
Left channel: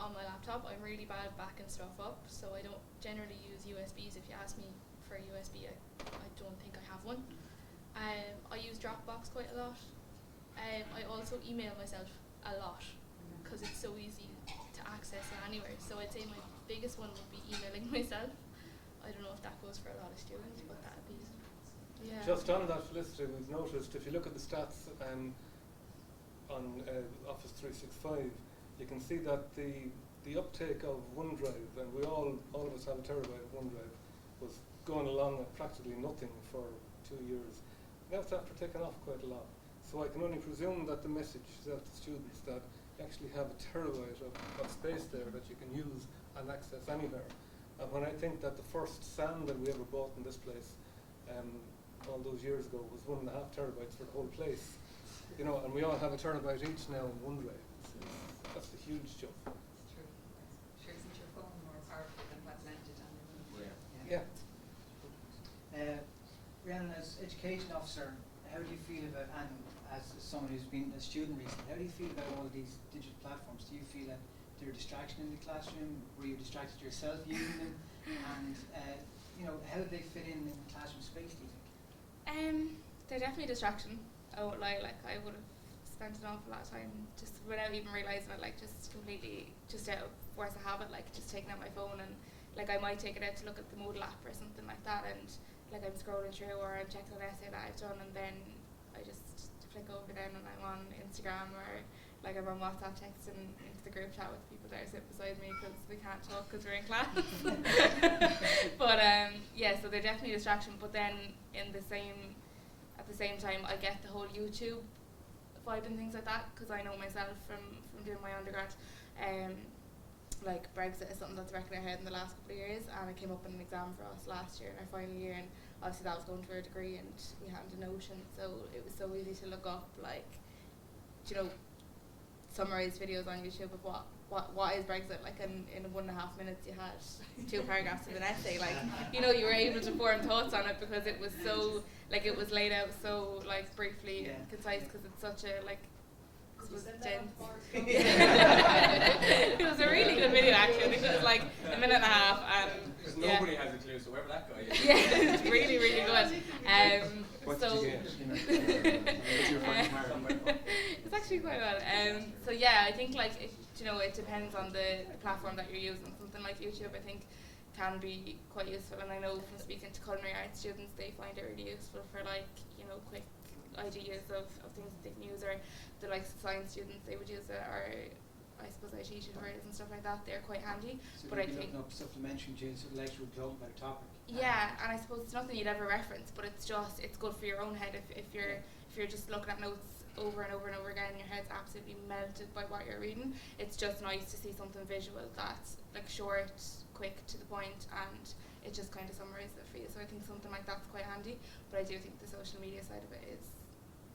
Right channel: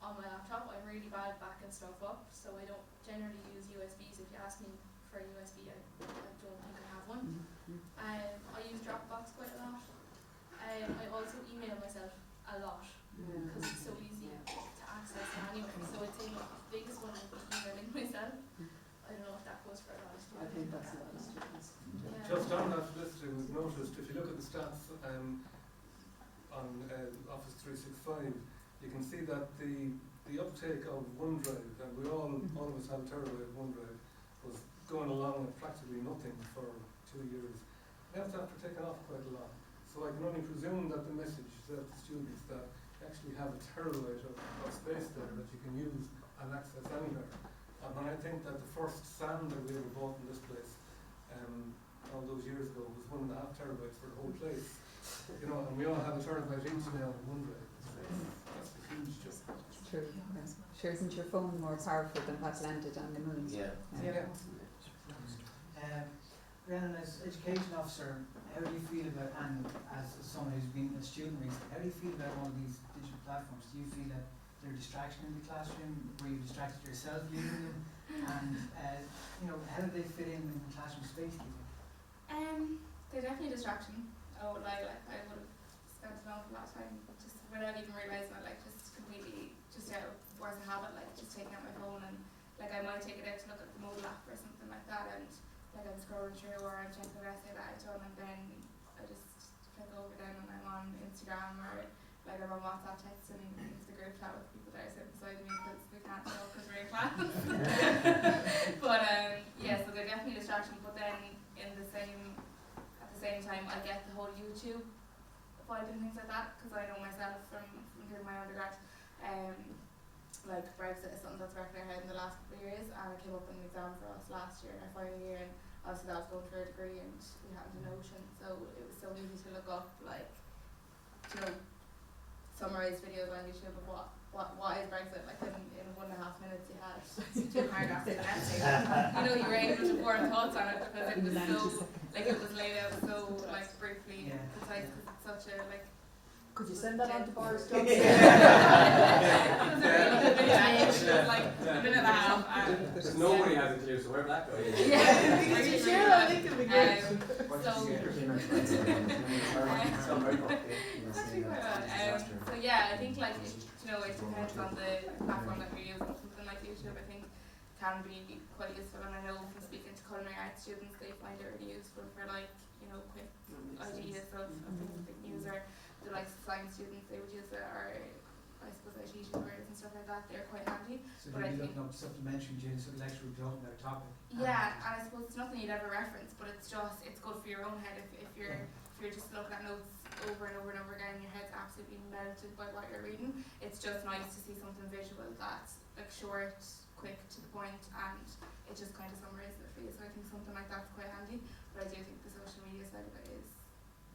on my laptop. I'm really bad backing stuff up, so I don't generally use USBs. If you ask me for a USB, I don't think I have one. I use Dropbox quite a lot. I also email myself a lot because it's so easy to access it anywhere. So I'd say my biggest one would be emailing myself. I don't know if that goes for a lot of students. I think but that's that the is- yeah. Just on that list, it was noticed, if you look at the stats on Office 365, you can see that the uptake of OneDrive, and we all almost have a terabyte of OneDrive, was going along with practically nothing for 2 years. Now it's after taking off quite a lot. So I can only presume that the message is out to students that you actually have a terabyte of space there that you can use and access anywhere. And when I think that the first SAN that we ever bought in this place, all those years ago, was 1.5 terabytes for the whole place. You know, and we all have a terabyte each now in OneDrive. That's a huge jump. It's true. Sure, isn't your phone more powerful than what's landed on the moon? Yeah. Rhiannon, as education officer, how do you feel about, and as someone who's been a student recently, how do you feel about all these digital platforms? Do you feel that they're a distraction in the classroom? Were you distracted yourself using them? And how do they fit in the classroom space, do you think? They're definitely a distraction. I won't lie, like I would have spent an awful lot of time just without even realising it, like just completely just out of force of habit, like just taking out my phone, and like I might take it out to look at the Moodle app or something like that, and like I'm scrolling through or I'm checking an essay that I've done, and then I just flick over then and I'm on Instagram or like I'm on WhatsApp texting the group chat with people that are sitting beside me because we can't talk because we're in class. But yeah, so they're definitely a distraction. But then at the same time, I get the whole YouTube vibe and things like that because I know myself from doing my undergrad. Like Brexit is something that's wrecking our head in the last couple of years, and it came up in an exam for us last year in our final year, and obviously that was going for a degree and we hadn't a notion, so it was so easy to look up like, summarised videos on YouTube of what is Brexit, like in 1.5 minutes you had 2 paragraphs in an essay, like, you were able to form thoughts on it because it was so, like it was laid out so like briefly and concise because it's such a like. Could you send that on to Boris Johnson? It was a really good video actually, which was like a minute and a half. Because nobody has a clue, so wherever that goes. Yeah, it's really, really good. yeah, I think like it, you know, it depends on the platform that you're using. Something like YouTube, I think, can be quite useful. And I know from speaking to culinary arts students, they find it really useful for like, you know, quick ideas of things that they can use. Or the likes of science students, they would use it. Or I suppose IT tutors and stuff like that. They're quite handy. So But I you're think looking up supplementary materials for the lecturer talking about a topic. yeah, and I suppose it's nothing you'd ever reference, but it's good for your own head if you're just looking at notes over and over and over again, your head's absolutely melted by what you're reading. It's just nice to see something visual that's like short, quick, to the point, and it just kind of summarises it for you. So I think something like that's quite handy. But I do think the social media side of it is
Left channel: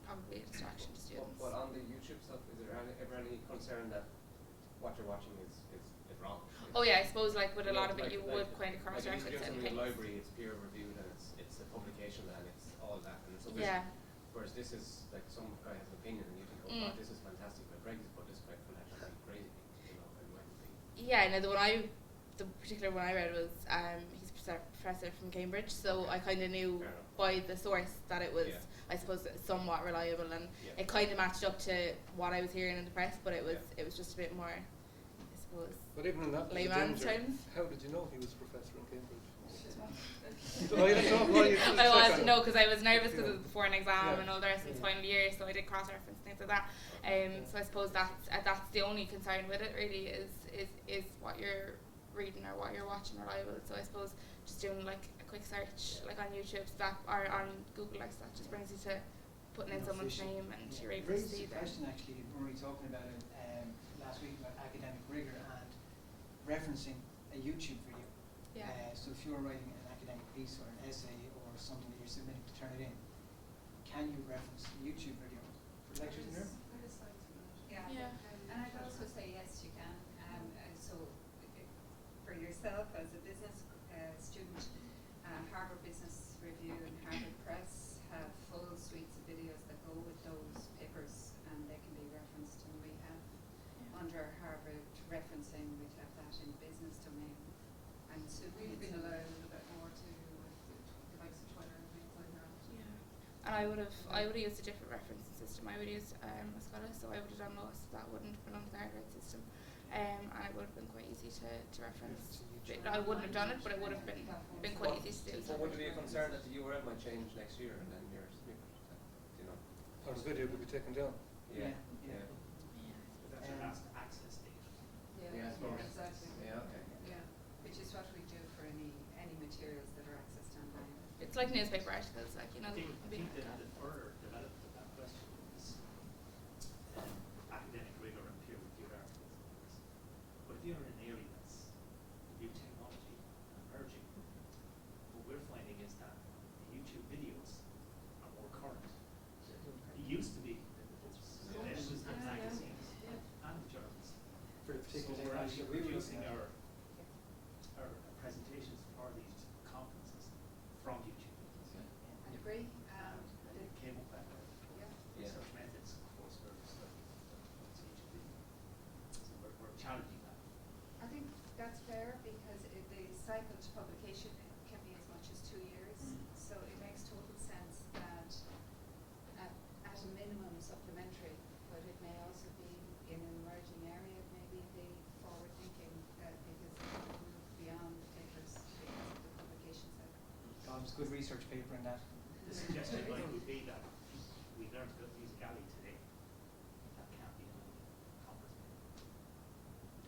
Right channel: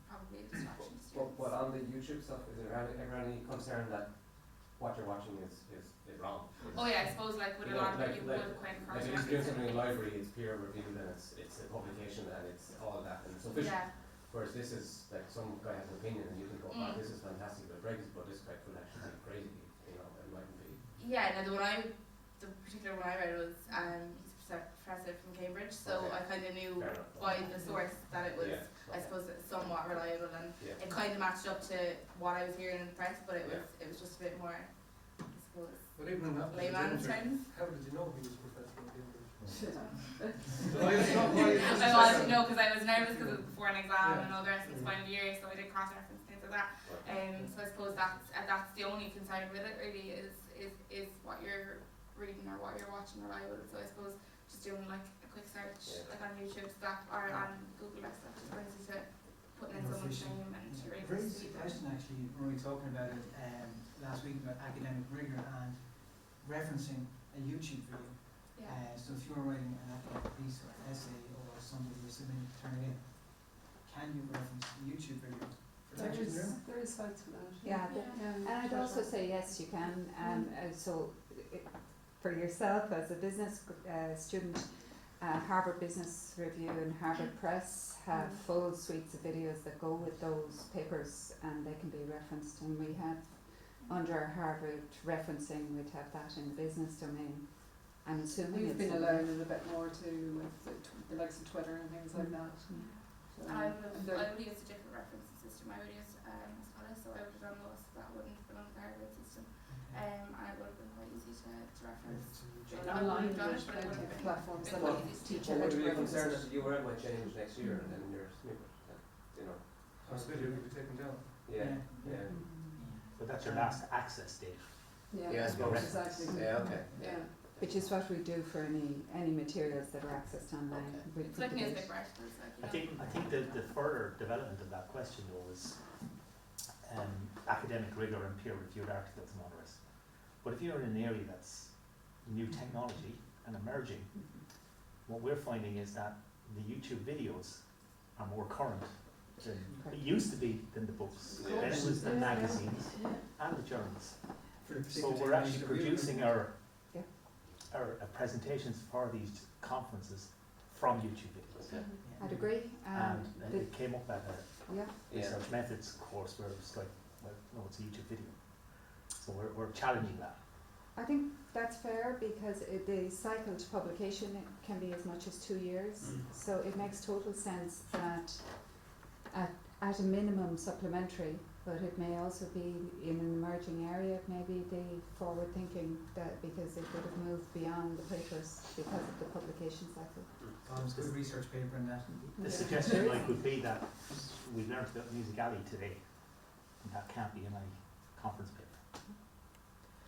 probably a distraction to students. But on the YouTube stuff, is there ever any concern that what you're watching is wrong? Oh yeah, I suppose like with a lot of it, you like, would kind of cross like if reference you're doing something in the library, it's peer reviewed and it's a publication and it's all of that and it's official. Yeah. Whereas this is like some guy has an opinion and you think, oh, wow, this is fantastic, but great, but this guy could actually be crazy, you know, it might be. Yeah, no, the particular one I read was he's a professor from Cambridge, so Okay. I kind of knew by the source that it was, I suppose, somewhat reliable, and it kind of matched up to what I was hearing in the press, but it was just a bit more, I suppose, But even in that layman's terms. how did you know he was a professor in Cambridge? I was, no, because I was nervous because it was before an exam and all the rest of the final year, so I did cross-reference things like that. So I suppose that's the only concern with it really is what you're reading or what you're watching reliable. So I suppose just doing like a quick search like on YouTube stuff or on Google or stuff just brings you to putting in someone's name and you're able to Brings see the question actually, when we were talking about it last week about academic rigour and referencing a YouTube video. So if you're writing an academic piece or an essay or something you're submitting to turn it in, can you reference the YouTube video for lectures and learning? There is sites for that. Yeah, and I'd also say yes, you can. For yourself as a business student, Harvard Business Review and Harvard Press have full suites of videos that go with those papers, and they can be referenced. And we have under Harvard referencing, we'd have that in the business domain. I'm assuming We've been allowed it a bit more too with the likes of Twitter and things like that. Yeah. I would have used a different referencing system. I would use Spella, so I would have done those. That wouldn't have belonged to the Harvard system. I would have been quite easy to reference. I wouldn't have done it, but it would have been quite easy to teach. But would you be concerned that the URL might change next year and then your snippet, you know? Or this video could be taken down. Yeah. But that's your last access date. Yeah, I suppose. Exactly. Yeah, okay. Which is what we do for any materials that are accessed online. It's like newspaper articles, like, you know. I think the further development of that question was academic rigour and peer-reviewed articles and others. But if you're in an area that's new technology and emerging, what we're finding is that the YouTube videos are more current than it used to be than the books. Then it was the magazines and the journals. So we're actually producing our presentations for these conferences from YouTube videos. I'd agree. And it came up at a Yeah. research methods course where it's like, well, no, it's a YouTube video. So we're challenging that. I think that's fair because the cycle to publication can be as much as 2 years. So it makes total sense that at a minimum supplementary, but it may also be in an emerging area, it may be the forward thinking that because it would have moved beyond the papers because of the publication cycle. There's good research paper in that. The suggestion could be that we learned about musicality today, and that can't be in any conference paper.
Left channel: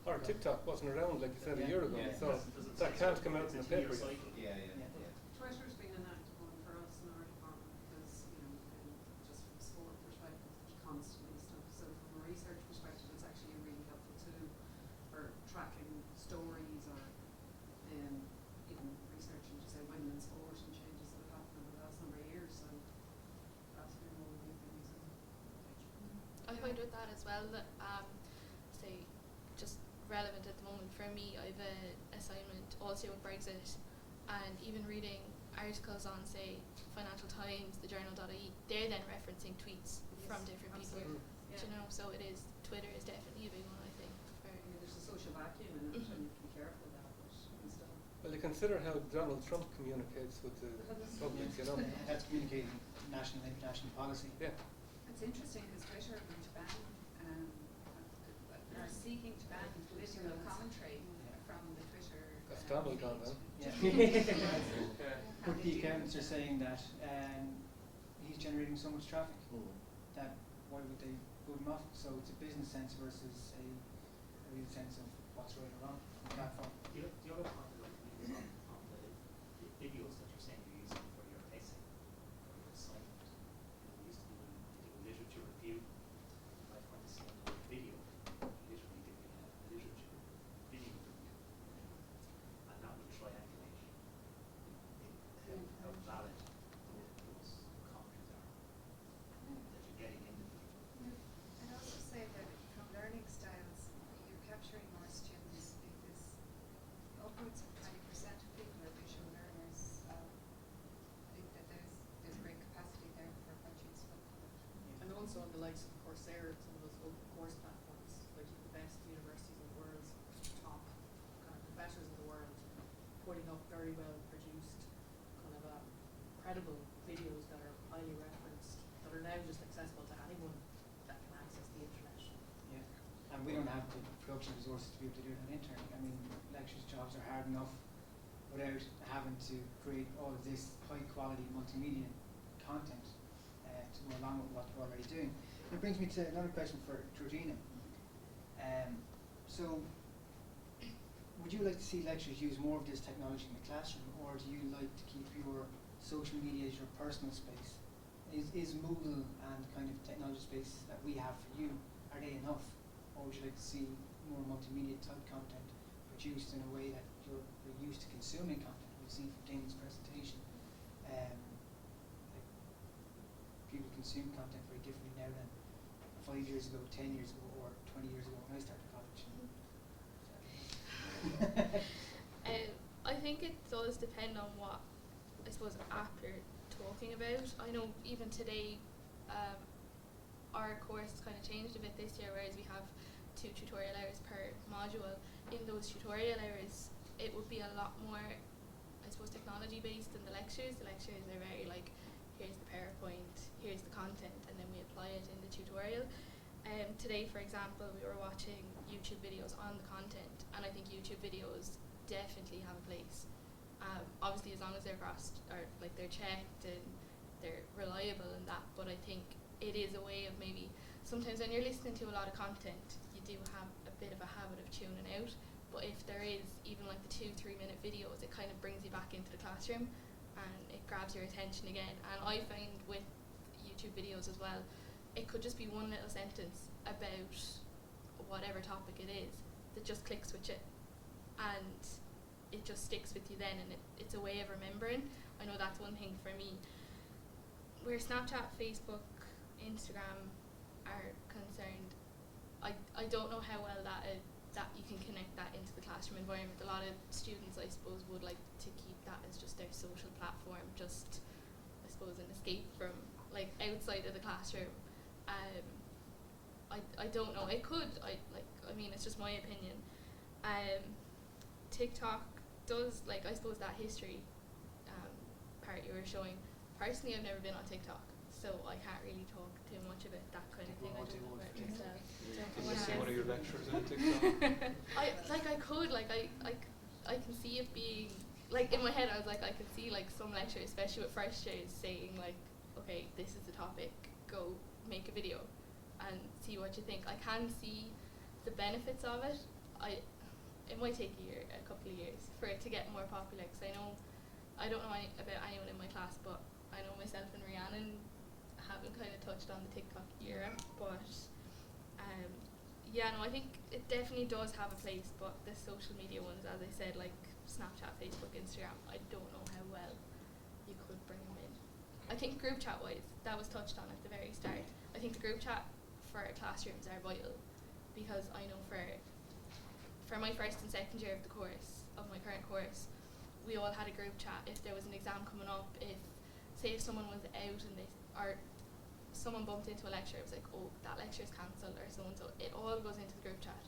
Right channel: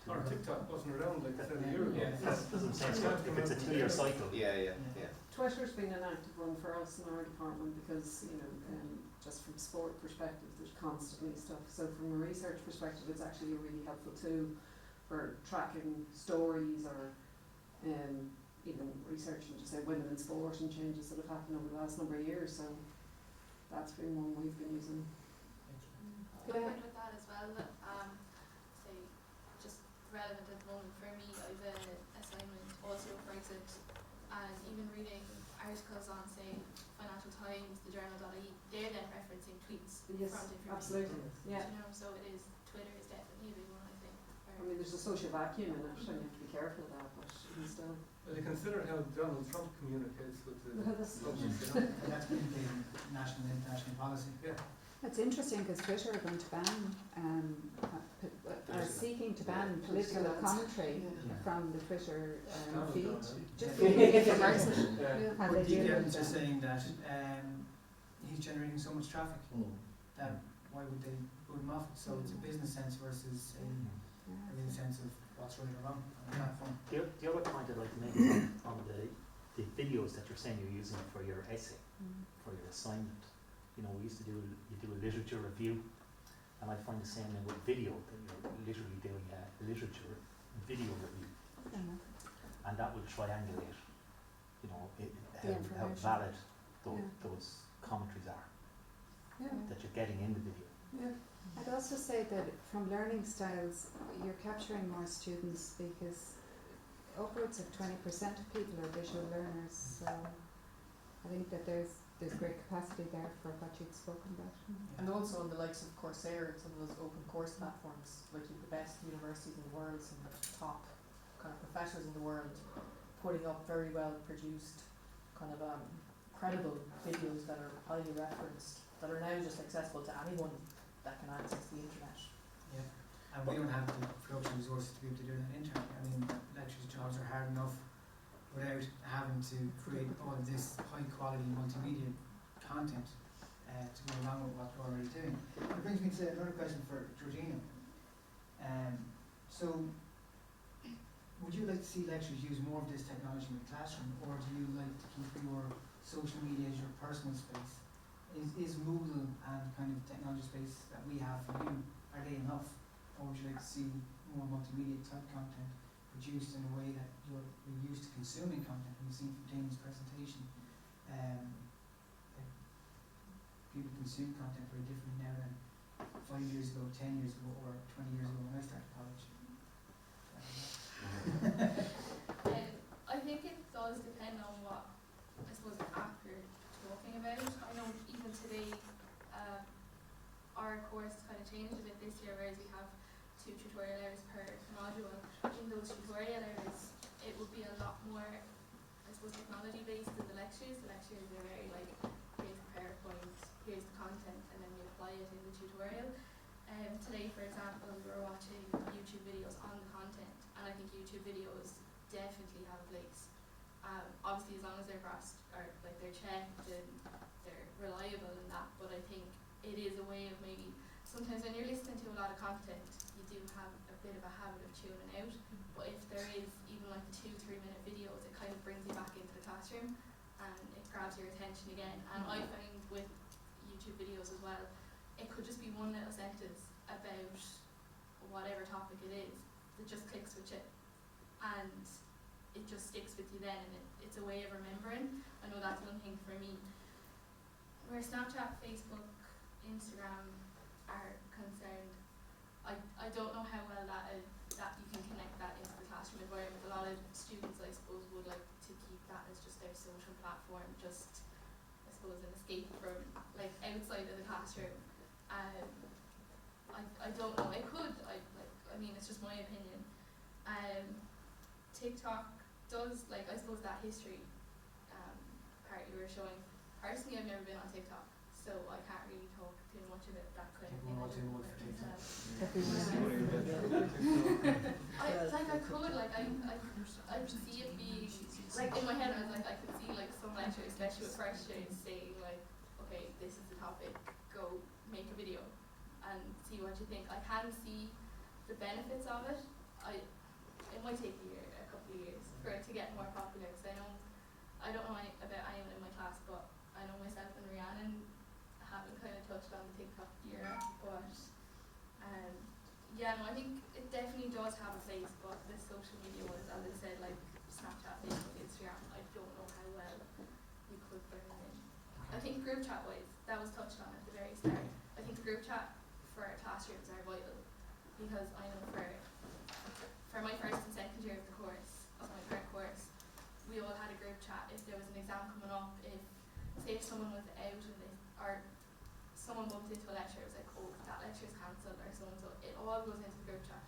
Or TikTok wasn't around like you said a year ago. That doesn't seem to it's a 2-year cycle. Yeah. Twitter's been an active one for us in our department because, you know, just from sport perspective, there's constantly stuff. So from a research perspective, it's actually a really helpful tool for tracking stories or, even researching, just say, women in sport and changes that have happened over the last number of years. So that's been one we've been using. I find with that as well that, say, just relevant at the moment for me, I've an assignment also for exit, and even reading articles on, say, Financial Times, the Journal.ie, they're then referencing tweets from different absolutely. people. Yeah. You know, so Twitter is definitely a big one, I think. I mean, there's a social vacuum in it, and you have to be careful of that, but still. Well, you consider how Donald Trump communicates with the public, you know. And that's communicating national and international policy. Yeah. It's interesting because Twitter are going to ban seeking to ban political commentary from the Twitter feed. Just Yeah. really submersive how Or they deep deal with evidence are them. saying that he's generating so much traffic that why would they put him off? So it's a business sense versus a real sense of what's right or wrong on the platform. The other point I'd like to make is on the videos that you're saying you're using for your essay, for your assignment. You know, we used to you do a literature review, and I find the same in with video. You're literally doing a literature video review, and that will triangulate, you know, how valid those commentaries are that you're getting in the video. I'd also say that from learning styles, you're capturing more students because upwards of 20% of people are visual learners. So I think that there's great capacity there for what you've spoken about. And also on the likes of Coursera, some of those open course platforms, like you've the best universities in the world, some of the top kind of professors in the world, putting up very well produced, kind of credible videos that are highly referenced, that are now just accessible to anyone that can access the internet. Yeah. And we don't have the production resources to be able to do it on the internet. I mean, lecturers' jobs are hard enough without having to create all of this high quality multimedia content to go along with what we're already doing. That brings me to another question for Georgina. So, would you like to see lecturers use more of this technology in the classroom, or do you like to keep your social media as your personal space? Is Moodle and kind of technology space that we have for you, are they enough? Or would you like to see more multimedia type content produced in a way that you're used to consuming content? We've seen from Damon's presentation, people consume content very differently now than 5 years ago, 10 years ago, or 20 years ago when I started college. I think it does depend on what, I suppose, app you're talking about. I know even today, our course kind of changed a bit this year, whereas we have 2 tutorial hours per module. In those tutorial hours, it will be a lot more, I suppose, technology based than the lectures. The lectures are very like, here's the PowerPoint, here's the content, and then we apply it in the tutorial. Today, for example, we were watching YouTube videos on the content, and I think YouTube videos definitely have a place. Obviously, as long as they're crossed, or like they're checked and they're reliable and that, but I think it is a way of maybe, sometimes when you're listening to a lot of content, you do have a bit of a habit of tuning out, but if there is even like the 2-3 minute videos, it kind of brings you back into the classroom and it grabs your attention again. And I find with YouTube videos as well, it could just be one little sentence about whatever topic it is that just clicks with you, and it just sticks with you then, and it's a way of remembering. I know that's one thing for me. Where Snapchat, Facebook, Instagram are concerned, I don't know how well that you can connect that into the classroom environment. A lot of students, I suppose, would like to keep that as just their social platform, just, I suppose, an escape from like outside of the classroom. I don't know. It could. I mean, it's just my opinion. TikTok does, like, I suppose that history part you were showing. Personally, I've never been on TikTok, so I can't really talk too much about that kind of thing. I don't know about myself. I could see it being, like, in my head I was like, I could see like some lecturers, especially with first years, saying like, okay, this is the topic, go make a video and see what you think. I can see the benefits of it. It might take a couple of years for it to get more popular, because I don't know about anyone in my class, but I know myself and Rhiannon haven't kind of touched on the TikTok era, but yeah, no, I think it definitely does have a place, but the social media ones, as I said, like Snapchat, Facebook, Instagram, I don't know how well you could bring them in. I think group chat wise, that was touched on at the very start. I think the group chat for classrooms are vital, because I know for my first and second year of the course, of my current course, we all had a group chat. If there was an exam coming up, say if someone was out or someone bumped into a lecture, it was like, oh, that lecture's cancelled, or so and so. It all goes into the group chat.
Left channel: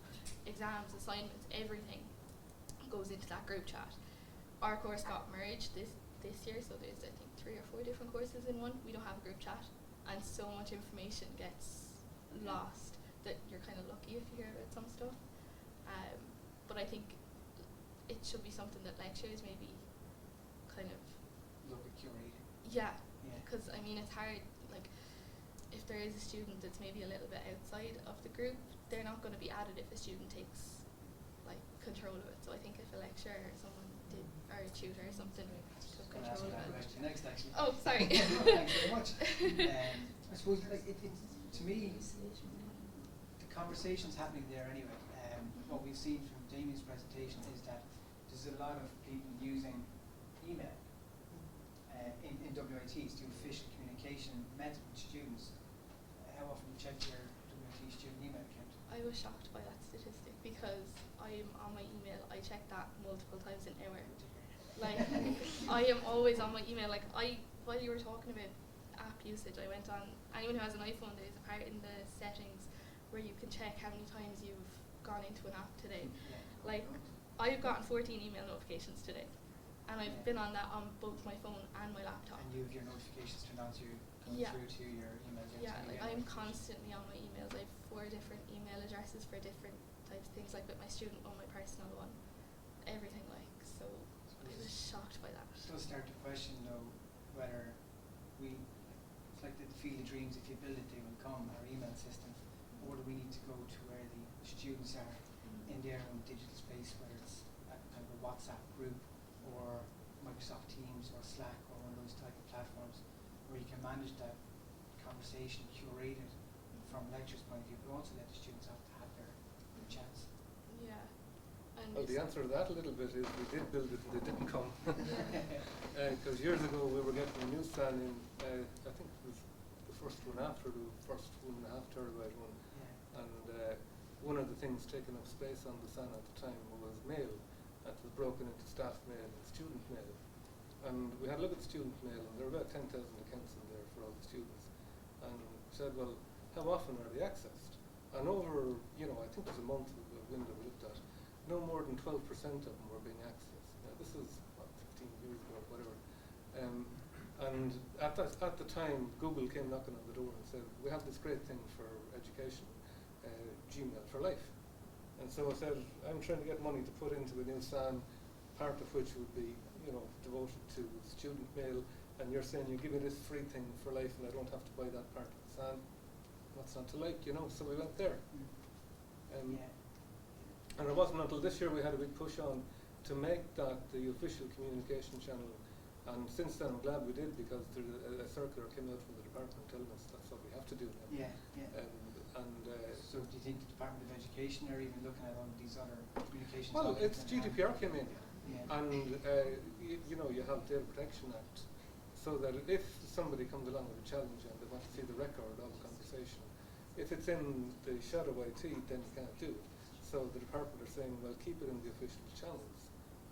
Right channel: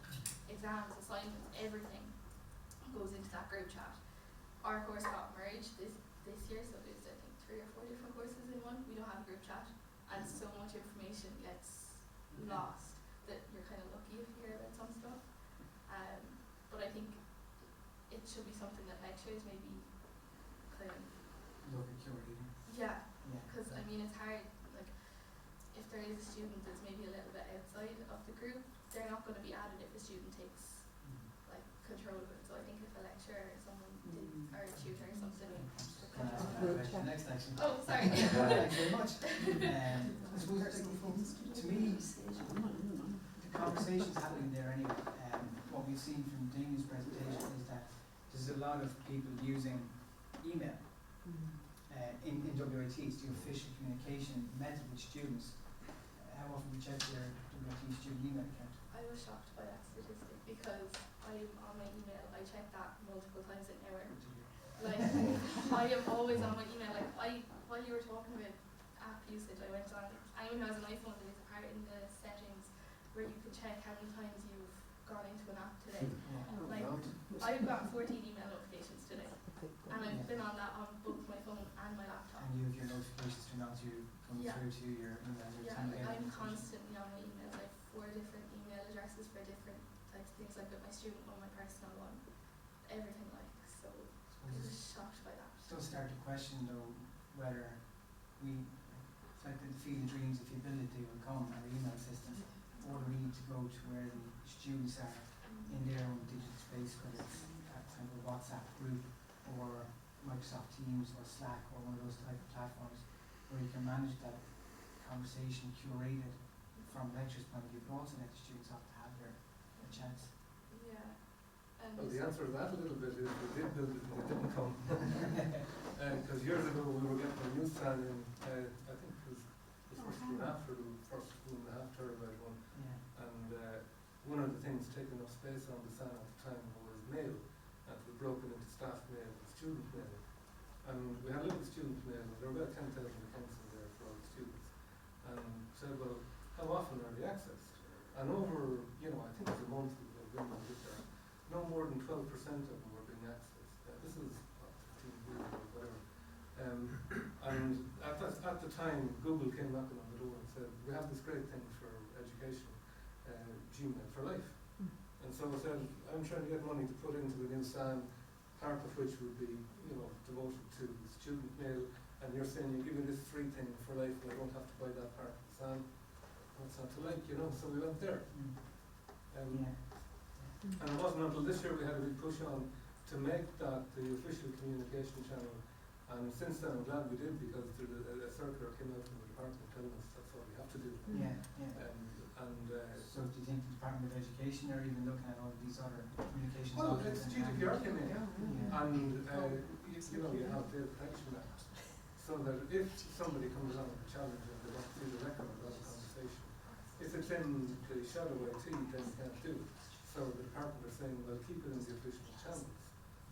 Exams, assignments, everything goes into that group chat. Our course got merged this year, so there's I think 3 or 4 different courses in one. We don't have a group chat, and so much information gets lost that you're kind of lucky if you hear about some stuff. should be something that lecturers maybe kind of, Look at curating. yeah, Yeah. because I mean it's hard, like if there is a student that's maybe a little bit outside of the group, they're not going to be added if the student takes like control of it. So I think if a lecturer or someone did, or a tutor or something took Can I ask control of that it. question next actually? Oh, sorry. Thank you very much. I suppose to me, the conversation's happening there anyway. What we've seen from Damien's presentation is that there's a lot of people using email in WITs to official communication method with students. How often do you check your WIT student email account? I was shocked by that statistic because I'm on my email, I check that multiple times an hour. Like, I am always on my email. Like, while you were talking about app usage, I went on, anyone who has an iPhone, there's a part in the settings where you can check how many times you've gone into an app today. Like, I've got 14 email notifications today, and I've been on that on both my phone and my laptop. And you have your notifications turned on to going Yeah. through to your emails. Yeah, and you like get I'm notifications. constantly on my emails. I have 4 different email addresses for different types of things, like with my student one, my personal one, everything like, so I was shocked by that. Still start to question though whether it's like the field of dreams, if you build it they will come, our email system, or do we need to go to where the students are in their own digital space, whether it's that type of WhatsApp group or Microsoft Teams or Slack or one of those type of platforms where you can manage that conversation curated from lecturers' point of view, but also let the students have to have their chance. Yeah. And Well, the answer to that a little bit is we did build it and they didn't come. Because years ago we were getting a newsstand in, I think it was the first one after the first 1.5 terabite one. Yeah. And one of the things taking up space on the SAN at the time was mail. That was broken into staff mail and student mail. And we had a look at student mail, and there were about 10,000 accounts in there for all the students. And said, well, how often are they accessed? And over, I think it was a month ago, we looked at, no more than 12% of them were being accessed. Now, this is, 15 years ago, whatever. And at the time, Google came knocking on the door and said, we have this great thing for education, Gmail for life. And so I said, I'm trying to get money to put into the new SAN, part of which would be, devoted to student mail, and you're saying you're giving this free thing for life and I don't have to buy that part of the SAN. What's not to like, so we went there. Yeah. And it wasn't until this year we had a big push on to make that the official communication channel. And since then I'm glad we did, because there's a circular came out from the department telling us that's what we have to do. Yeah, yeah. So do you think the Department of Education are even looking at all of these other communications? Well, it's GDPR came in, Yeah. and you have the Data Protection Act, so that if somebody comes along with a challenge and they want to do the record of the conversation, if it's in the shadow IT, then you can't do it. So the department are saying, well, keep it in the official channels,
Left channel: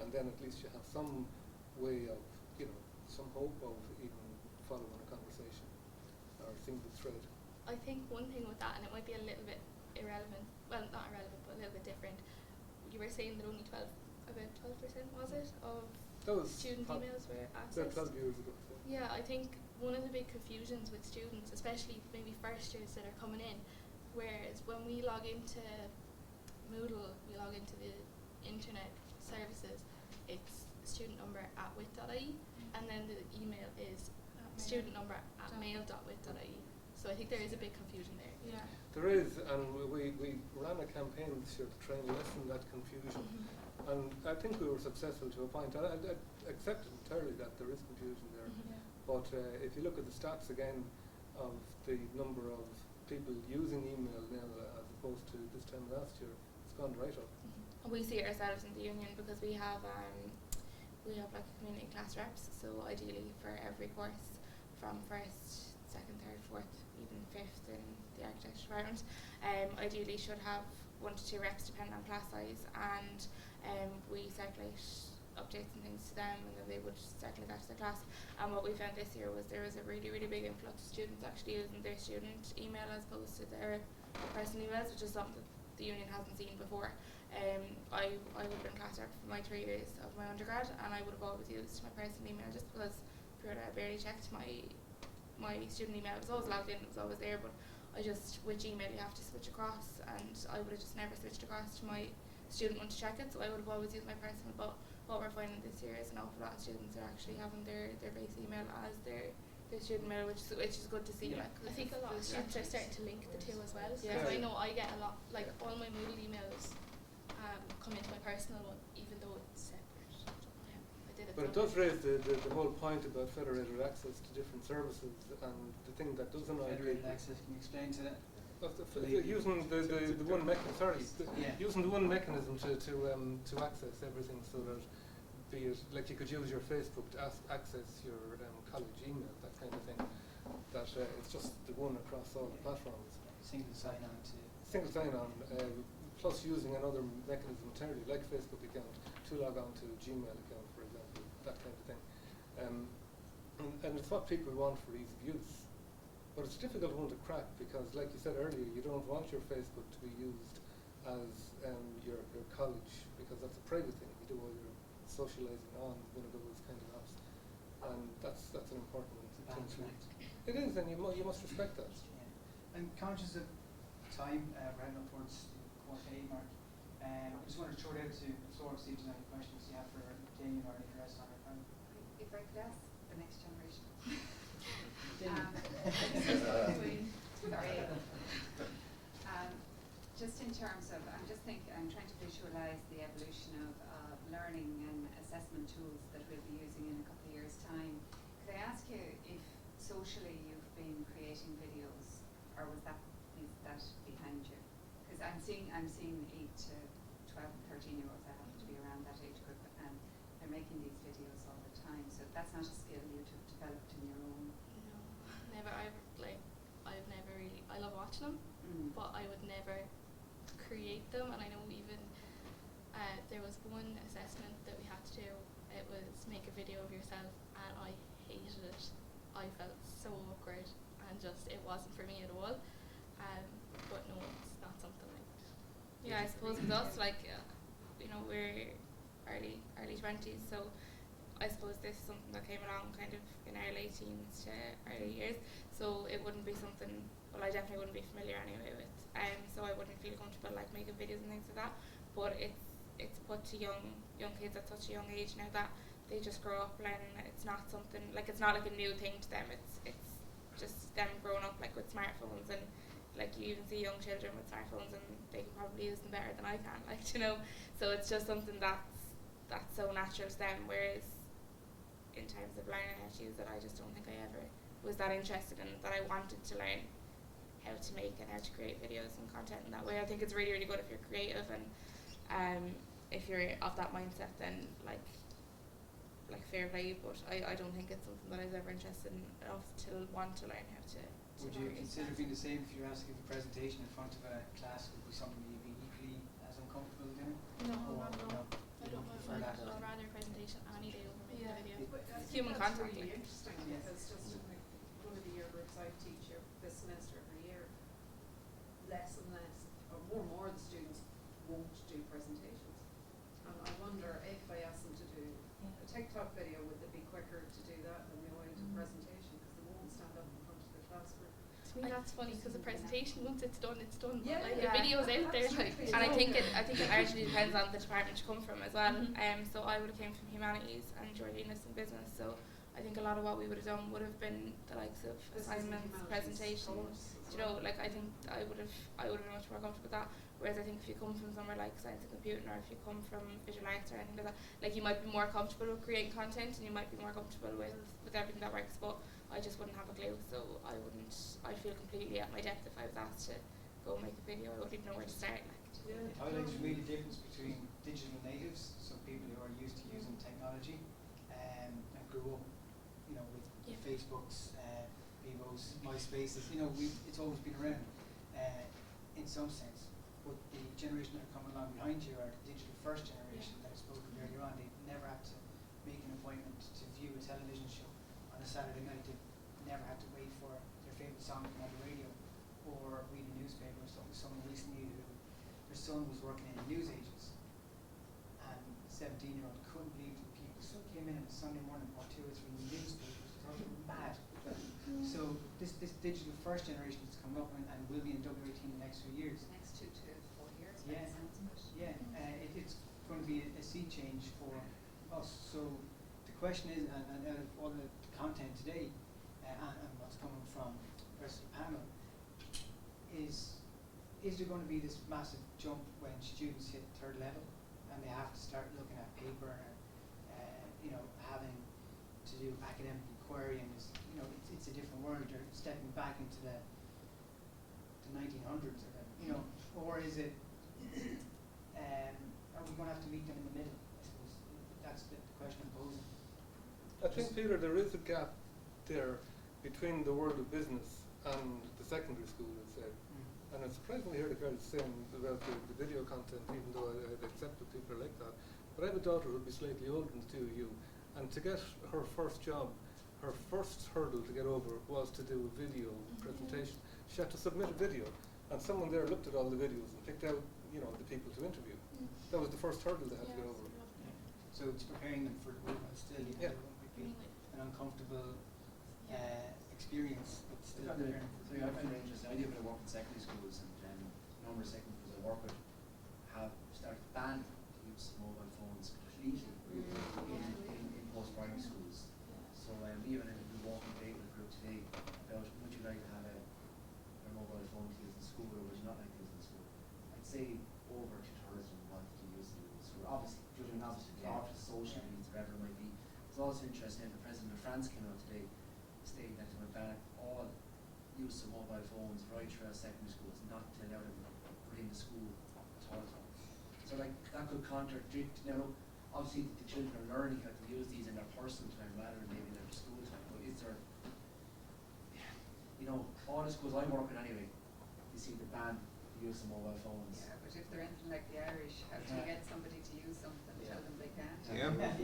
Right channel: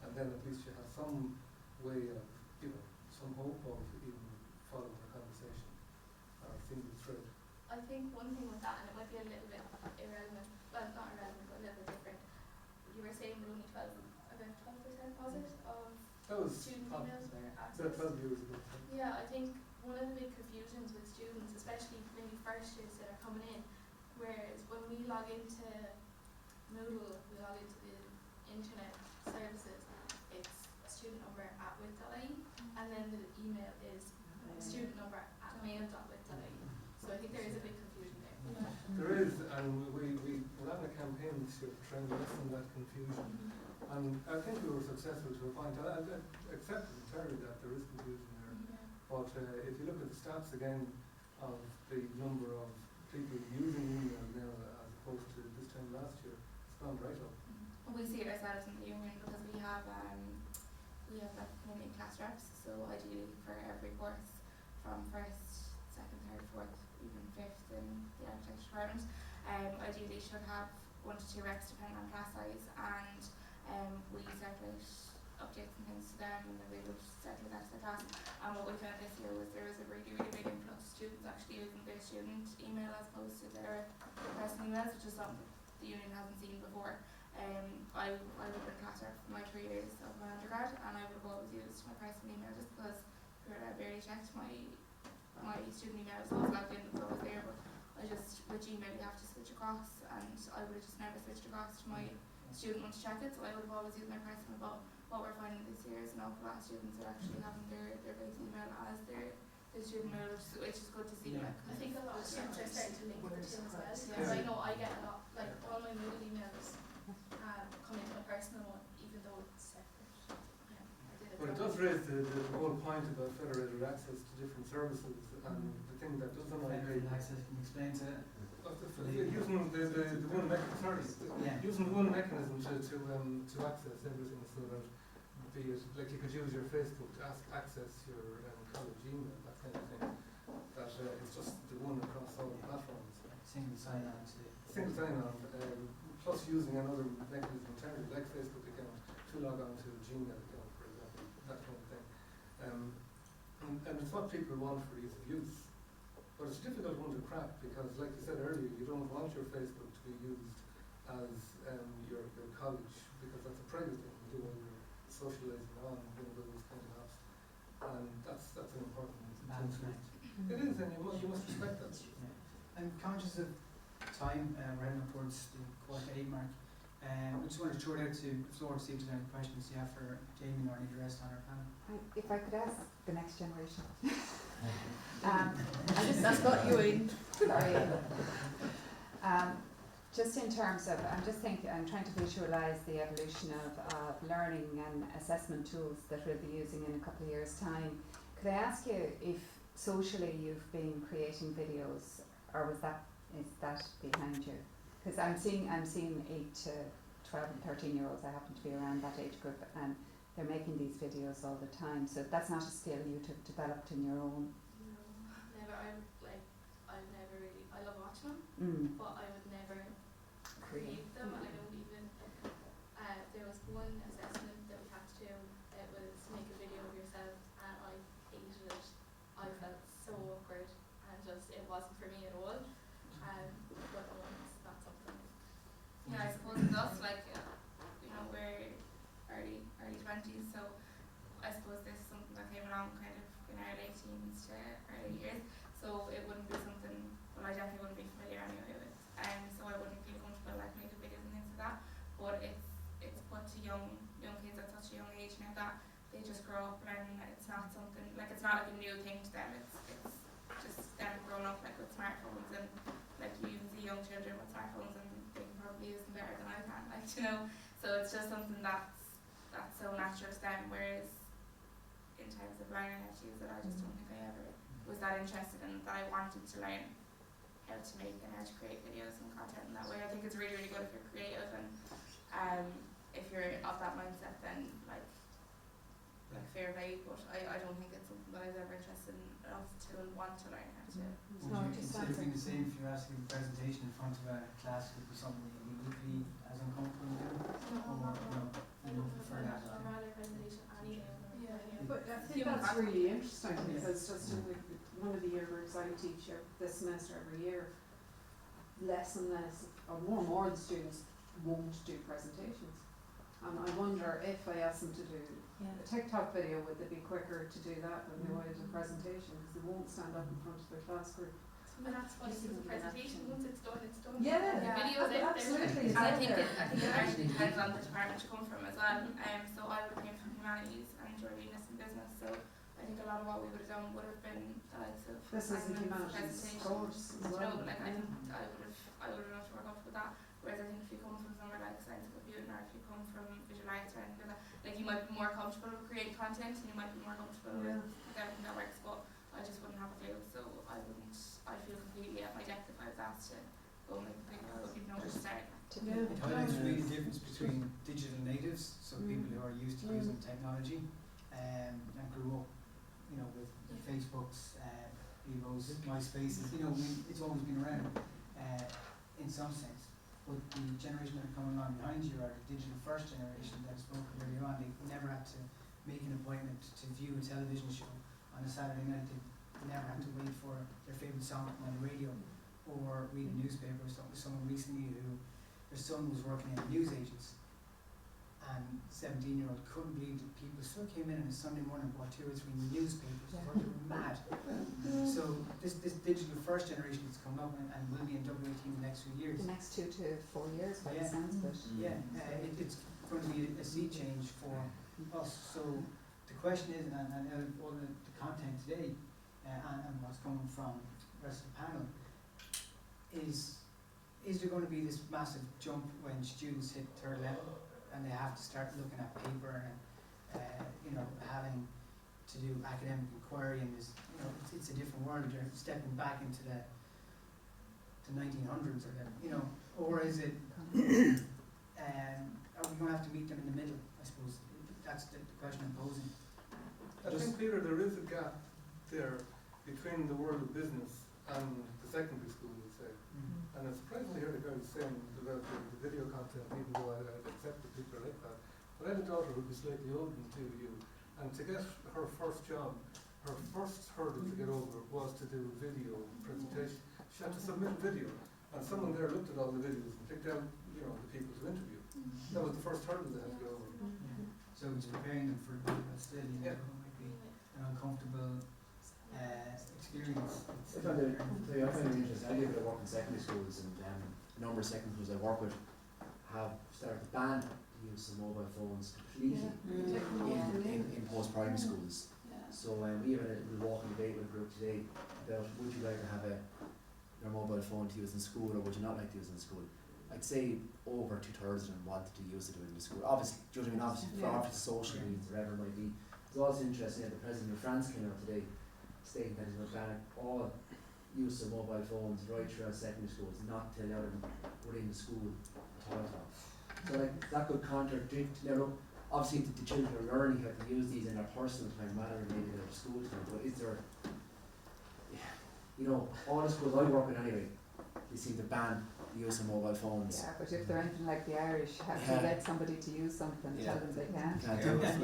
and then at least you have some way of, some hope of even following a conversation or a single thread. I think one thing with that, and it might be a little bit irrelevant, well, not irrelevant, but a little bit different. You were saying that only about 12% was it, of student emails were accessed? Yeah, I think one of the big confusions with students, especially maybe first years that are coming in, whereas when we log into Moodle, we log into the internet services, it's student number at wit.ie, and then the email is student number at mail.wit.ie. So I think there is a big confusion there. Yeah. There is, and we ran a campaign this year to try and lessen that confusion. And I think we were successful to a point. I accept entirely that there is confusion there. But if you look at the stats again of the number of people using email now as opposed to this time last year, it's gone right up. We see it ourselves in the union because we have like community class reps, so ideally for every course from first, second, third, fourth, even fifth in the architecture department, ideally should have 1 to 2 reps depending on class size, and we circulate updates and things to them, and then they would circulate that to their class. And what we found this year was there was a really, really big influx of students actually using their student email as opposed to their personal emails, which is something the union hasn't seen before. I would have been class rep for my 3 years of my undergrad, and I would have always used my personal email just because I barely checked my student email. It was always logged in, it was always there, but I just, with Gmail you have to switch across, and I would have just never switched across to my student want to check it, so I would have always used my personal. But what we're finding this year is an awful lot of students are actually having their base email as their student mail, which is good to see. Yeah. Like, I think a lot of students are starting to link the two as well. Yeah. Because I know I get a lot, like all my mail emails come into my personal one, even though it's separate. Yeah, I did it. But it does raise the whole point about federated access to different services, and the thing that doesn't Federated agree. access, can you explain to that? Using the one mechanism, Yeah. using the one mechanism to access everything, so that be it like you could use your Facebook to access your college email, that kind of thing. That it's just the one across all the platforms. Single sign-on to... Single sign-on, plus using another mechanism entirely, like Facebook account, to log on to Gmail account, for example, that kind of thing. And it's what people want for ease of use. But it's a difficult one to crack because, like you said earlier, you don't want your Facebook to be used as your college, because that's a private thing you do while you're socialising on one of those kind of apps. And that's an important thing. It is, and you must respect that. Yeah. I'm conscious of time, we're heading up towards the 8:15 mark. I just want to throw it out to the floor to see if there's any questions you have for Jamie or any of the rest on our panel. If I could ask the next generation. That's got you in. Sorry. Just in terms of, I'm trying to visualise the evolution of learning and assessment tools that we'll be using in a couple of years' time. Could I ask you if socially you've been creating videos, or is that behind you? Because I'm seeing 8 to 12 and 13-year-olds. I happen to be around that age group, and they're making these videos all the time. So that's not a skill you've developed in your own. No, never. I've never really. I love watching them, but I would never create them. And I know even there was one assessment that we had to do. It was make a video of yourself, and I hated it. I felt so awkward, and just it wasn't for me at all. But no, it's not something. Yeah, I suppose with us, like, you know, we're early 20s, so I suppose this is something that came along kind of in our late teens to early years, so it wouldn't be something, well, I definitely wouldn't be familiar anyway with, so I wouldn't feel comfortable like making videos and things like that, but it's put to young kids at such a young age now that they just grow up learning that it's not something, like it's not like a new thing to them, it's just them growing up like with smartphones, and like you even see young children with smartphones and they can probably use them better than I can, like, you know, so it's just something that's so natural to them, whereas in terms of learning how to use it, I just don't think I ever was that interested in it, that I wanted to learn how to make and how to create videos and content in that way. I think it's really, really good if you're creative, and if you're of that mindset, then like fair play, but I don't think it's something that I was ever interested in enough to want to learn how to. Would you consider being the same if you were asked to give a presentation in front of a class? Would be something you'd be equally as uncomfortable doing? No, I don't know if for that. I'd rather presentation any day over Yeah, video. but I think Human that's contact. really interesting Yeah. because just in one of the year groups I teach this semester every year, less and less, or more and more of the students won't do presentations. And I wonder if I ask them to do a TikTok video, would they be quicker to do that than they would a presentation, because they won't stand up in front of their class group. To me that's funny because the presentation, once it's done, it's done. Yeah, Like, the yeah. video is out there. Absolutely. And I think it actually depends on the department you come from as well. So I would have came from humanities and journalism and business, so I think a lot of what we would have done would have been the likes of This isn't assignments, humanities presentations. course as You know, well. like I think I would have much more comfortable with that. Whereas I think if you come from somewhere like science and computing, or if you come from visual arts or anything like that, like you might be more comfortable with creating content, and you might be more comfortable with everything that works. But I just wouldn't have a clue, so I feel completely at my depth if I was asked to go make a video. I wouldn't even know where to start. It highlights really the difference between digital natives, so people who are used to using technology, and grew up, you know, with Facebooks, Bebos, MySpaces, you know, it's always been around, in some sense. But the generation that are coming along behind you are the digital first generation that I spoke of earlier on. They never had to make an appointment to view a television show on a Saturday night. They never had to wait for their favourite song on the radio or read a newspaper. So someone recently who her son was working in a newsagents, and 17-year-old couldn't believe that people still came in on a Sunday morning and bought 2 or 3 newspapers. They were mad. So this digital first generation that's come talking, and will be in double AT in the next few years. The next 2 to 4 years, by the Yeah. sounds of it. It's going to be a sea change for us. So the question is, and all the content today, and what's coming from the rest of the panel, is there going to be this massive jump when students hit third level and they have to start looking at paper and having to do academic inquiry, and it's a different world. You're stepping back into the 1900s, or is it? Are we going to have to meet them in the middle? I suppose that's the question I'm posing. I think, Peter, there is a gap there between the world of business and the secondary school, I'd say. And it's presently here the same about the video content, even though I accept that people are like that. But I have a daughter who will be slightly older than you, and to get her first job, her first hurdle to get over was to do a video presentation. She had to submit video, and someone there looked at all the videos and picked out, the people to interview. That was the first hurdle they had to get over. So it's preparing them for still, it might be an uncomfortable experience. I find it interesting. I do a bit of work in secondary schools, and a number of secondary schools I work with have started to ban the use of mobile phones completely in post-primary schools. So we had a walking debate with a group today about would you like to have a mobile phone to use in school, or would you not like to use it in school? I'd say over 2/3 of them wanted to use it in school. Obviously, for obvious social reasons, whatever it might be. It's also interesting that the President of France came out today stating that he's going to ban all use of mobile phones right throughout secondary schools, not to allow them within the school at all. So that could contradict. Now look, obviously the children are learning how to use these in their personal time rather than maybe their school time. But is there, all the schools I work with anyway, they seem to ban the use of mobile phones. Yeah, but if they're anything like the Irish, have to get somebody to use something, tell them they can't.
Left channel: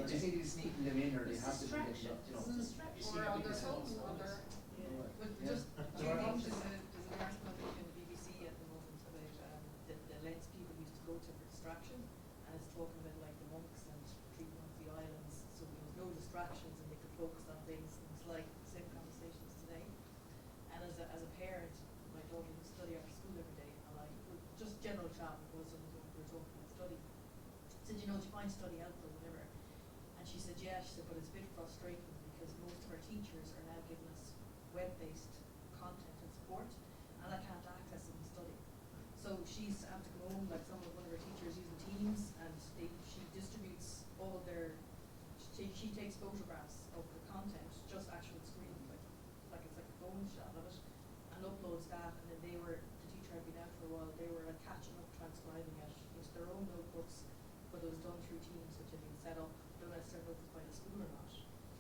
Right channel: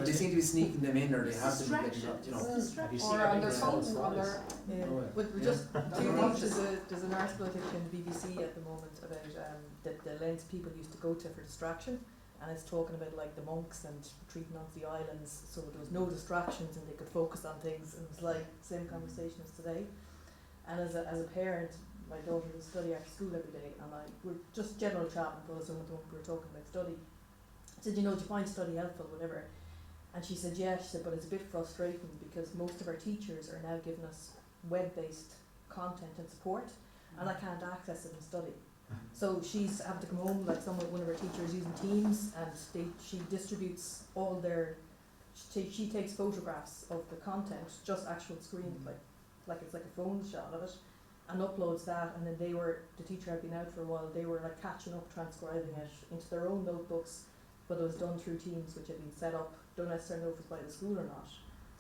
They seem to be sneaking them in, or they have them, have you seen Or on their anything phones, else? on their. But there's an article I think in the BBC at the moment about the lengths people used to go to for distraction, and it's talking about like the monks and treating onto the islands, so there was no distractions and they could focus on things, and it's like the same conversation as today. And as a parent, my daughter would study after school every day, and we're just general chat because we were talking about study. I said, do you find study helpful, whatever? And she said, yeah. She said, but it's a bit frustrating because most of our teachers are now giving us web-based content and support, and I can't access it and study. So she's having to come home, like one of her teachers using Teams, and she distributes all their. She takes photographs of the content, just actual screen, like it's like a phone shot of it, and uploads that. And then the teacher had been out for a while. They were like catching up, transcribing it into their own notebooks, but it was done through Teams, which had been set up. Don't necessarily know if it was by the school or not.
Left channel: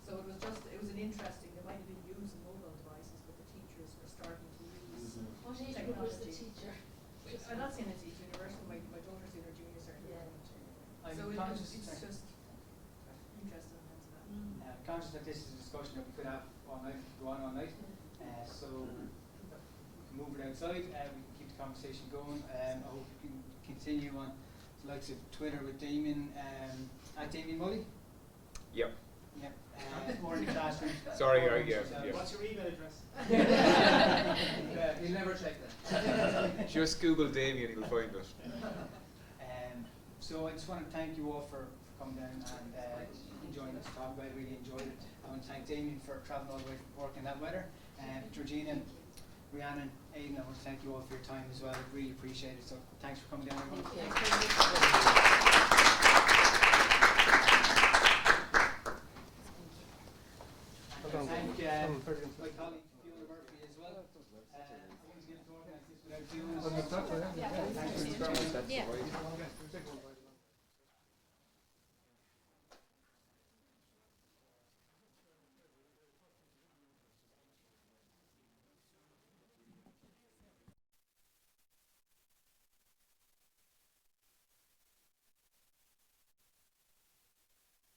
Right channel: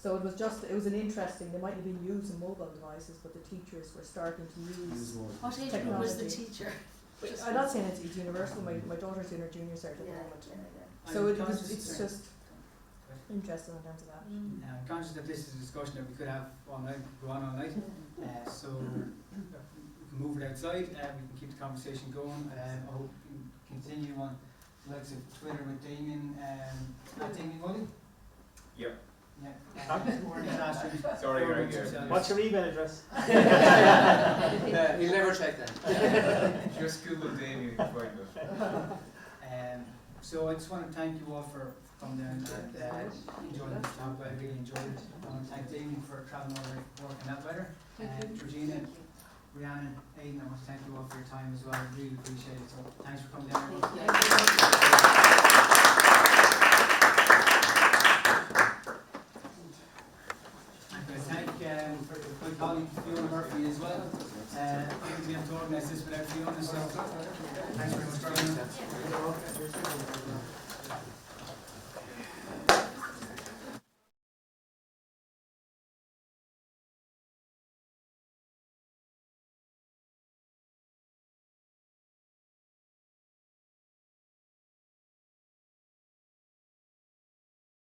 So it was an interesting. They might have been using mobile devices, but the teachers were starting to use What age group was the teacher? I'm not saying it's universal. My daughter's in her junior cert at the moment. So it's just interesting in terms of that. I'm conscious that this is a discussion that we could have all night, go on all night. So we can move it outside. We can keep the conversation going. I hope we can continue on the likes of Twitter with Damien. Damien Mully? Yep. Sorry, What's your email address? You'll never check that. Just Google Damien, you can find it. So I just want to thank you all for coming down and enjoying this talk. I really enjoyed it. I want to thank Damien for travelling over and working in that weather. Georgina, Rhiannon, Aidan, I want to thank you all for your time as well. I really appreciate it. So thanks for coming down. Thank my colleague Fiona Murphy as well. I think we have to organise this without Fiona. So thanks very much.